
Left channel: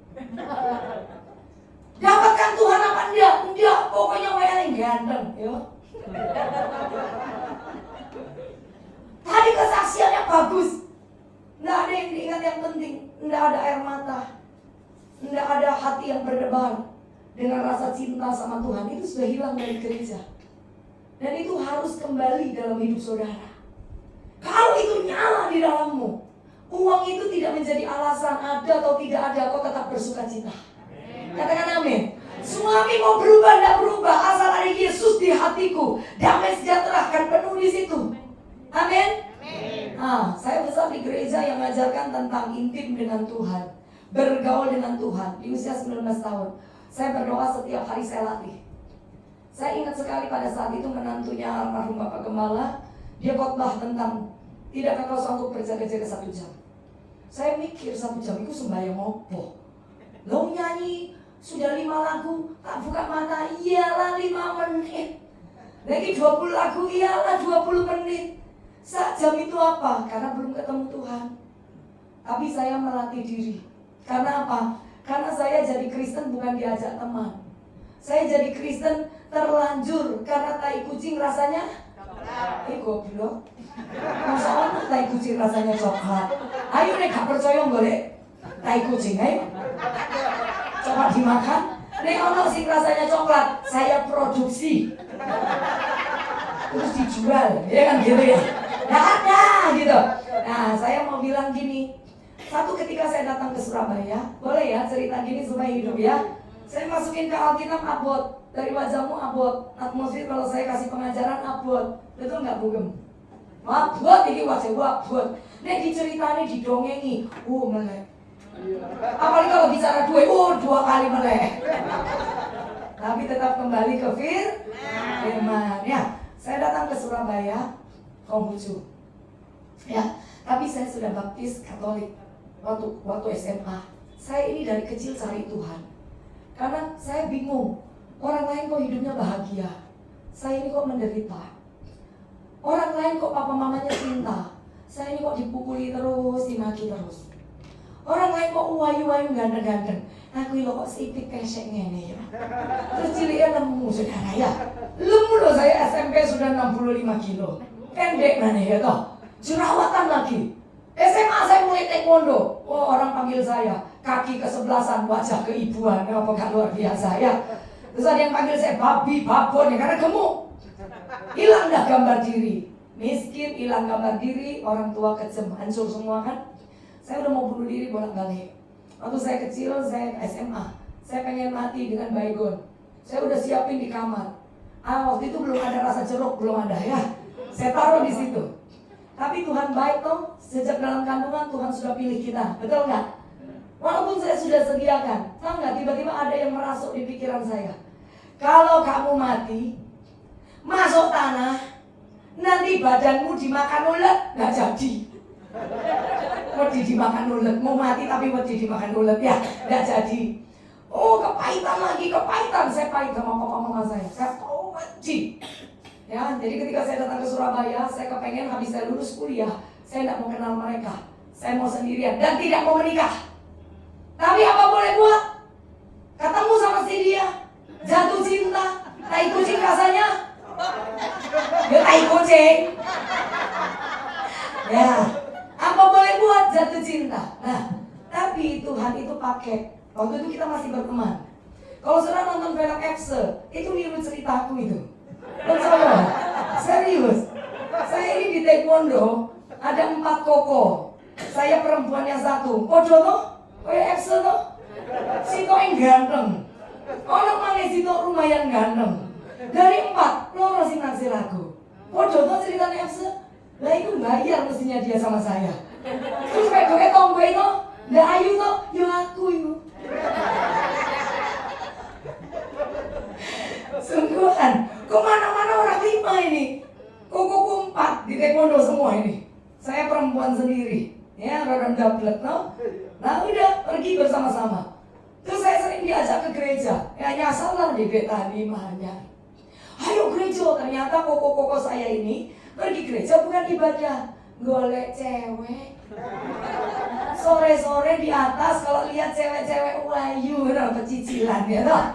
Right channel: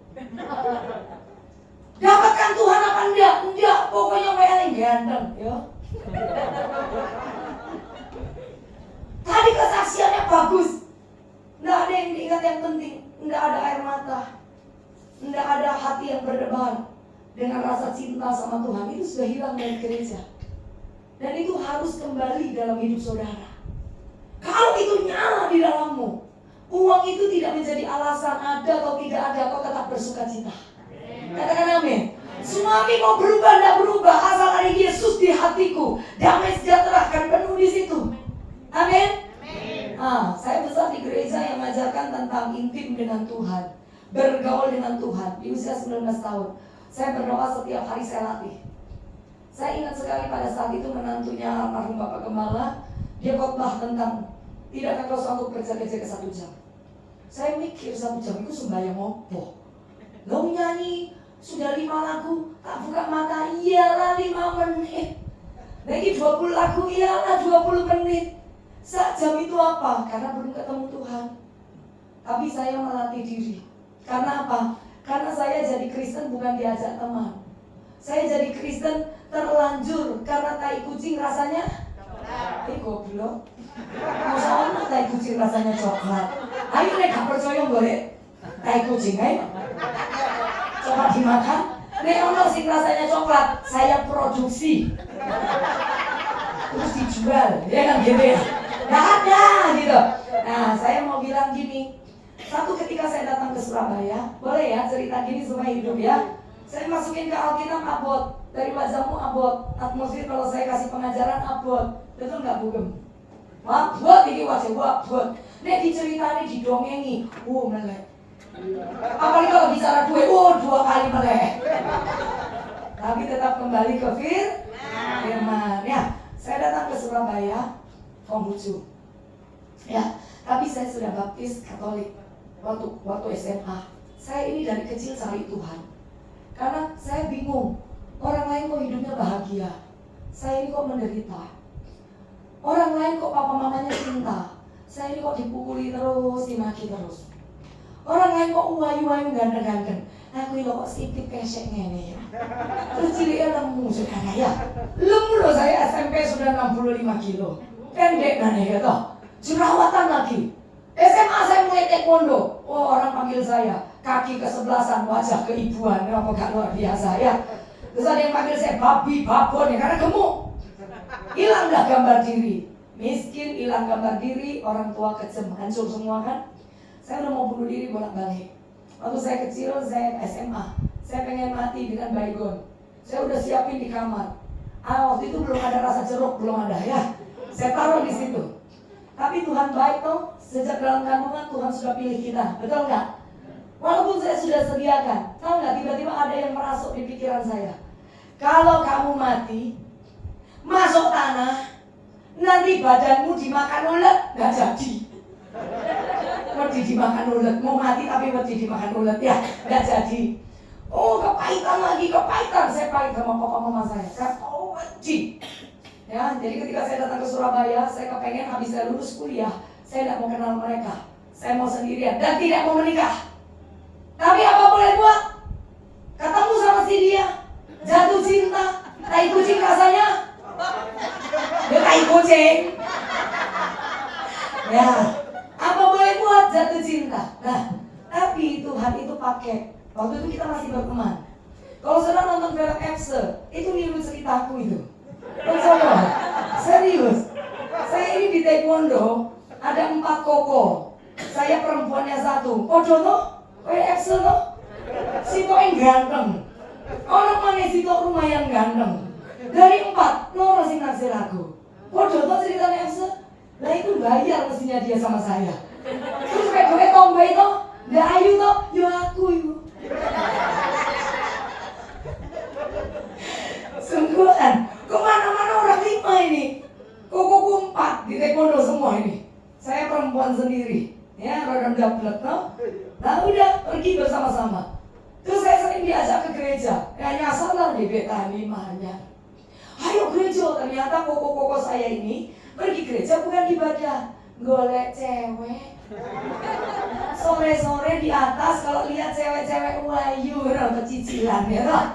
Dapatkan Tuhan apa enggak? Enggak, pokoknya yang ganteng, yo. Tadi kesaksiannya bagus. Nggak ada yang diingat yang penting. Nggak ada air mata. Nggak ada hati yang berdebar dengan rasa cinta sama Tuhan. Itu sudah hilang dari gereja. Dan itu harus kembali dalam hidup saudara. Kalau itu nyala di dalammu, uang itu tidak menjadi alasan ada atau tidak ada, kau tetap bersuka cita. Katakan amin. Tsunami mau berubah, tidak berubah, asal ada Yesus di hatiku, damai sejahtera akan penuh di situ. Amin. Saya besar di gereja yang mengajarkan tentang intim dengan Tuhan, bergaul dengan Tuhan. Di usia 19 tahun, saya berdoa setiap hari, saya latih. Saya ingat sekali pada saat itu menantunya almarhum Bapak Gembala, dia khotbah tentang tidak akan sanggup berjaga-jaga 1 jam. Saya mikir 1 jam itu sembahyang opo. Lo nyanyi sudah 5 lagu, tak buka mata, iyalah 5 menit. Lagi 20 lagu, iyalah 20 menit. 1 jam itu apa? Karena belum ketemu Tuhan. Tapi saya melatih diri. Karena apa? Karena saya jadi Kristen bukan diajak teman. Saya jadi Kristen terlanjur karena tai kucing rasanya goblok. Masa orang tai kucing rasanya coklat. Ayo nek gak percaya boleh tai kucing coba dimakan. Nek ono sing rasanya coklat, saya produksi. Terus dijual, ya kan gitu ya. Nah ada gitu. Nah saya mau bilang gini. Satu ketika saya datang ke Surabaya, boleh ya cerita gini supaya hidup ya. Saya masukin ke Alkitab abot. Dari wajahmu abot. Atmosfer kalau saya kasih pengajaran abot. Betul nggak Bugem? Abot, ini wajah abot. Nek diceritani, didongengi, melek. Apalagi kalau bicara duit, 2 kali melek. Tapi tetap kembali ke firman. Ya, saya datang ke Surabaya, Konghucu. Ya, tapi saya sudah baptis Katolik waktu SMA. Saya ini dari kecil cari Tuhan. Karena saya bingung, orang lain kok hidupnya bahagia, saya ini kok menderita. Orang lain kok papa mamanya cinta, saya ini kok dipukuli terus, dimaki terus. Orang lain kok uwayu-wayu ganteng-ganteng, aku ini kok sipit pesek ngene ya. Terus ciliknya nemu saudara ya. Lemu loh, saya SMP sudah 65 kilo, pendek nih ya toh, jerawatan lagi. SMA saya mulai taekwondo, orang panggil saya kaki kesebelasan, wajah keibuan, apa gak luar biasa ya. Terus ada yang panggil saya babi, babon ya, karena gemuk. Hilang dah gambar diri, miskin, hilang gambar diri, orang tua kejem, hancur semua kan. Saya udah mau bunuh diri bolak-balik. Waktu saya kecil, saya SMA, saya pengen mati dengan baygon. Saya udah siapin di kamar. Waktu itu belum ada rasa jeruk, belum ada ya. Saya taruh di situ. Tapi Tuhan baik toh, sejak dalam kandungan Tuhan sudah pilih kita, betul nggak? Walaupun saya sudah sediakan, tahu nggak? Tiba-tiba ada yang merasuk di pikiran saya. Kalau kamu mati, masuk tanah, nanti badanmu dimakan ulet, nggak jadi. Wedi dimakan ulet, mau mati tapi wedi dimakan ulet ya, nggak jadi. Oh kepahitan lagi, kepahitan. Saya pahit sama papa mama saya wedi. Ya, jadi ketika saya datang ke Surabaya, saya kepengen habis saya lulus kuliah, saya tidak mau kenal mereka, saya mau sendirian dan tidak mau menikah. Tapi apa boleh buat? Ketemu sama si dia, jatuh cinta, tai kucing rasanya, ya tai kucing. Ya, apa boleh buat? Jatuh cinta. Nah, tapi Tuhan itu pakai. Waktu itu kita masih berteman. Kalau sudah nonton film Epse, itu niru ceritaku itu. Betul, serius. Saya ini di taekwondo ada 4 koko. Saya perempuannya 1. Podo lo, Epse lo, Sito yang ganteng. Orang mana Sito lumayan ganteng. Dari 4, lo masih naksir aku. Podo lo ceritanya Epse. Lah itu bayar mestinya dia sama saya. Terus kayak gue tomboy itu, nggak ayu tuh, yo aku yuk. Sungguhan, kemana-mana orang 5 ini. Koko 4 di taekwondo semua ini. Saya perempuan sendiri, ya orang dapet no. Nah udah pergi bersama-sama. Terus saya sering diajak ke gereja. Kayak nyasar lah di Betani mahanya. Ayo gereja, ternyata koko-koko saya ini pergi gereja bukan ibadah, golek cewek. Sore-sore di atas kalau lihat cewek-cewek wayu, kecicilan ya toh.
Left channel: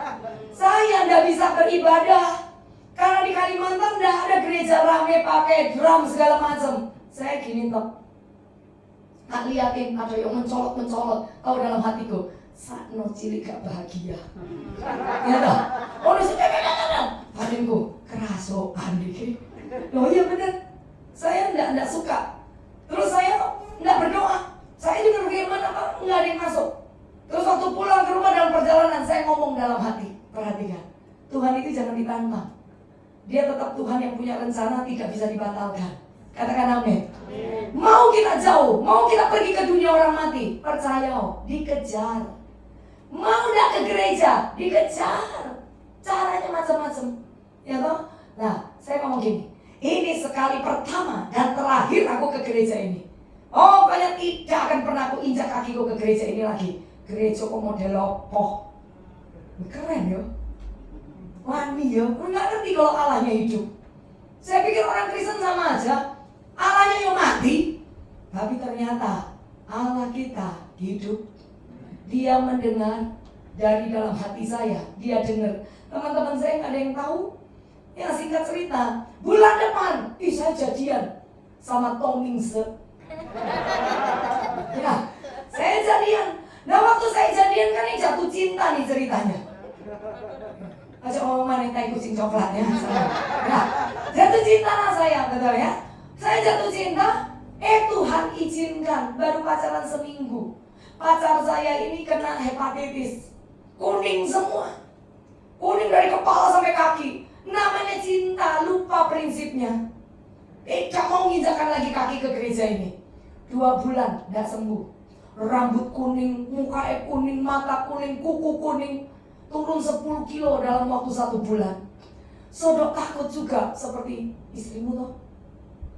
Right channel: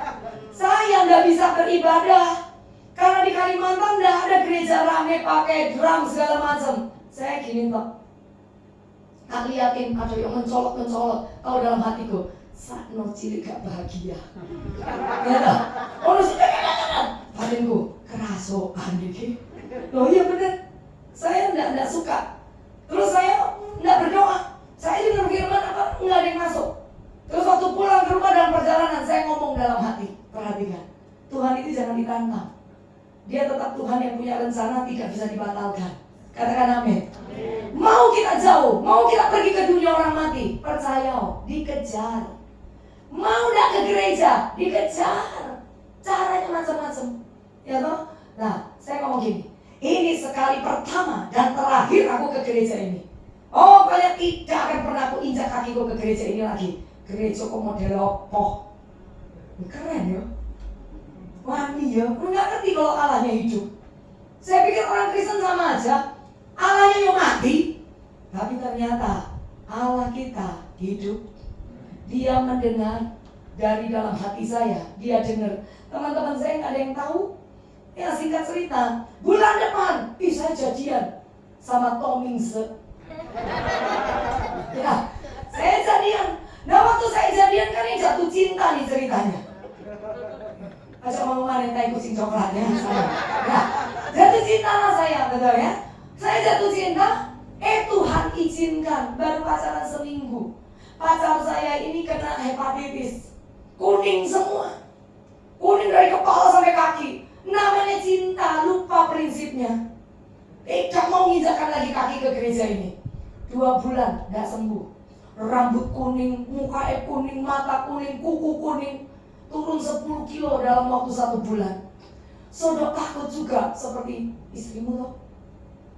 Saya nggak bisa beribadah karena di Kalimantan nggak ada gereja rame pakai drum segala macam. Saya gini toh, tak liatin ada yang mencolok, tahu dalam hatiku, sakno cilik gak bahagia. Ya toh, oh batinku kerasokan dikit. Loh iya bener, saya enggak suka. Terus saya enggak berdoa. Saya juga berfirman apa? Enggak ada yang masuk. Terus waktu pulang ke rumah dalam perjalanan, saya ngomong dalam hati, perhatikan, Tuhan itu jangan ditantang. Dia tetap Tuhan yang punya rencana, tidak bisa dibatalkan. Katakan amin. Mau kita jauh, mau kita pergi ke dunia orang mati, percaya dikejar. Mau enggak ke gereja, dikejar. Caranya macam-macam. Ya toh? Nah, saya ngomong gini, ini sekali pertama dan terakhir aku ke gereja ini. Oh, banyak tidak akan pernah aku injak kakiku ke gereja ini lagi. Gereja kok model lopoh. Keren ya. Wani ya, lu gak ngerti kalau Allahnya hidup. Saya pikir orang Kristen sama aja, Allahnya yang mati. Tapi ternyata Allah kita hidup. Dia mendengar dari dalam hati saya. Dia dengar. Teman-teman saya gak ada yang tahu. Ya singkat cerita, bulan depan saya jadian sama Tomingse. Ya, saya jadian. Nah waktu saya jadian kan yang jatuh cinta nih ceritanya. Ajak ngomong mana kayak kucing coklat ya. Ya, jatuh cinta lah saya, betul ya. Saya jatuh cinta, Tuhan izinkan baru pacaran seminggu. Pacar saya ini kena hepatitis, kuning semua, kuning dari kepala sampai kaki. Namanya cinta, lupa prinsipnya. Tidak mau nginjakan lagi kaki ke gereja ini. 2 bulan tidak sembuh. Rambut kuning, muka kuning, mata kuning, kuku kuning. Turun 10 kilo dalam waktu 1 bulan. Saudara takut juga seperti istrimu loh.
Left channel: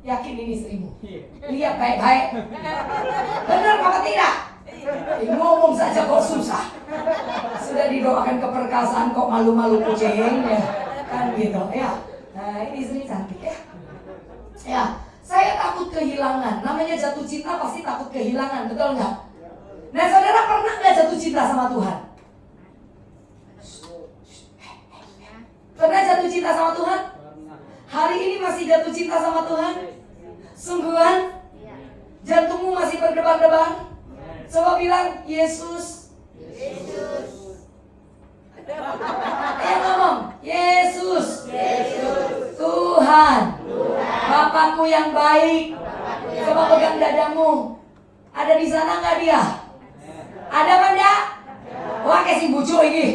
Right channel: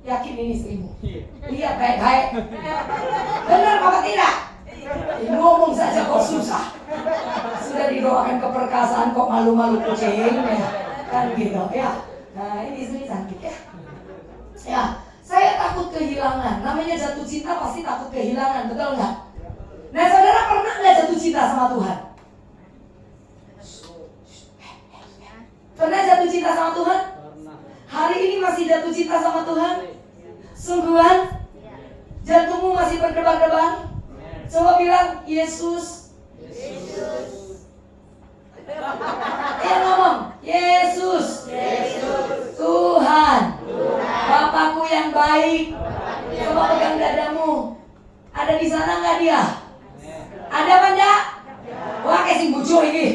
Yakin ini istrimu? Lihat baik-baik. Benar apa tidak? Ngomong saja kok susah. Sudah didoakan keperkasaan kok malu-malu kucing ya. Kan gitu ya. Nah ini istri cantik ya. Ya, saya takut kehilangan. Namanya jatuh cinta pasti takut kehilangan, betul nggak? Nah saudara pernah nggak jatuh cinta sama Tuhan? Pernah jatuh cinta sama Tuhan? Hari ini masih jatuh cinta sama Tuhan? Sungguhan? Jantungmu masih berdebar-debar? Coba bilang Yesus. Ngomong Yesus. Tuhan. Bapakku yang baik. Coba pegang dadamu. Ada di sana nggak dia? Ada apa enggak? Wah kayak si bucu ini.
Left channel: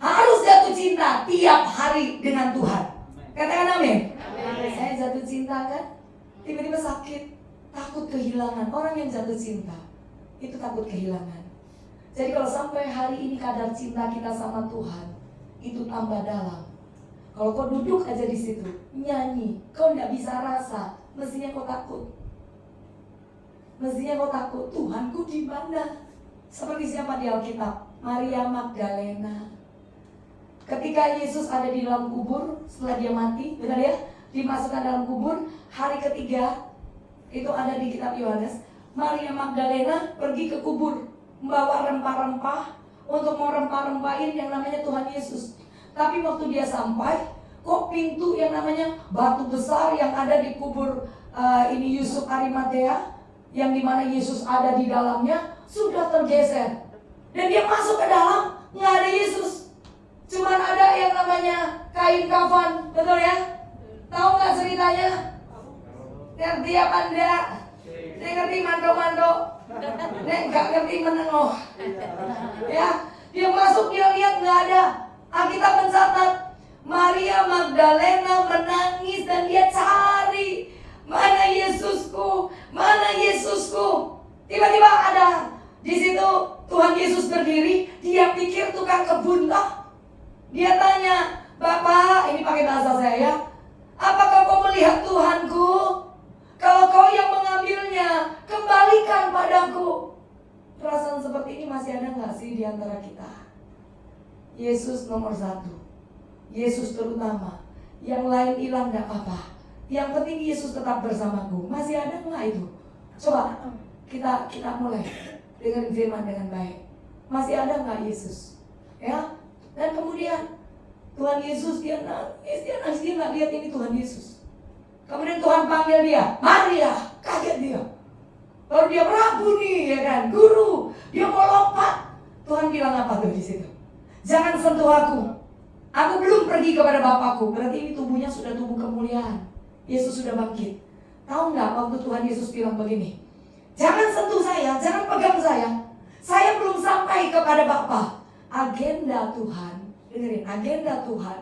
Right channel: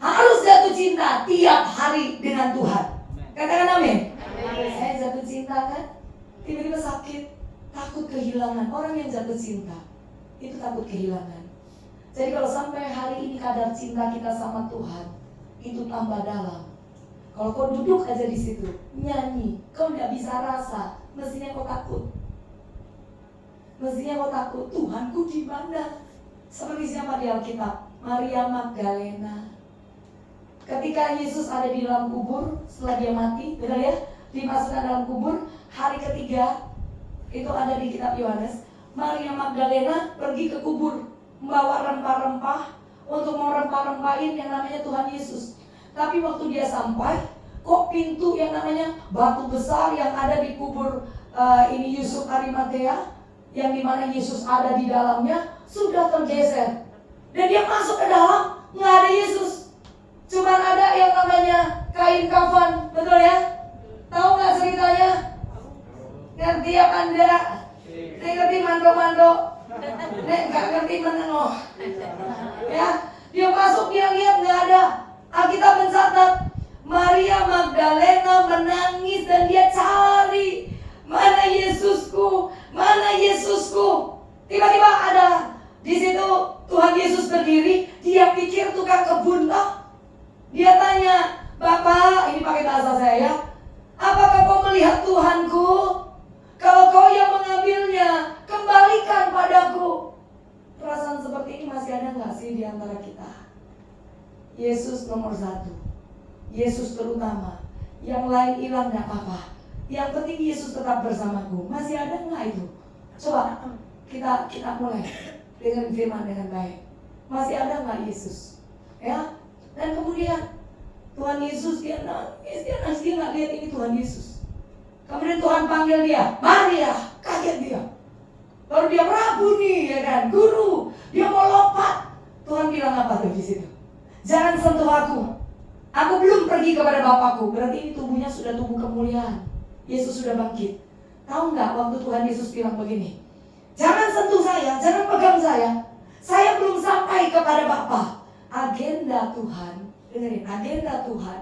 Harus jatuh cinta tiap hari dengan Tuhan. Katakan amin. Saya jatuh cinta kan, tiba-tiba sakit, takut kehilangan. Orang yang jatuh cinta itu takut kehilangan. Jadi kalau sampai hari ini kadar cinta kita sama Tuhan itu tambah dalam. Kalau kau duduk aja di situ nyanyi, kau nggak bisa rasa, mestinya kau takut. Mestinya kau takut, Tuhanku di mana? Seperti siapa di Alkitab? Maria Magdalena. Ketika Yesus ada di dalam kubur setelah dia mati, benar ya? Dimasukkan dalam kubur, hari ketiga itu ada di kitab Yohanes. Maria Magdalena pergi ke kubur, membawa rempah-rempah untuk merempah-rempahin yang namanya Tuhan Yesus. Tapi waktu dia sampai, kok pintu yang namanya batu besar yang ada di kubur ini Yusuf Arimatea, yang dimana Yesus ada di dalamnya, sudah tergeser. Dan dia masuk ke dalam, nggak ada Yesus. Cuma ada yang namanya kain kafan, betul ya? Tahu nggak ceritanya? Ngerti apa enggak? Ngerti mando-mando? Nggak ngerti menengok. Ya, dia masuk, dia lihat nggak ada. Alkitab mencatat Maria Magdalena menangis dan dia cari, mana Yesusku, mana Yesusku. Tiba-tiba ada di situ Tuhan Yesus berdiri. Dia pikir tukang kebun lah. Dia tanya, Bapak, ini pakai bahasa saya ya, apakah kau melihat Tuhanku? Kalau kau yang mengambilnya, kembalikan padaku. Perasaan seperti ini masih ada nggak sih di antara kita? Yesus nomor 1, Yesus terutama. Yang lain hilang nggak apa-apa. Yang penting Yesus tetap bersamaku. Masih ada nggak itu? Coba kita mulai dengan firman dengan baik. Masih ada nggak Yesus? Ya. Dan kemudian Tuhan Yesus dia nangis, dia nggak lihat ini Tuhan Yesus. Kemudian Tuhan panggil dia, Maria, kaget dia. Baru dia ragu nih, ya kan, guru, dia mau lompat. Tuhan bilang apa tuh di situ? Jangan sentuh aku. Aku belum pergi kepada Bapakku. Berarti ini tubuhnya sudah tubuh kemuliaan. Yesus sudah bangkit. Tahu nggak waktu Tuhan Yesus bilang begini? Jangan sentuh saya, jangan pegang saya. Saya belum sampai kepada Bapa. Agenda Tuhan, dengerin, agenda Tuhan.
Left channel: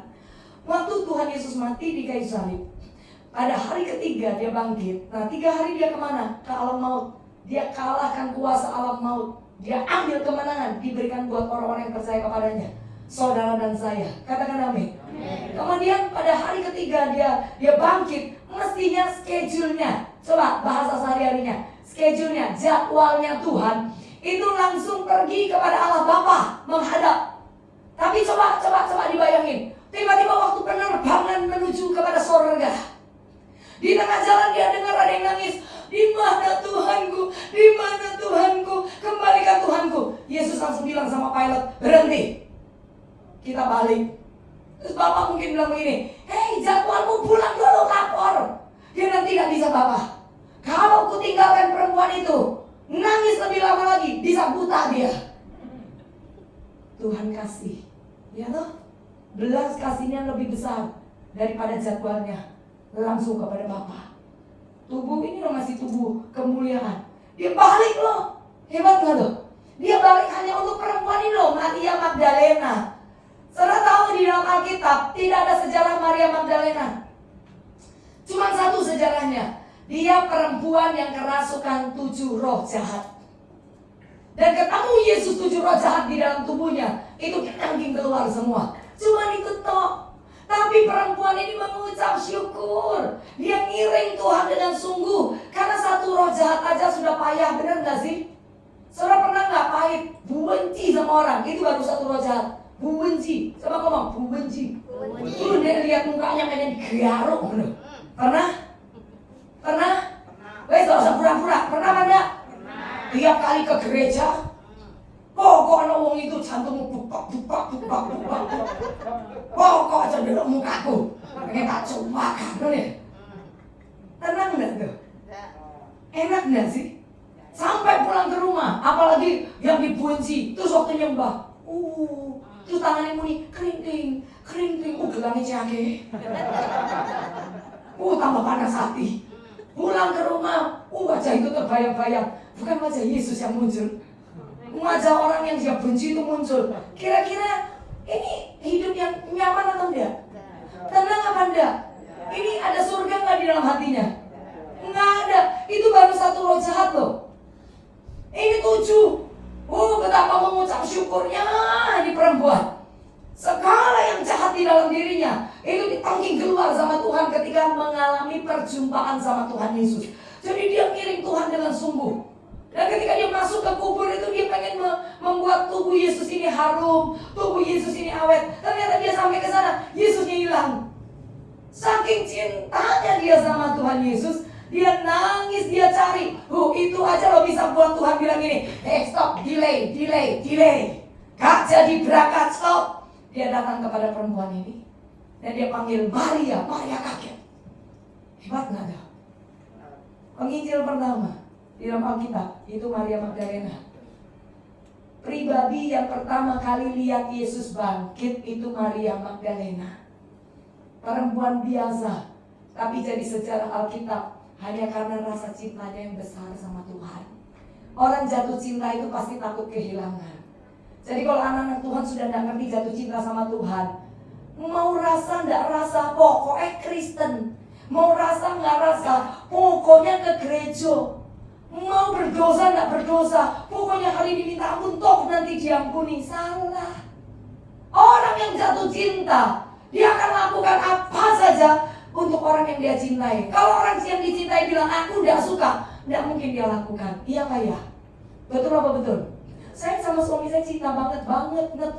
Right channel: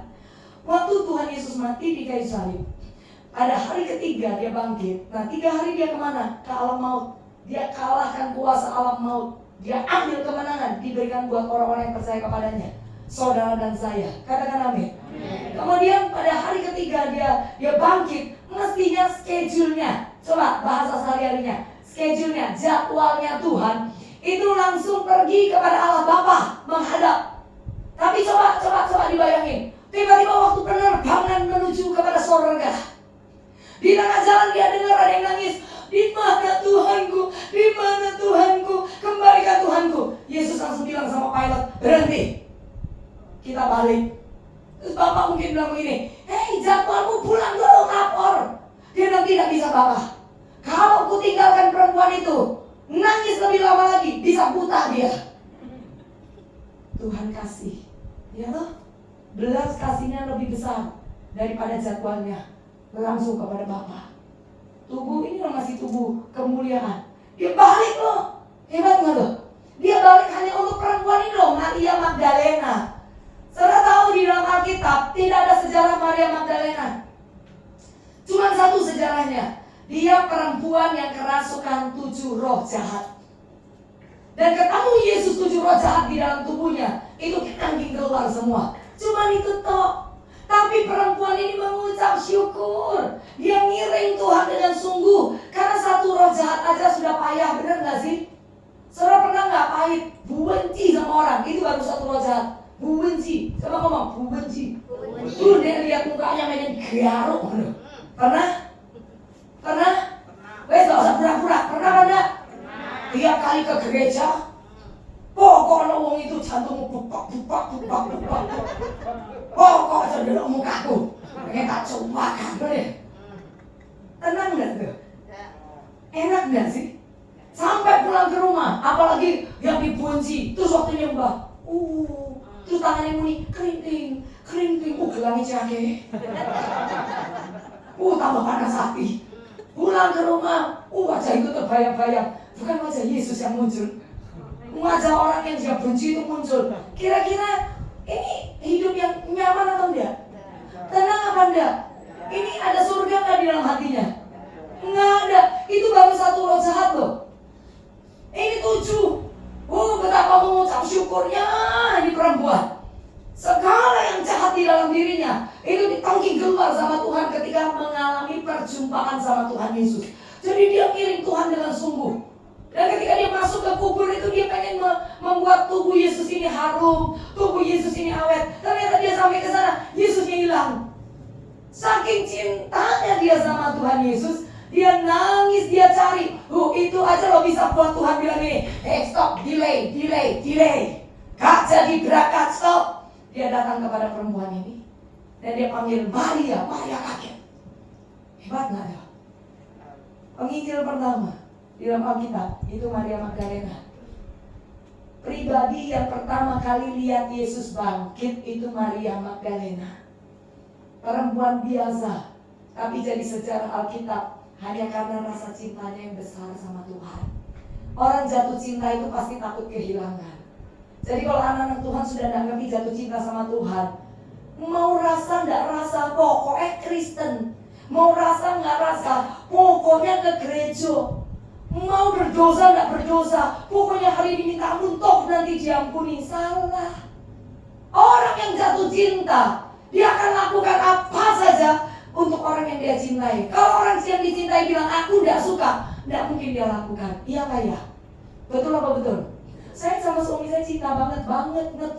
Waktu Tuhan Yesus mati di kayu salib, pada hari ketiga dia bangkit. Nah 3 hari dia kemana? Ke alam maut. Dia kalahkan kuasa alam maut. Dia ambil kemenangan, diberikan buat orang-orang yang percaya kepadanya. Saudara dan saya, katakan amin. Kemudian pada hari ketiga dia bangkit. Mestinya schedule-nya, coba bahasa sehari-harinya, schedule-nya, jadwalnya Tuhan itu langsung pergi kepada Allah Bapa menghadap. Tapi coba dibayangin, tiba-tiba waktu penerbangan menuju kepada surga, di tengah jalan dia dengar ada yang nangis, di mana Tuhanku, di mana Tuhanku, kembalikan Tuhanku. Yesus langsung bilang sama pilot, berhenti, kita balik. Terus Bapak mungkin bilang begini, hei jadwalmu pulang dulu, lapor. Dia nanti tidak bisa Bapak. Kalau ku tinggalkan perempuan itu, nangis lebih lama lagi, bisa buta dia. Tuhan kasih, ya loh, belas kasihnya lebih besar daripada jadwalnya. Langsung kepada Bapa. Tubuh ini loh, ngasih tubuh kemuliaan. Dia balik loh, hebat gak loh? Dia balik hanya untuk perempuan ini loh, Maria Magdalena. Saudara tahu di dalam Alkitab tidak ada sejarah Maria Magdalena. Cuma satu sejarahnya. Dia perempuan yang kerasukan 7 roh jahat. Dan ketemu Yesus 7 roh jahat di dalam tubuhnya. Itu angin keluar semua. Cuma itu toh. Tapi perempuan ini mengucap syukur. Dia ngiring Tuhan dengan sungguh. Karena 1 roh jahat aja sudah payah. Benar gak sih? Saudara pernah gak pahit? Benci sama orang. Itu baru 1 roh jahat. Benci. Coba ngomong, benci. Itu dia lihat mukanya kayak garuk. Pernah? Wes gak usah pura-pura. Pernah ada? Tiap kali ke gereja, pokoknya orang itu jantungmu buka. Pokok aja dulu mukaku. Pengen tak coba kan nih. Tenang gak tuh? Enak gak sih? Sampai pulang ke rumah, apalagi yang dibenci, terus waktu nyembah, terus tangannya muni kering, gelangnya jake. Tambah panas hati. Pulang ke rumah, wajah itu terbayang-bayang. Bukan wajah Yesus yang muncul, wajah orang yang dia benci itu muncul. Kira-kira ini hidup yang nyaman atau enggak? Tenang apa enggak? Ini ada surga nggak di dalam hatinya? Nggak ada. Itu baru 1 roh jahat loh. Ini 7. Betapa mengucap syukurnya ini perempuan. Segala yang jahat di dalam dirinya itu ditangking keluar sama Tuhan ketika mengalami perjumpaan sama Tuhan Yesus. Jadi dia ngiring Tuhan dengan sungguh. Dan ketika dia masuk ke kubur itu dia pengen membuat tubuh Yesus ini harum, tubuh Yesus ini awet. Ternyata dia sampai ke sana, Yesusnya hilang. Saking cintanya dia sama Tuhan Yesus, dia nangis, dia cari. Itu aja lo bisa buat Tuhan bilang ini, hey stop, delay. Gak jadi berangkat, stop. Dia datang kepada perempuan ini dan dia panggil Maria kaget. Hebat gak dia? Penginjil pertama di dalam Alkitab itu Maria Magdalena. Pribadi yang pertama kali lihat Yesus bangkit itu Maria Magdalena. Perempuan biasa, tapi jadi sejarah Alkitab hanya karena rasa cintanya yang besar sama Tuhan. Orang jatuh cinta itu pasti takut kehilangan. Jadi kalau anak-anak Tuhan sudah tidak ngerti jatuh cinta sama Tuhan, mau rasa nggak rasa, pokoknya Kristen. Mau rasa nggak rasa, pokoknya ke gereja. Mau berdosa nggak berdosa, pokoknya hari ini minta ampun, toh nanti diampuni. Salah. Orang yang jatuh cinta, dia akan lakukan apa saja untuk orang yang dia cintai. Kalau orang yang dicintai bilang aku tidak suka, tidak mungkin dia lakukan. Iya kah ya? Betul apa betul? Saya sama suami saya cinta banget, net.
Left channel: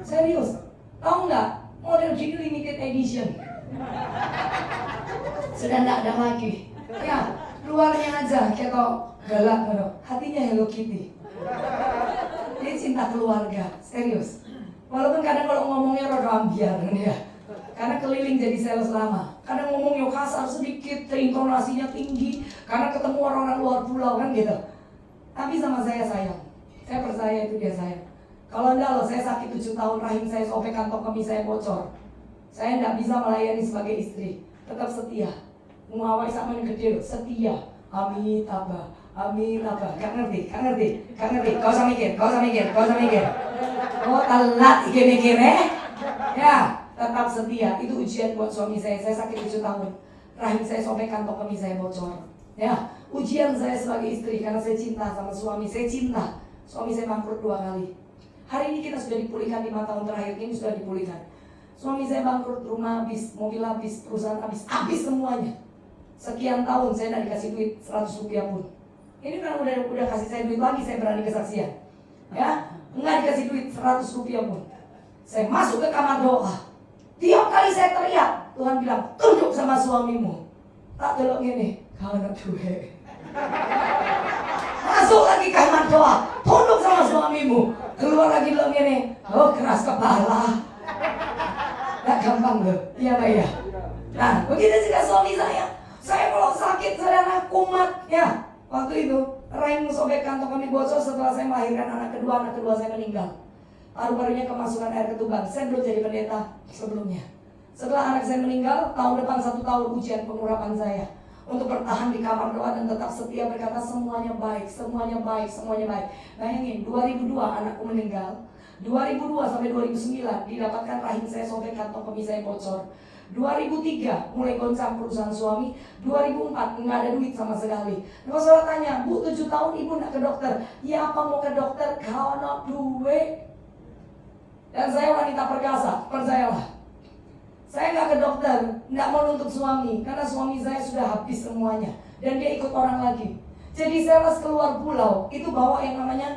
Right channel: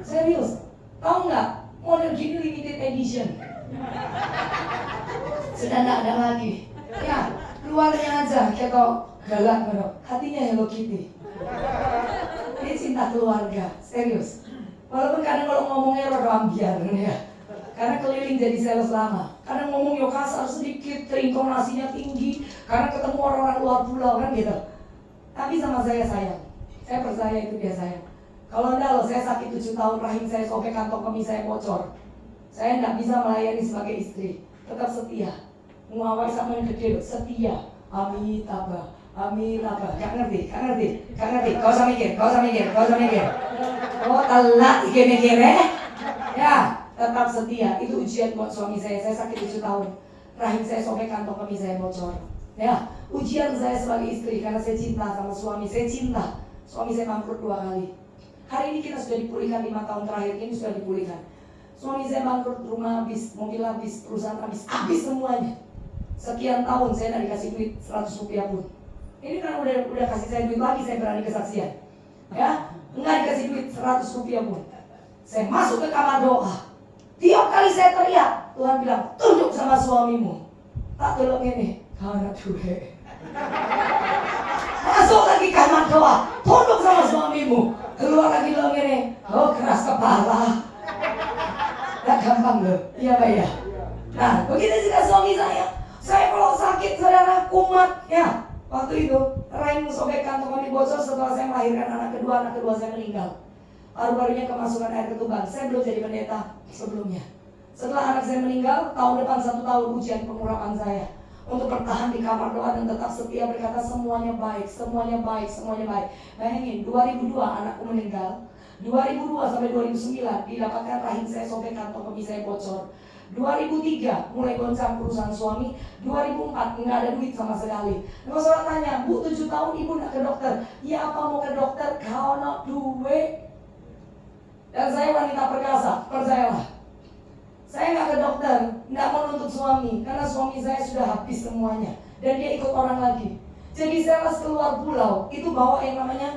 Serius. Tahu nggak? Model gini limited edition. Sudah nggak ada lagi. Ya, luarnya aja kayak kok galak bro. Hatinya Hello Kitty. Ini cinta keluarga, serius. Walaupun kadang kalau ngomongnya rada ambiar ya. Karena keliling jadi sales lama. Kadang ngomongnya kasar sedikit, intonasinya tinggi, karena ketemu orang-orang luar pulau kan gitu. Tapi sama saya sayang. Saya percaya itu dia sayang. Kalau enggak loh, saya sakit 7 tahun, rahim saya sobek, kantong kemih saya bocor. Saya enggak bisa melayani sebagai istri. Tetap setia. Ngawai sama yang gede loh, setia. Amin tabah. Amin apa? Gak ngerti. Kau usah mikir. Oh telat mikir ya, tetap setia. Itu ujian buat suami saya. Saya sakit 7 tahun. Rahim saya sobek, kantong kemih saya bocor. Ya, ujian saya sebagai istri karena saya cinta sama suami. Saya cinta. Suami saya bangkrut 2 kali. Hari ini kita sudah dipulihkan 5 tahun terakhir ini sudah dipulihkan. Suami saya bangkrut, rumah habis, mobil habis, perusahaan habis semuanya. Sekian tahun saya tidak dikasih duit 100 rupiah pun. Ini kan udah kasih saya duit lagi, saya berani kesaksian. Ya, enggak dikasih duit 100 rupiah pun. Saya masuk ke kamar doa. Tiap kali saya teriak, Tuhan bilang, tunduk sama suamimu. Tak belok ini, karena duit. Masuk lagi kamar doa, tunduk sama suamimu. Keluar lagi bilang ini, oh keras kepala. Tak gampang loh, iya Pak ya. Nah, begitu juga suami saya. Saya kalau sakit, saudara kumat, ya. Waktu itu, rahim sobek, kantong kemih bocor setelah saya melahirkan anak kedua saya meninggal. Paru-parunya kemasukan air ketuban. Saya belum jadi pendeta sebelumnya. Setelah anak saya meninggal, tahun depan 1 tahun ujian pengurapan saya. Untuk bertahan di kamar doa dan tetap setia berkata semuanya baik. Bayangin, 2002 anakku meninggal. 2002 sampai 2009 didapatkan rahim saya sobek, kantong kemih saya bocor. 2003 mulai goncang perusahaan suami. 2004 nggak ada duit sama sekali. Kalau saya tanya, Bu 7 tahun ibu nggak ke dokter? Ya apa mau ke dokter? Kalau duit. Dan saya wanita perkasa, percayalah. Saya nggak ke dokter, nggak menuntut suami, karena suami saya sudah habis semuanya dan dia ikut orang lagi. Jadi saya harus keluar pulau, itu bawa yang namanya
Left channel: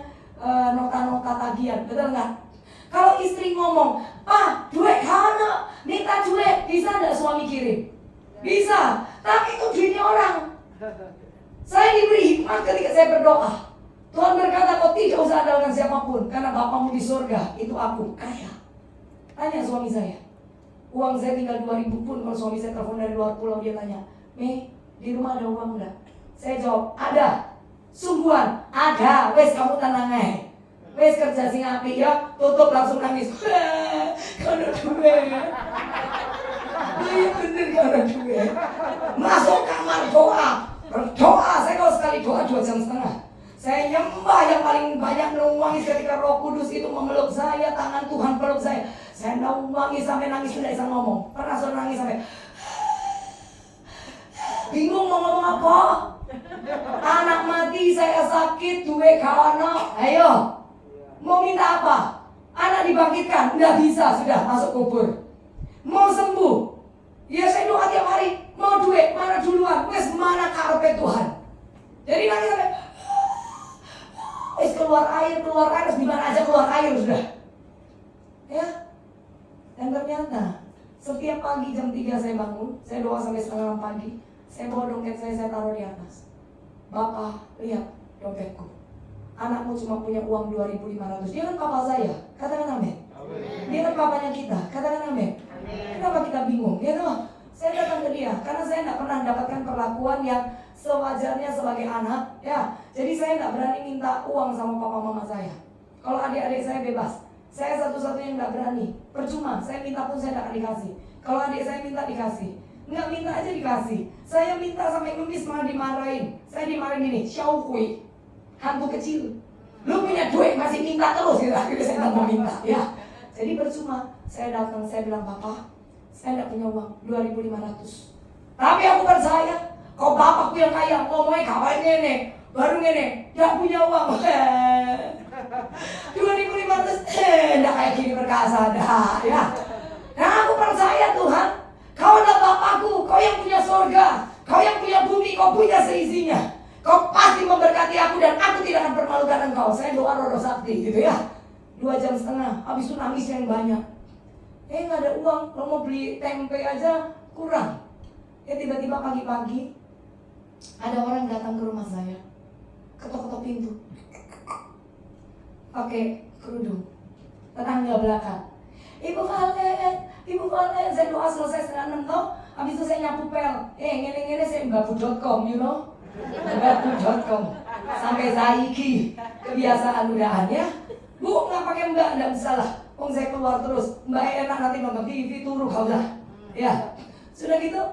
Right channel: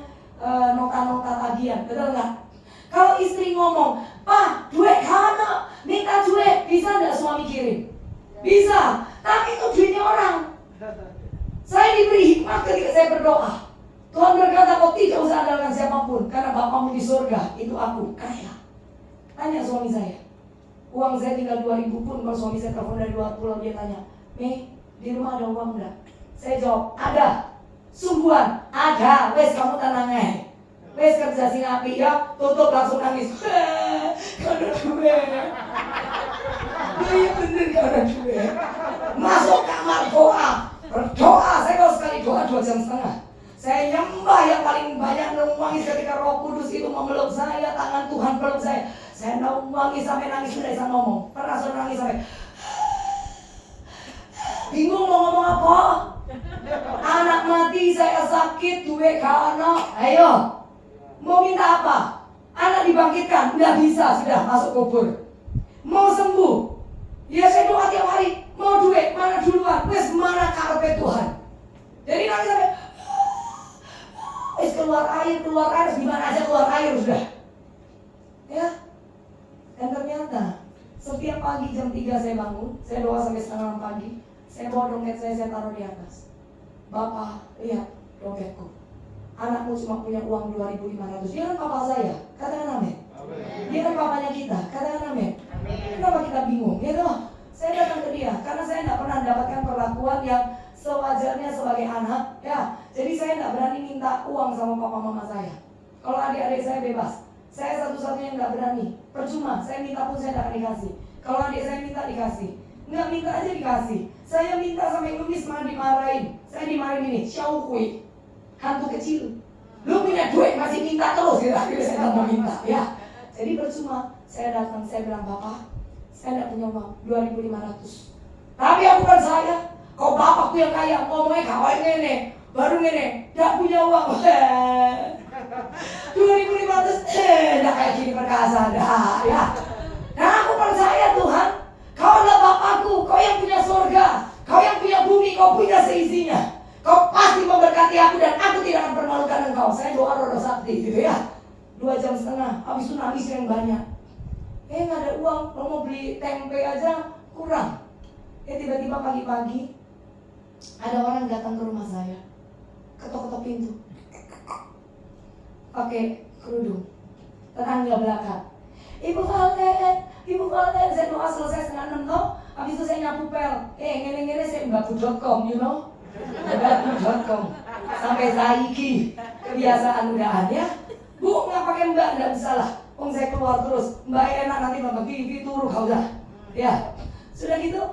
nota-nota tagihan, betul nggak? Kalau istri ngomong, Pak, duit kana, minta duit, bisa nggak suami kirim? Bisa, tapi itu duitnya orang. Saya diberi hikmat ketika saya berdoa. Tuhan berkata, kau tidak usah andalkan siapapun, karena Bapamu di surga, itu aku, kaya. Tanya suami saya. Uang saya tinggal 2.000 pun, kalau suami saya telepon dari luar pulau, dia tanya, Mei, di rumah ada uang enggak? Saya jawab, ada. Sungguhan, ada. Wes kamu tenang aja. Wes kerja sing api ya, tutup langsung nangis. Karena duit. Iya bener karena duit. Masuk kamar doa, berdoa. Saya kalau sekali doa 2 jam setengah. Saya nyembah yang paling banyak menangis ketika Roh Kudus itu memeluk saya, tangan Tuhan peluk saya. Saya nangis sampai nangis tidak bisa ngomong. Pernah saya nangis sampai bingung mau ngomong apa. Anak mati, saya sakit, duit kana. Ayo, mau minta apa? Anak dibangkitkan, nggak bisa, sudah masuk kubur. Mau sembuh, ya saya doa tiap hari. Mau duit, mana duluan? Wes mana karpet Tuhan? Jadi nangis sampai wes keluar air, gimana aja keluar air sudah. Ya. Dan ternyata setiap pagi jam 3 saya bangun, saya doa sampai setengah 6 pagi. Saya bawa dompet saya taruh di atas. Bapak, lihat dompetku. Anakmu cuma punya uang 2.500. Dia kan papa saya, katakan amin. Dia kan papanya kita, katakan amin. Kenapa kita bingung? Ya toh, saya datang ke dia karena saya tidak pernah mendapatkan perlakuan yang sewajarnya sebagai anak. Ya, jadi saya tidak berani minta uang sama papa mama saya. Kalau adik-adik saya bebas. Saya satu-satunya yang nggak berani. Percuma, saya minta pun saya nggak dikasih. Kalau adik saya minta dikasih, nggak minta aja dikasih. Saya minta sampai ngemis malah dimarahin. Saya dimarahin ini, syauhui, hantu kecil. Lu punya duit masih minta terus gitu. Akhirnya saya nggak mau minta. Ya, jadi percuma. Saya datang, saya bilang Bapak, saya nggak punya uang 2.500. Tapi aku percaya, kok bapakku yang kaya, ngomongnya kawan nenek, baru nenek, nggak punya uang. 2.500, dah kayak gini perkasa dah, ya. Nah aku percaya Tuhan, kau adalah Bapakku, kau yang punya surga, kau yang punya bumi, kau punya seisinya. Kau pasti memberkati aku dan aku tidak akan permalukan engkau. Saya doa rodo sakti gitu ya. 2 jam setengah, habis itu nangis yang banyak. Nggak ada uang, kalau mau beli tempe aja kurang. Tiba-tiba pagi-pagi ada orang datang ke rumah saya, ketok-ketok pintu. Pakai kerudung, tetangga belakang. Ibu Valen, saya doa selesai setengah 6 toh. Habis itu saya nyapu pel. Ngene-ngene saya mbabu.com, you know. Mbabu.com. Sampai saiki kebiasaan udahan ya. Bu, nggak pakai mbak, nggak bisa lah. Saya keluar terus. Mbak enak nanti mbak TV turu kau dah. Ya, sudah gitu.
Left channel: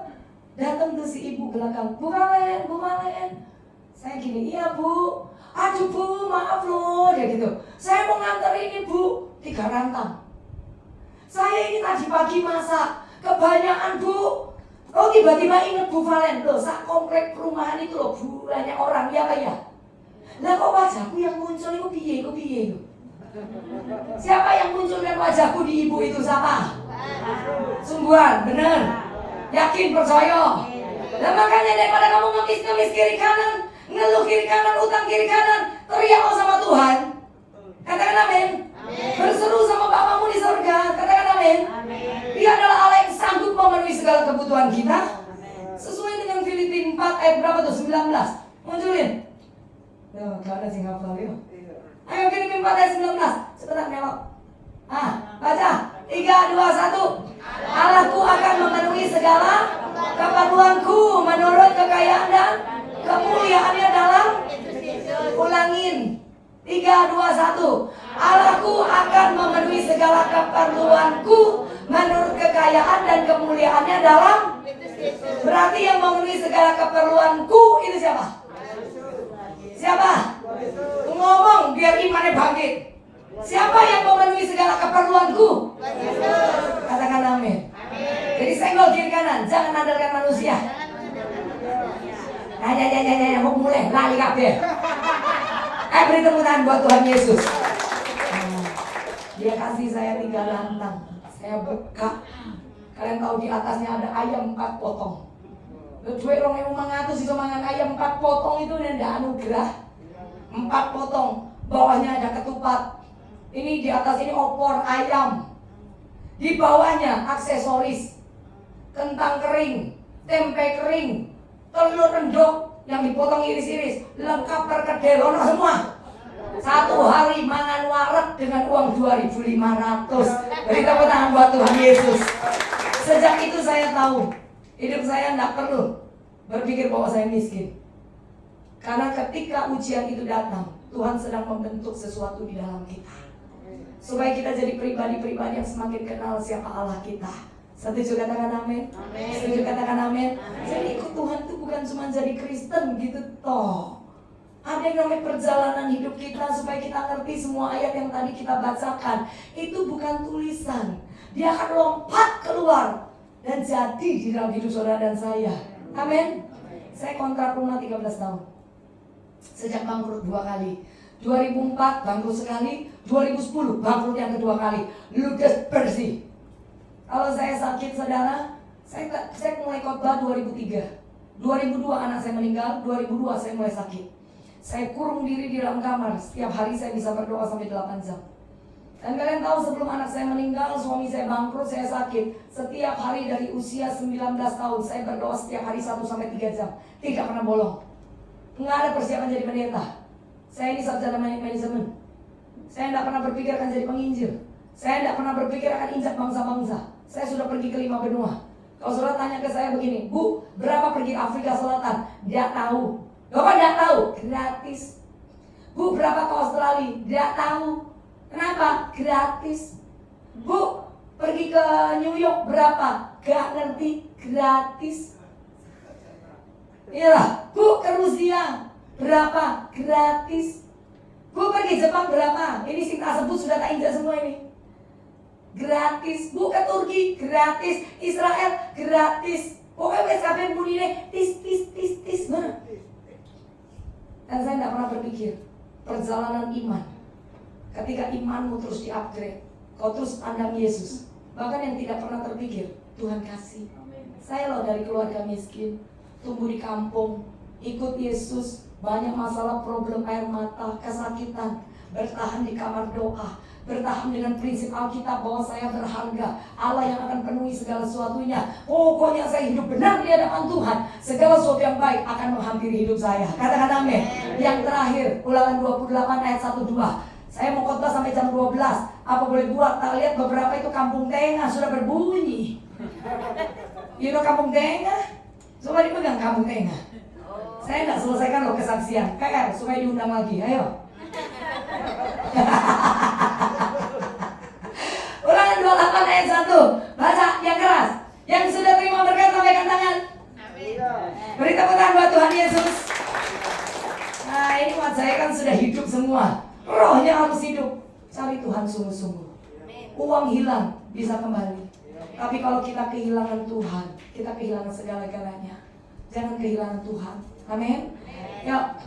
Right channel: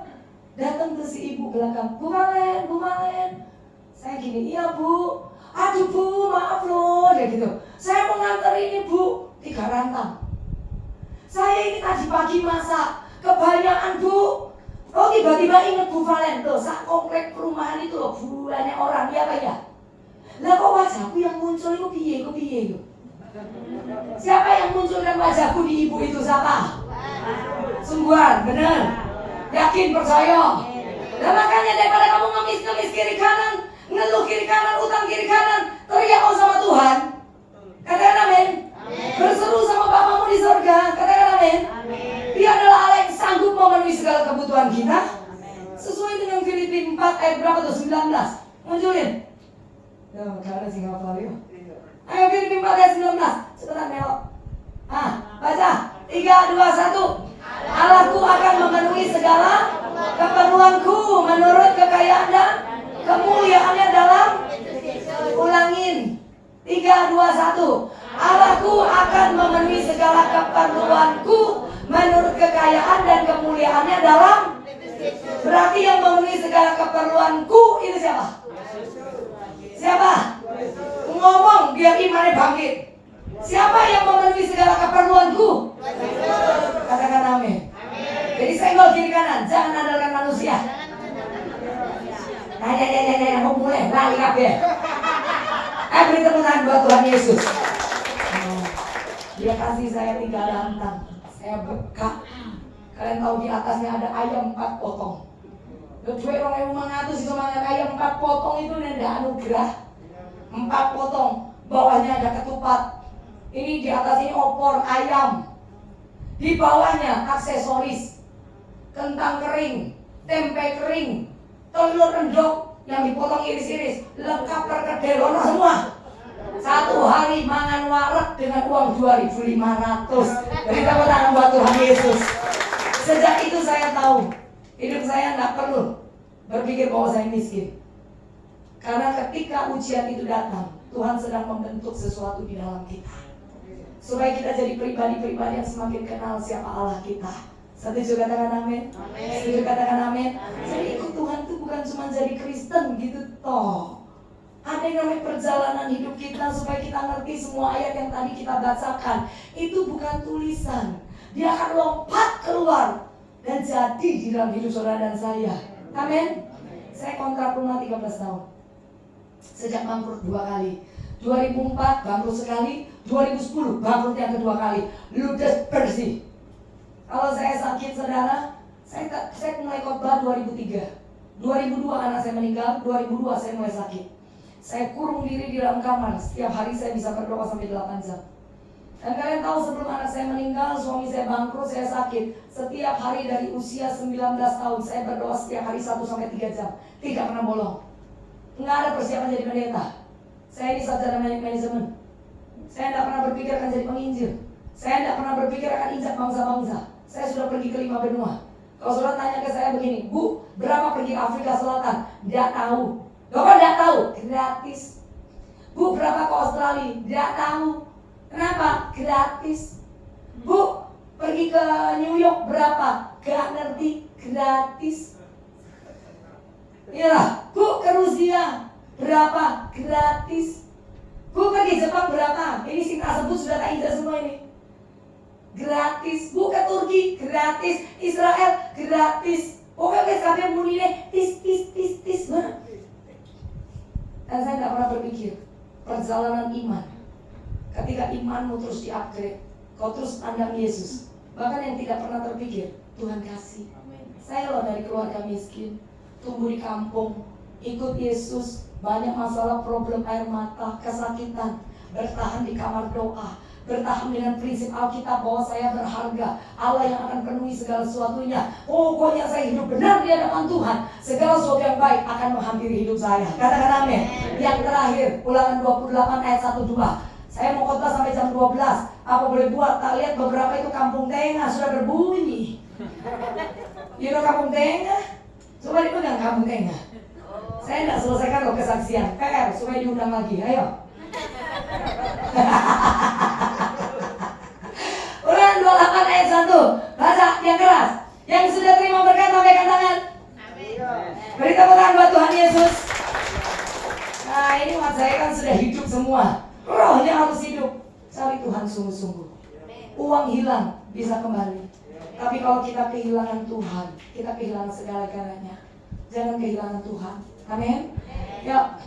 Datang tuh si ibu belakang. Bu Valen. Saya gini, iya bu. Aduh bu, maaf loh, dia gitu. Saya mau nganter ini bu, 3 rantang. Saya ini tadi pagi masak, kebanyakan bu. Oh tiba-tiba inget Bu Valen, loh saat komplek perumahan itu loh banyak orang, ya Pak ya. Lah kok wajahku yang muncul itu piye. Siapa yang munculkan wajahku di ibu itu siapa? Sungguhan, bener. Yakin, percaya. Nah makanya daripada kamu ngemis kiri kanan, ngeluh kiri kanan, utang kiri kanan, teriak sama Tuhan. Katakan amin. Berseru sama Bapamu di surga. Katakan amin. Dia adalah Allah yang sanggup memenuhi segala kebutuhan kita. Sesuai dengan Filipi 4 ayat berapa tuh? 19. Munculin. Ya, gak ada sih ngapal ya. Ayo Filipi 4 ayat 19. Cepetan melok. Baca. 3, 2, 1. Allahku akan memenuhi segala keperluanku menurut kekayaan dan kemuliaannya dalam. Ulangin. 3, 2, 1. Allahku akan memenuhi segala keperluanku menurut kekayaan dan kemuliaannya dalam. Berarti yang memenuhi segala keperluanku itu siapa? Siapa? Ngomong biar imannya bangkit. Siapa yang memenuhi segala keperluanku? Katakan amin. Jadi senggol kiri kanan, jangan andalkan manusia. Ya, mau mulai lali kabeh. Beri tepuk tangan buat Tuhan Yesus. Dia kasih saya 3 rantang. Saya bekak. Kalian tahu di atasnya ada ayam 4 potong. Kedua orang yang mengatur itu mangan ayam 4 potong itu nenda anugerah. 4 potong. Bawahnya ada ketupat. Ini di atas ini opor ayam. Di bawahnya aksesoris. Kentang kering, tempe kering, telur rendok yang dipotong iris-iris, lengkap perkedel ono semua. 1 hari mangan wareg dengan uang 2.500. Beri tepuk tangan buat Tuhan Yesus. Sejak itu saya tahu hidup saya nggak perlu berpikir bahwa saya miskin. Karena ketika ujian itu datang, Tuhan sedang membentuk sesuatu di dalam kita, supaya kita jadi pribadi-pribadi yang semakin kenal siapa Allah kita. Setuju katakan amin? Setuju katakan amin? Jadi ikut Tuhan itu bukan cuma jadi Kristen gitu toh. Ada yang namanya perjalanan hidup kita supaya kita ngerti semua ayat yang tadi kita bacakan. Itu bukan tulisan. Dia akan lompat keluar dan jadi di dalam hidup saudara dan saya. Amin? Saya kontrak rumah 13 tahun. Sejak bangkrut 2 kali. 2004 bangkrut sekali, 2010 bangkrut yang kedua kali. Ludes bersih. Kalau saya sakit saudara, saya mulai khotbah 2003. 2002 anak saya meninggal, 2002 saya mulai sakit. Saya kurung diri di dalam kamar. Setiap hari saya bisa berdoa sampai 8 jam. Dan kalian tahu sebelum anak saya meninggal, suami saya bangkrut, saya sakit. Setiap hari dari usia 19 tahun saya berdoa setiap hari 1 sampai 3 jam. Tidak pernah bolong. Nggak ada persiapan jadi pendeta. Saya ini sarjana manajemen. Saya tidak pernah berpikir akan jadi penginjil. Saya tidak pernah berpikir akan injak bangsa-bangsa. Saya sudah pergi ke 5 benua. Kalau saudara tanya ke saya begini, Bu, berapa pergi Afrika Selatan? Tidak tahu. Bapak tidak tahu? Gratis. Bu, berapa ke Australia? Tidak tahu. Kenapa? Gratis. Bu, pergi ke New York berapa? Gak ngerti. Gratis. Iya, Bu, ke Rusia berapa? Gratis. Bu, pergi Jepang berapa? Ini sih tak sebut sudah tak injak semua ini. Gratis. Bu, ke Turki gratis. Israel gratis. Pokoknya sampai muni deh tis. Dan saya tidak pernah berpikir perjalanan iman. Ketika imanmu terus di-upgrade, kau terus pandang Yesus. Bahkan yang tidak pernah terpikir, Tuhan kasih. Saya loh dari keluarga miskin, tumbuh di kampung, ikut Yesus, banyak masalah, problem air mata, kesakitan, bertahan di kamar doa, bertahan dengan prinsip Alkitab bahwa saya berharga, Allah yang akan penuhi segala sesuatunya. Pokoknya saya hidup benar di hadapan Tuhan, segala sesuatu yang baik akan menghampiri hidup saya. Katakan amin. Yang terakhir, Ulangan 28 ayat 1-2. Saya mau khotbah sampai jam 12. Apa boleh buat? Tak lihat beberapa itu kampung tengah sudah berbunyi. kampung tengah. Coba dipegang kampung tengah. Saya enggak selesaikan loh kesaksian. Supaya diundang lagi. Ayo. Ulangan 28 ayat 1. Baca yang keras. Yang sudah terima berkat lambaikan tangan. Beri tepuk tangan buat Tuhan Yesus. Nah, ini buat saya kan sudah hidup semua. Rohnya harus hidup. Cari Tuhan sungguh-sungguh. Uang hilang bisa kembali. Tapi kalau kita kehilangan Tuhan, kita kehilangan segala-galanya. Jangan kehilangan Tuhan. Amin. Ya.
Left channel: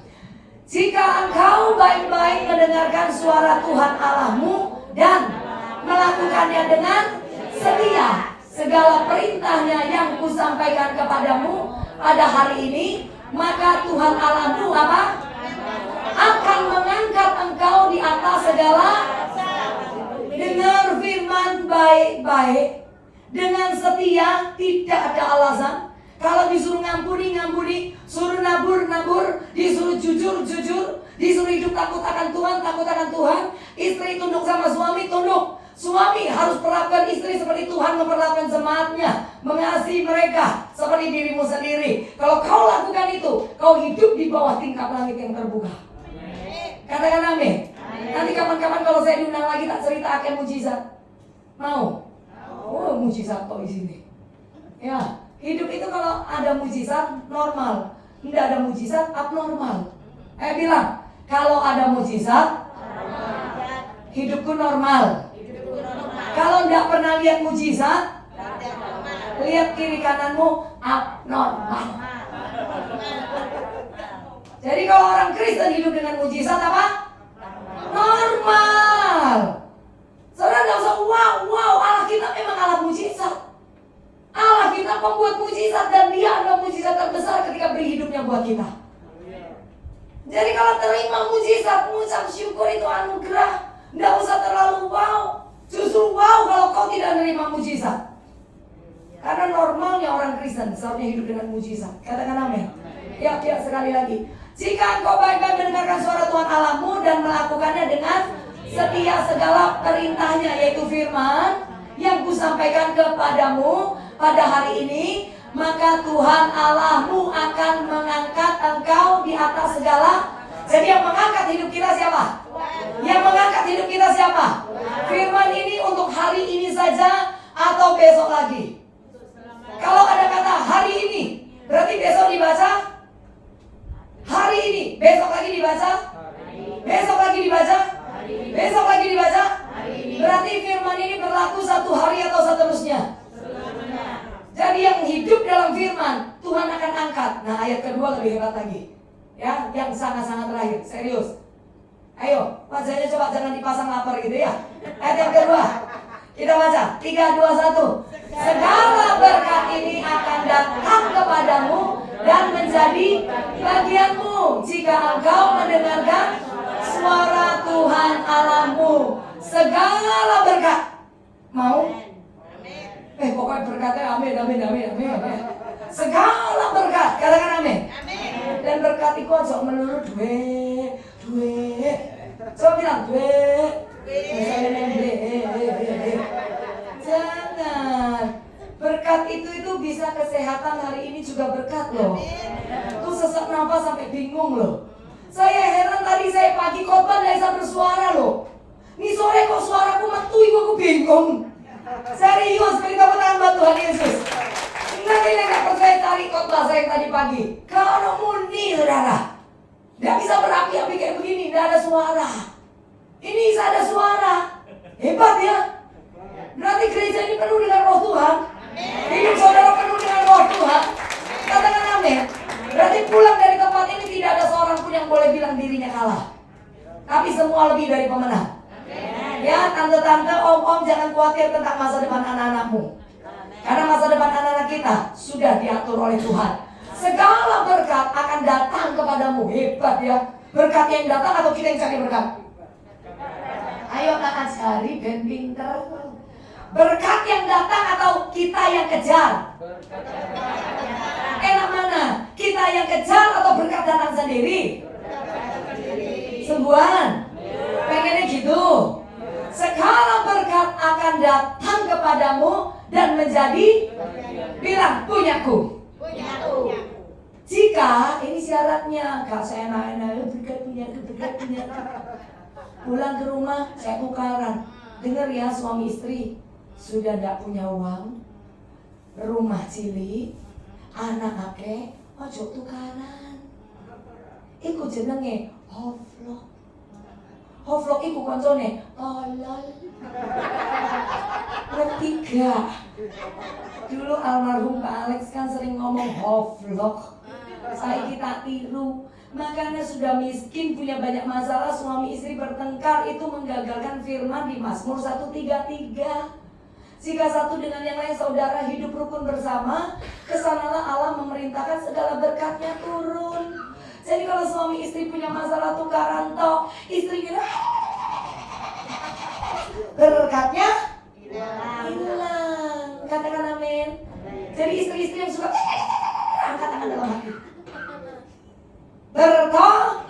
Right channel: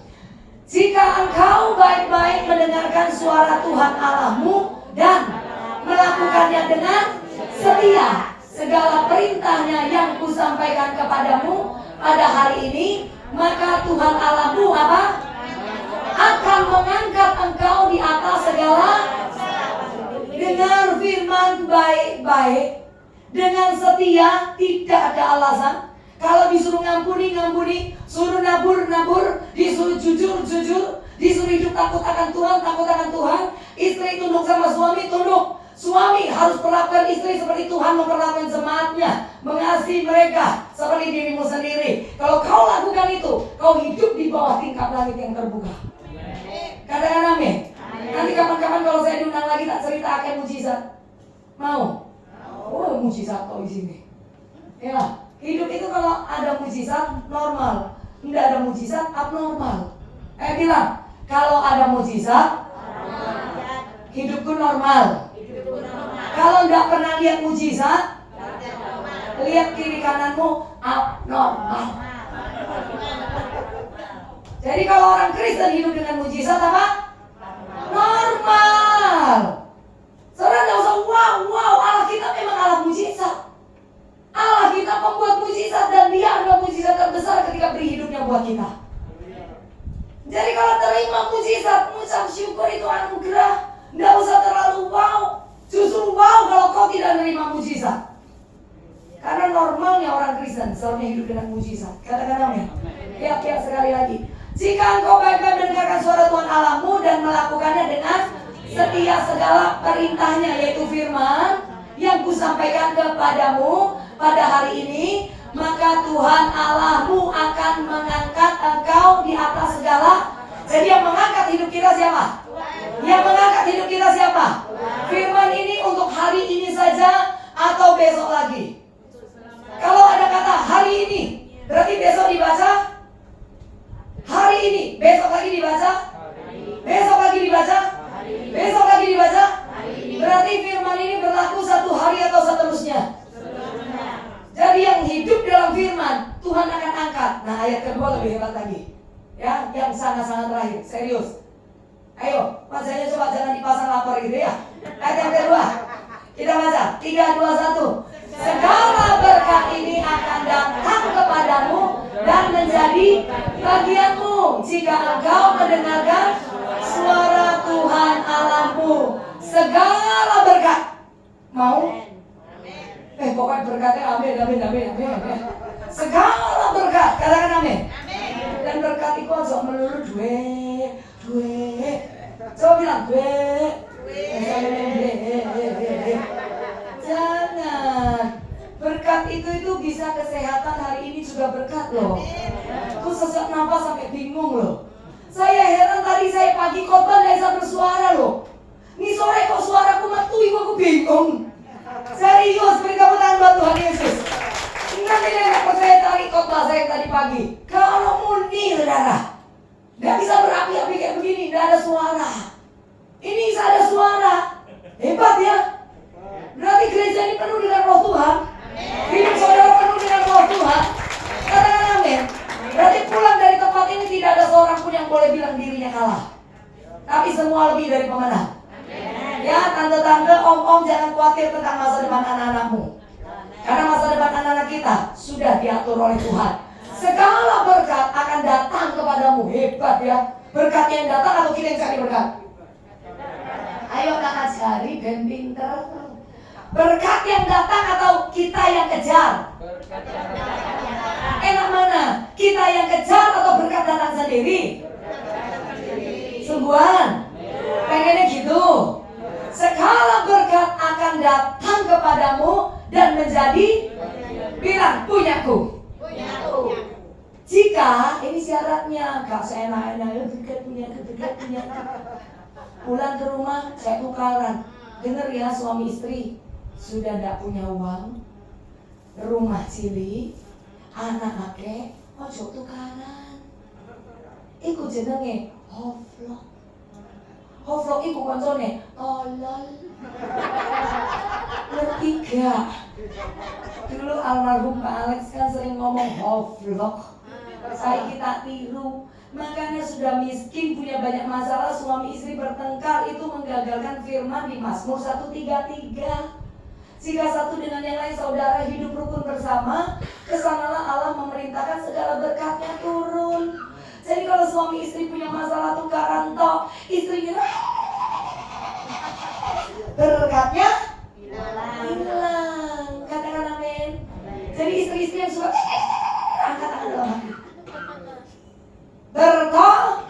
Jika engkau baik-baik mendengarkan suara Tuhan Allahmu dan melakukannya dengan setia, segala perintahnya yang kusampaikan kepadamu pada hari ini, maka Tuhan Allahmu apa? Akan mengangkat engkau di atas segala. Dengar firman baik-baik dengan setia, tidak ada alasan. Kalau disuruh ngampuni, suruh nabur, disuruh jujur, disuruh hidup takut akan Tuhan. Istri tunduk sama suami, tunduk. Suami harus perlakukan istri seperti Tuhan memperlakukan jemaatnya, mengasihi mereka seperti dirimu sendiri. Kalau kau lakukan itu, kau hidup di bawah tingkap langit yang terbuka. Katakan amin. Nanti kapan-kapan kalau saya diundang lagi tak cerita akan mujizat. Mau? Oh, mujizat kok di sini. Ya, hidup itu kalau ada mujizat normal, tidak ada mujizat abnormal. Bilang, kalau ada mujizat, hidupku normal. Kalau tidak pernah lihat mujizat, lihat kiri kananmu abnormal. Jadi kalau orang Kristen hidup dengan mujizat apa? Normal. Saudara tidak usah wow, Allah kita memang Allah mujizat. Allah kita membuat mujizat dan Dia adalah mujizat terbesar ketika beri hidupnya buat kita. Jadi kalau terima mujizat, mengucap syukur itu anugerah. Tidak usah terlalu wow. Justru wow kalau kau tidak menerima mujizat. Karena normalnya orang Kristen seharusnya hidup dengan mujizat. Katakan amin. Ya, sekali lagi. Jika engkau baik-baik mendengarkan suara Tuhan Allahmu dan melakukannya dengan setia segala perintahnya, yaitu firman yang kusampaikan kepadamu pada hari ini, maka Tuhan Allahmu akan mengangkat engkau di atas segala. Jadi yang mengangkat hidup kita siapa? Yang mengangkat hidup kita siapa? Firman ini untuk hari ini saja atau besok lagi? Kalau ada kata hari ini, berarti besok dibaca? Hari ini, besok lagi dibaca? Besok lagi dibaca? Besok lagi dibaca? Berarti firman ini berlaku satu hari atau seterusnya? Jadi yang hidup dalam firman, Tuhan akan angkat. Nah, ayat kedua lebih hebat lagi. Ya, yang sangat-sangat terakhir, serius. Ayo, bacanya coba jangan dipasang lapar gitu ya. Ayat yang kedua, kita baca 3, 2, 1. Segala berkat ini akan datang kepadamu dan menjadi bagianmu jika engkau mendengarkan suara Tuhan Allahmu. Segala berkat. Mau? Pokoknya berkatnya amin. Segala berkat, katakan amin. Dan berkat itu aja melulu duit. Coba bilang duit. Jangan. Berkat itu bisa kesehatan hari ini juga berkat loh. Tuh sesak nafas sampai bingung loh. Saya heran tadi saya pagi khotbah nggak bisa bersuara loh. Ini sore kok suaraku matui, aku bingung. Serius, beri tepuk tangan buat Tuhan Yesus. Nanti nggak percaya tadi khotbah saya tadi pagi. Kalau murni saudara, nggak bisa berapi-api kayak begini, nggak ada suara. Ini bisa ada suara, hebat ya. Berarti gereja ini penuh dengan roh Tuhan. Hidup saudara penuh dengan roh Tuhan. Katakan amin. Berarti pulang dari tempat ini tidak ada seorang pun yang boleh bilang dirinya kalah. Tapi semua lebih dari pemenang. Ya, tante-tante, om-om, jangan khawatir tentang masa depan anak-anakmu. Karena masa depan anak-anak kita sudah diatur oleh Tuhan. Segala berkat akan datang kepadamu. Hebat ya. Berkat yang datang atau kita yang cari berkat? Ayo anak cari ben pinter. Berkat yang datang atau kita yang kejar? Enak mana? Kita yang kejar atau berkat datang sendiri? Sungguhan? Pengennya gitu. Segala berkat akan datang kepadamu dan menjadi, bilang, punya. Pulang ke rumah, saya tukaran. Dengar ya suami istri, sudah tidak punya uang, rumah cilik, anak akeh, ojo tukaran. Iku jenenge hoflok. Hoflok iku koncone tolol. Ketiga, dulu almarhum Pak Alex kan sering ngomong hoflok. Saya kita tiru. Makanya sudah miskin, punya banyak masalah, suami istri bertengkar, itu menggagalkan firman di Mazmur 133. Jika satu dengan yang lain saudara hidup rukun bersama, kesanalah Allah memerintahkan segala berkatnya turun. Jadi kalau suami istri punya masalah tukaran toh, istri bilang berkatnya hilang. Katakan amin. Jadi istri-istri yang suka katakan dalam hati berkah,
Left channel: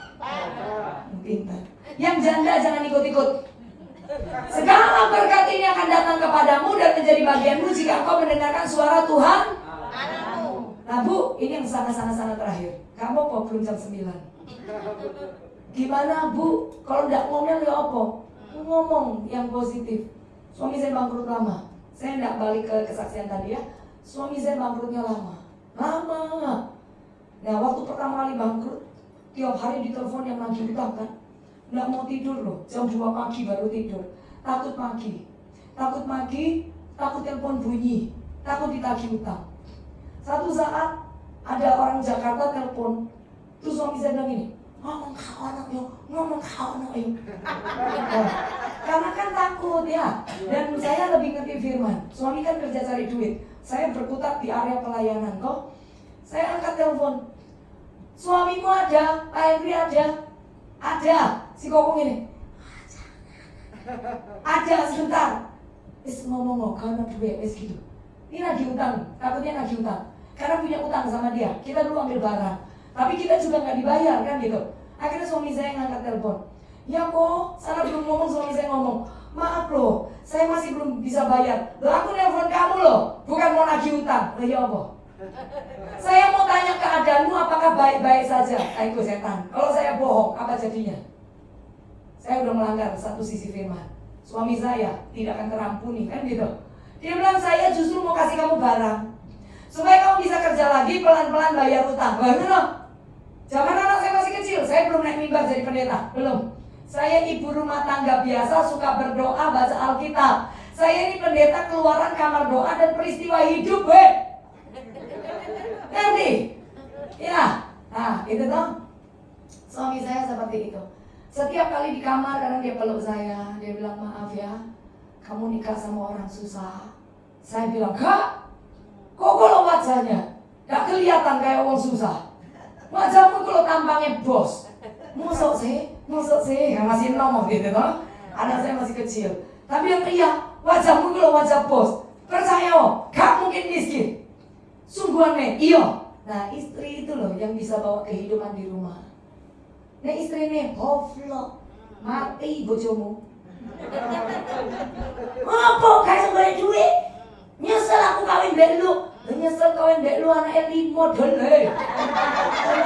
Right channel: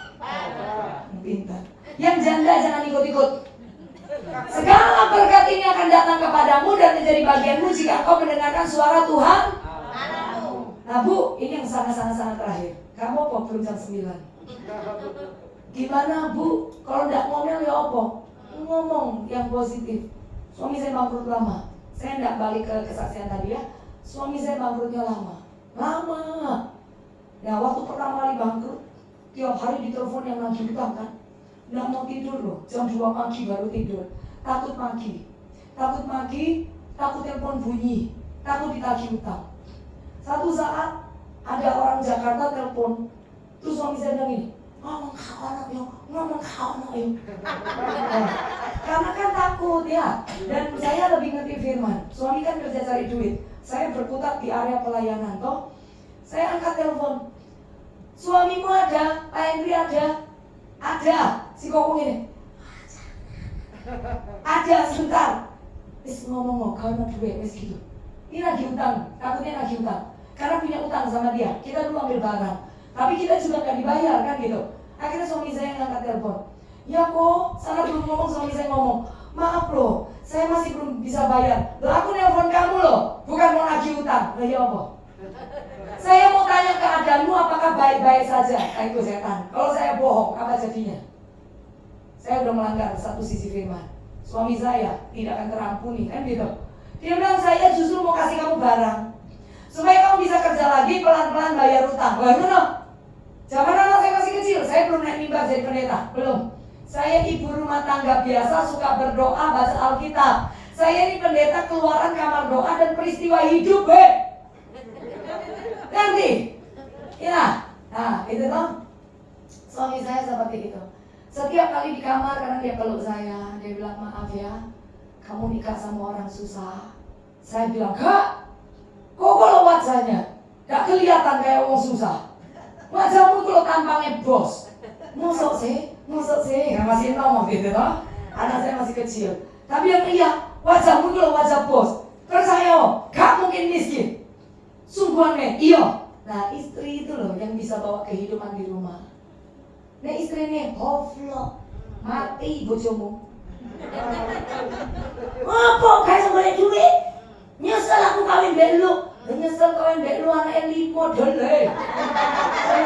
pintar. Yang janda jangan ikut-ikut. Segala berkat ini akan datang kepadamu dan menjadi bagianmu jika kau mendengarkan suara Tuhan. Nah Bu, ini yang sangat-sangat terakhir. Kamu kok belum jam 9? Gimana Bu? Kalau tidak ngomel ya apa? Ngomong yang positif. Suami saya bangkrut lama. Saya tidak balik ke kesaksian tadi ya. Suami saya bangkrutnya lama. Nah waktu pertama kali bangkrut, tiap hari ditelepon yang nagih utang kan. Nggak mau tidur loh, jam 2 pagi baru tidur. Takut maki, takut telepon bunyi, takut ditagih utang. Satu saat ada orang Jakarta telepon, terus suami saya bilang ini, ngomong kau anak yo. Karena kan takut ya. Dan saya lebih ngerti firman. Suami kan kerja cari duit, saya berkutat di area pelayanan toh. Saya angkat telepon, suamimu ada, Pak Henry ada. Si kokong ini ada sebentar. Ngomong karena duit gitu. Ini lagi utang, takutnya lagi utang. Karena punya utang sama dia, kita dulu ambil barang, tapi kita juga nggak dibayar kan gitu. Akhirnya suami saya yang angkat telepon. Ya kok, sana belum ngomong, suami saya ngomong, maaf loh, saya masih belum bisa bayar. Loh aku nelpon kamu loh, bukan mau nagih utang. Lah ya apa? Saya mau tanya keadaanmu apakah baik-baik saja. Itu setan. Kalau saya bohong, apa jadinya? Saya udah melanggar satu sisi firman. Suami saya tidak akan terampuni kan gitu. Dia bilang saya justru mau kasih kamu barang supaya kamu bisa kerja lagi, pelan-pelan bayar utang. Benar? Zaman anak saya masih kecil, saya belum naik mimbar jadi pendeta, belum. Saya ibu rumah tangga biasa, suka berdoa, baca Alkitab. Saya ini pendeta keluaran kamar doa dan peristiwa hidup, ngerti? Ya, nah itu toh. Suami saya seperti itu. Setiap kali di kamar karena dia peluk saya, dia bilang maaf ya, kamu nikah sama orang susah. Saya bilang, kak, kok kalau wajahnya gak kelihatan kayak orang susah. Wajahmu kalau tampangnya bos. Masuk sih, masih ngomong gitu toh. Anak saya masih kecil. Tapi yang iya, wajahmu kalau wajah bos. Percaya, gak mungkin miskin. Sungguhannya, iya. Nah istri itu loh yang bisa bawa kehidupan di rumah. Nah istri ini hoflok, mati bojomu. Apa kayak boleh duit? Nyesel aku kawin belu. Nyesel kawin belu anaknya 5 dole.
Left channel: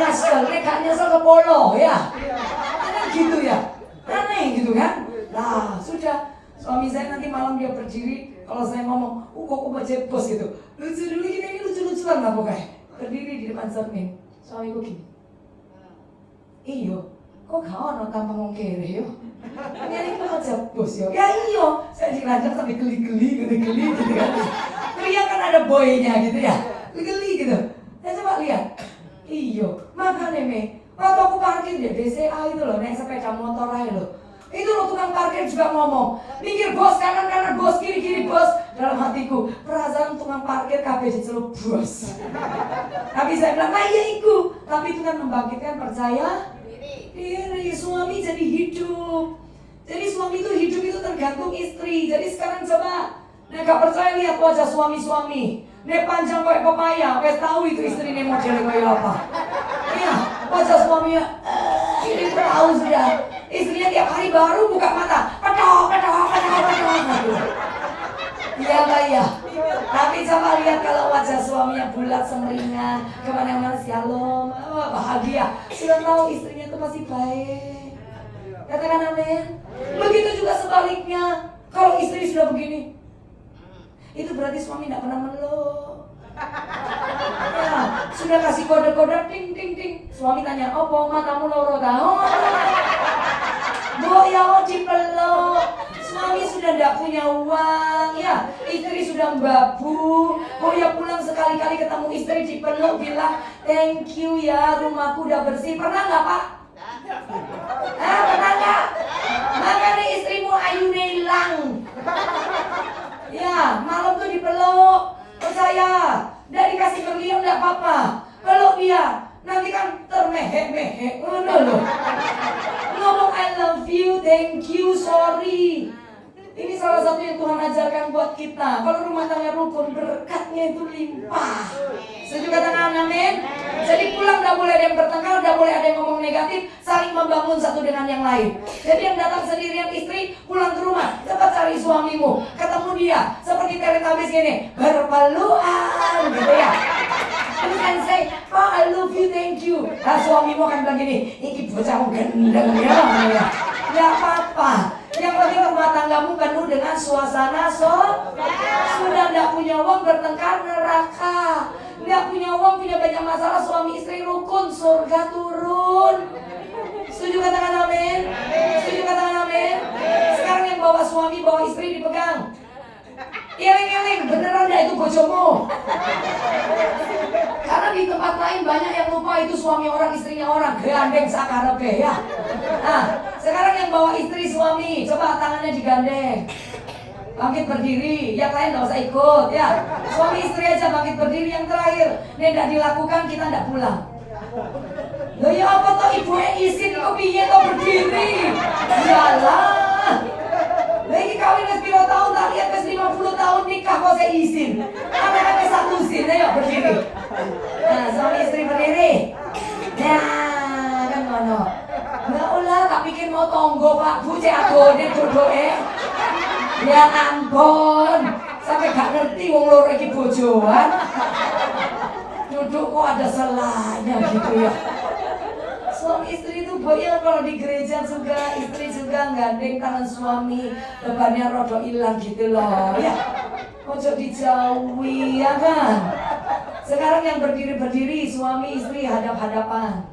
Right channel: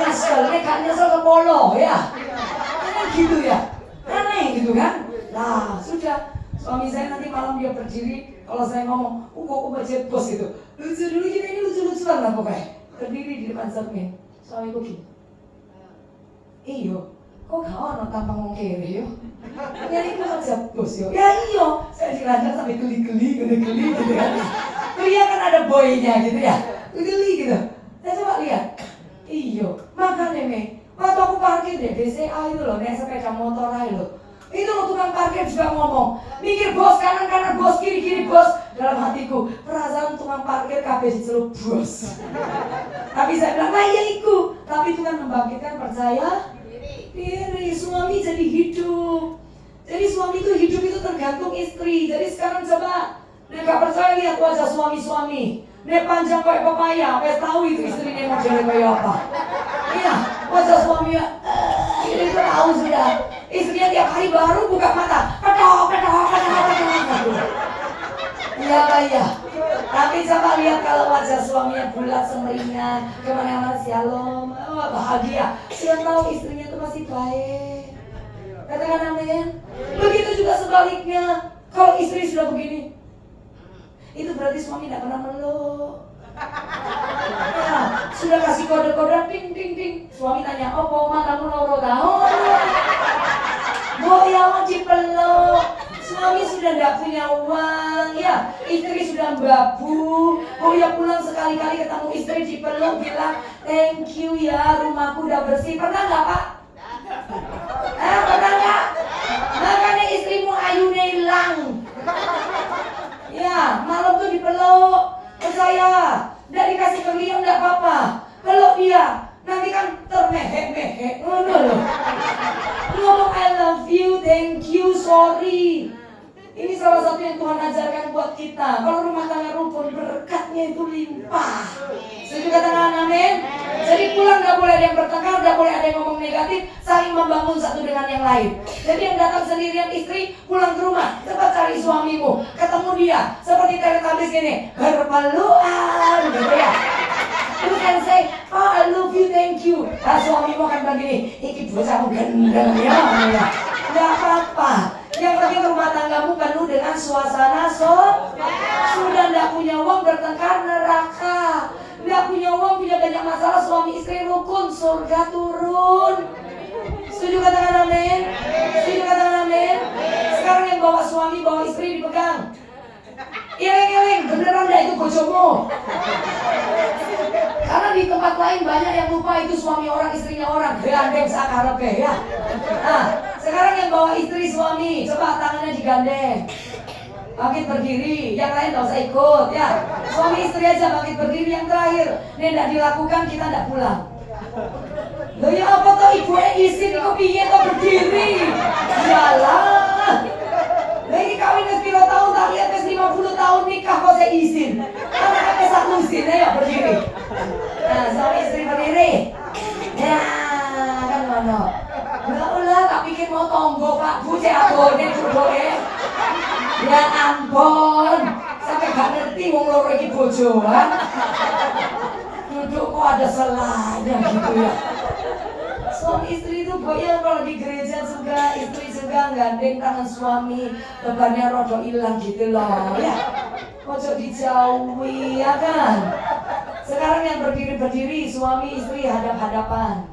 Nyesel, ini gak nyesel ke polo ya. Ini gitu ya, aneh gitu kan. Nah sudah, suami saya nanti malam dia berdiri. Kalau saya ngomong, kok baca bos gitu. Lucu dulu kita ini lucu-lucuan lah pokoknya. Berdiri di depan cermin, suami gue gini. Iyo, kok gak ono tampang wong kere yo? Ngene iki aja bos yo. Ya iyo, saya dilanjut sampai geli-geli gitu kan. Dia kan ada boynya gitu ya. Geli gitu. Saya coba lihat. Iyo, makanya me, waktu aku parkir di BCA itu loh, yang sepeda motor aja loh. Itu loh tukang parkir juga ngomong, mikir bos kanan bos kiri bos. Dalam hatiku, perasaan tukang parkir kabeh dicelup bos. Tapi saya bilang, nah iya iku. Tapi Tuhan membangkitkan percaya diri. Suami jadi hidup. Jadi suami itu hidup itu tergantung istri. Jadi sekarang coba, nek gak percaya lihat wajah suami-suami. Nek panjang kayak pepaya, wes tahu itu istrinya mau jadi kayak apa. Iya, wajah suaminya ini tahu sudah. Istrinya tiap hari baru buka mata, pedok gitu. Iya Pak ya. Tapi coba lihat kalau wajah suaminya bulat semeringah, kemana-mana shalom, bahagia. Sudah tahu istrinya itu masih baik. Katakan amin. Begitu juga sebaliknya. Kalau istri sudah begini, itu berarti suami tidak pernah meluk. Ya, sudah kasih kode-kode ding ding ding. Suami tanya, "Oh, mau matamu loro tahu?" Boyo dipeluk. Suami sudah tidak punya uang, ya. Istri sudah babu. Boyo pulang sekali-kali ketemu istri dipeluk, bilang, "Thank you ya, rumahku udah bersih." Pernah nggak, Pak? Pernah nggak? Makanya istrimu ayunya hilang. Ya, malam tuh dipeluk. Percaya, udah dikasih berlian enggak apa-apa. Peluk dia. Nanti kan termehek-mehek. Ngomong I love you, thank you, sorry. Ini salah satu yang Tuhan ajarkan buat kita. Kalau rumah tangga rukun, berkatnya itu limpah. Setuju katakan amin? Jadi pulang gak boleh ada yang bertengkar, gak boleh ada yang ngomong negatif, saling membangun satu dengan yang lain. Jadi yang datang sendirian istri, pulang ke rumah, cepat cari suamimu, ketemu dia, seperti teletabis gini, berpelukan, gitu ya. You can say, "Oh, I love you, thank you." Nah, suamimu kan bilang gini, "Iki bocahmu gendeng ya." Gak apa-apa. Yang penting rumah tanggamu penuh dengan suasana sudah tidak punya uang bertengkar neraka, tidak punya uang punya banyak masalah suami istri rukun surga turun. Setuju katakan amin? Setuju katakan amin? Sekarang yang bawa suami bawa istri dipegang. Iring-iring beneran dah itu bojomu. Karena di tempat lain banyak yang lupa itu suami orang istrinya orang, gandeng sakarepe ya. Nah, sekarang yang bawa istri suami, coba tangannya digandeng. Bangkit berdiri, yang lain gak usah ikut ya. Suami istri aja bangkit berdiri yang terakhir. Ini tidak dilakukan kita tidak pulang. Loh ya apa toh ibu izin kok piye kok berdiri? Jalan. Lagi kawin wis pira tahun tak lihat wis 50 tahun nikah kok saya izin. Karena satu izin ayo berdiri. Nah, suami istri berdiri. Nah, kan mana? Enggak ulah tak pikir mau tonggo Pak Bu cek agone jodohe. Ya ampun. Sampai gak ngerti wong loro iki bojoan. Duduk kok ada selahnya gitu ya. Suami istri itu goyang kalau di gereja juga, istri juga gandeng tangan suami, bebannya rodo hilang gitu loh ya. Ojo dijauhi ya kan. Sekarang yang berdiri-berdiri suami istri hadap-hadapan.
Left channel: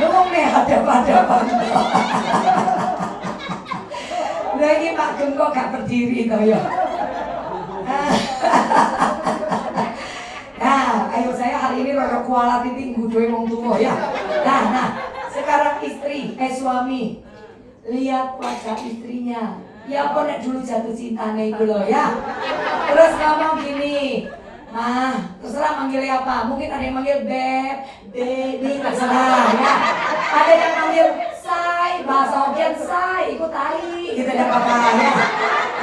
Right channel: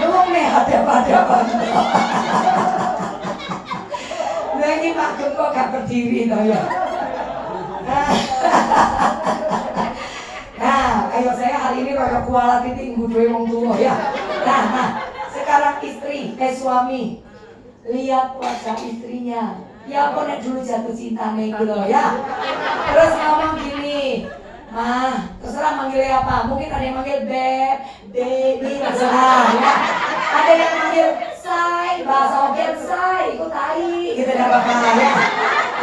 Lume hadap-hadapan. Nah ini Pak Gun kok gak berdiri toh ya. Nah, ayo saya hari ini rada kualat titik nggudoe wong tuwa ya. Nah, sekarang suami lihat wajah istrinya. Ya apa nek dulu jatuh cintane iku lho ya. Terus ngomong gini, "Mah, terserah manggilnya apa? Mungkin ada yang manggil Beb, Baby, terserah ya. Ada yang manggil Say, bahasa Ogen Say, ikut tai, gitu ya Bapak ya.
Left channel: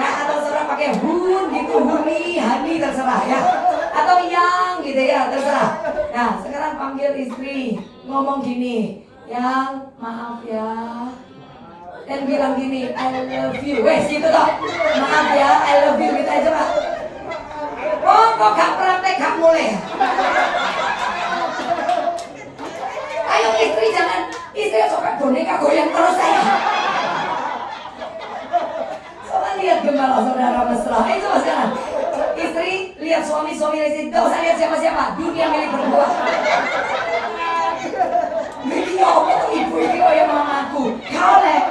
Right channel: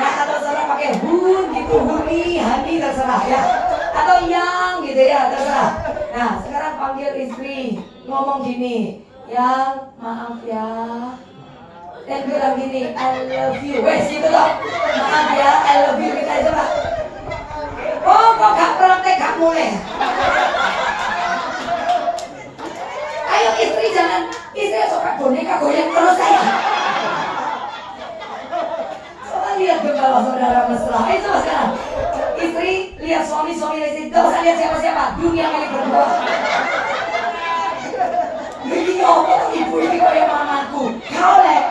Ya atau terserah pakai Hun gitu, Huni, Hani terserah ya. Atau Yang gitu ya, terserah. Nah, sekarang panggil istri, ngomong gini, "Yang, maaf ya." Dan bilang gini, "I love you." Wes gitu loh. "Maaf ya, I love you." Kita aja Pak. Oh, kok gak praktek, gak mulai. Ayo istri suka boneka goyang terus ya. Coba lihat gembala saudara mesra. Itu sekarang. Istri lihat suami lihat, tidak usah lihat siapa-siapa. Dunia milik berdua. Ini ngomong ibu ini kayak mamaku. Boleh.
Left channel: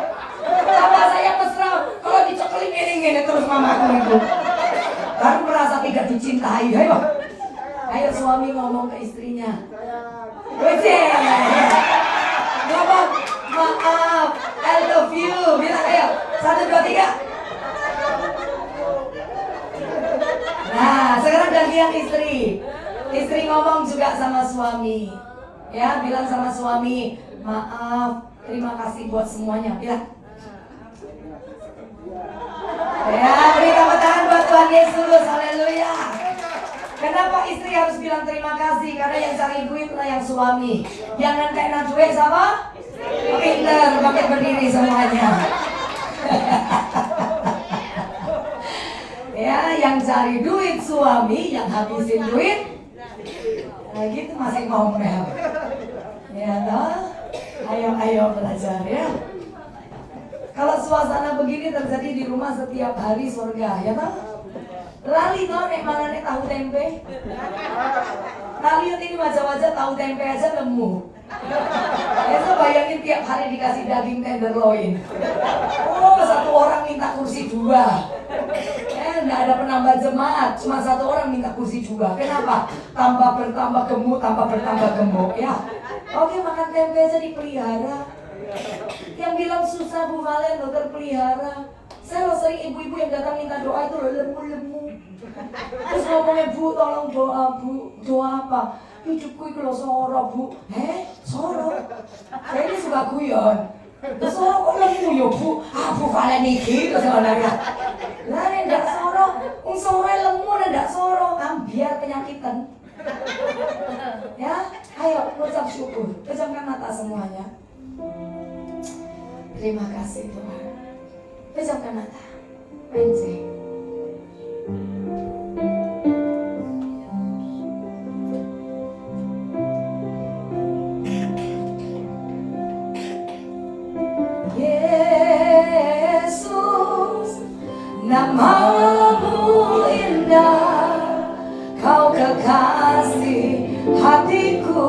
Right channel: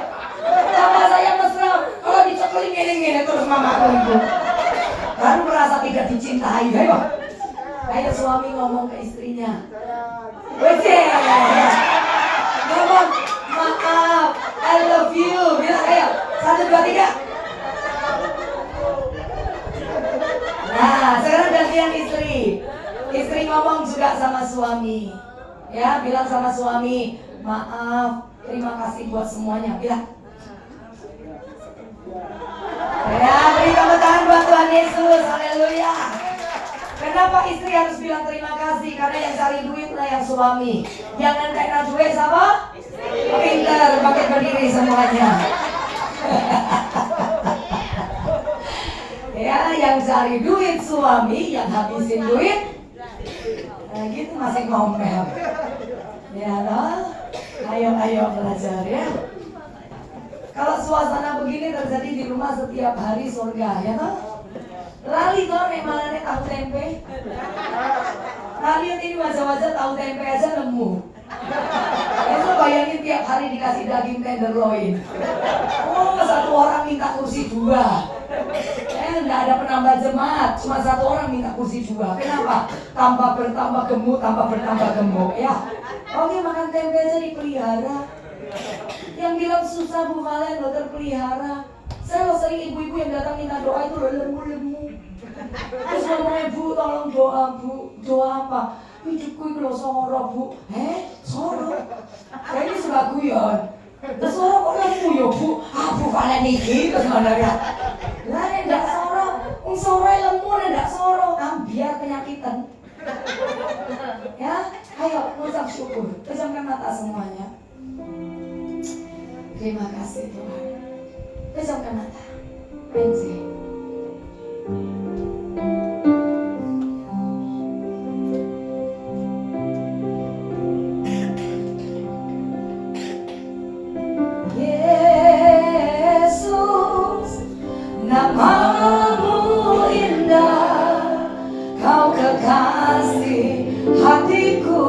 Sama saya mesra. Kalau dicokolin gini terus mamaku itu. Baru merasa tidak dicintai. Ayo suami ngomong ke istrinya. Wece. Ngomong, "Maaf, I love you." Bilang ayo. 1, 2, 3. Nah, sekarang gantian istri. Istri ngomong juga sama suami. Ya, bilang sama suami, "Maaf, terima kasih buat semuanya." Bilang. Ya, beri tepuk tangan buat Tuhan Yesus. Haleluya. Kenapa istri harus bilang terima kasih? Karena yang cari duit lah yang suami. Yang nentena duit sama? Pinter, pakai berdiri semuanya. Ya, yang cari duit suami, yang habisin duit. Nah gitu masih ngomel. Ya, no? Ayo belajar ya. Kalau suasana begini terjadi di rumah setiap hari surga, ya toh? Lali toh mana nih tahu tempe? Kalian ini macam-macam tahu tempe aja nemu. Itu bayangin tiap hari dikasih daging tenderloin. Oh, satu orang minta kursi 2. Nggak ada penambah jemaat, cuma satu orang minta kursi 2. Kenapa? Bertambah gemuk ya. Oke, makan tempe aja dipelihara. Yang bilang susah Bu Valen lo terpelihara. Saya lo sering ibu-ibu yang datang minta doa itu lemu-lemu. Terus ngomongnya, Bu tolong doa Bu. Doa apa? Hidupku itu lo soro Bu. Soro? Saya ini suka guyon. Terus soro kok lemu ya Bu? Bu Valen iki terus ngomong ya. Lah nek ndak soro, wong soro lemu nek ndak soro, biar penyakitan. Ya, ayo ucap syukur. Pejamkan mata semuanya. Terima kasih Tuhan. Pejamkan mata. Anjay. Yesus, namamu indah, kau kekasih hatiku,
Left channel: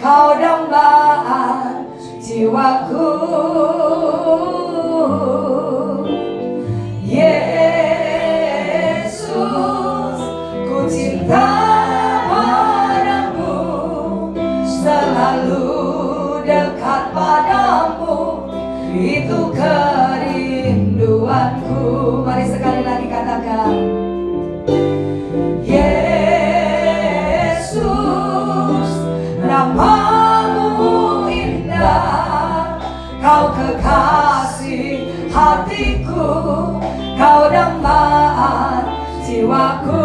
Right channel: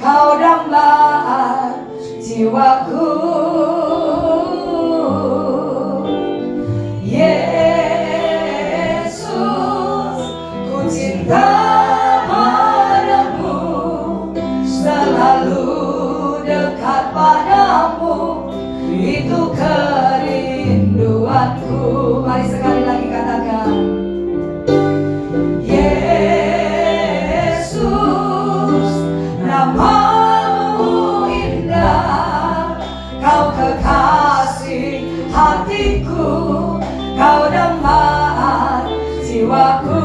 kau dambaan jiwaku. Yesus, ku cinta padamu, selalu dekat padamu, itu kerinduanku. Mari sekali lagi katakan, Yesus, namamu indah, kau kekasih hatiku, kau dambaan jiwaku.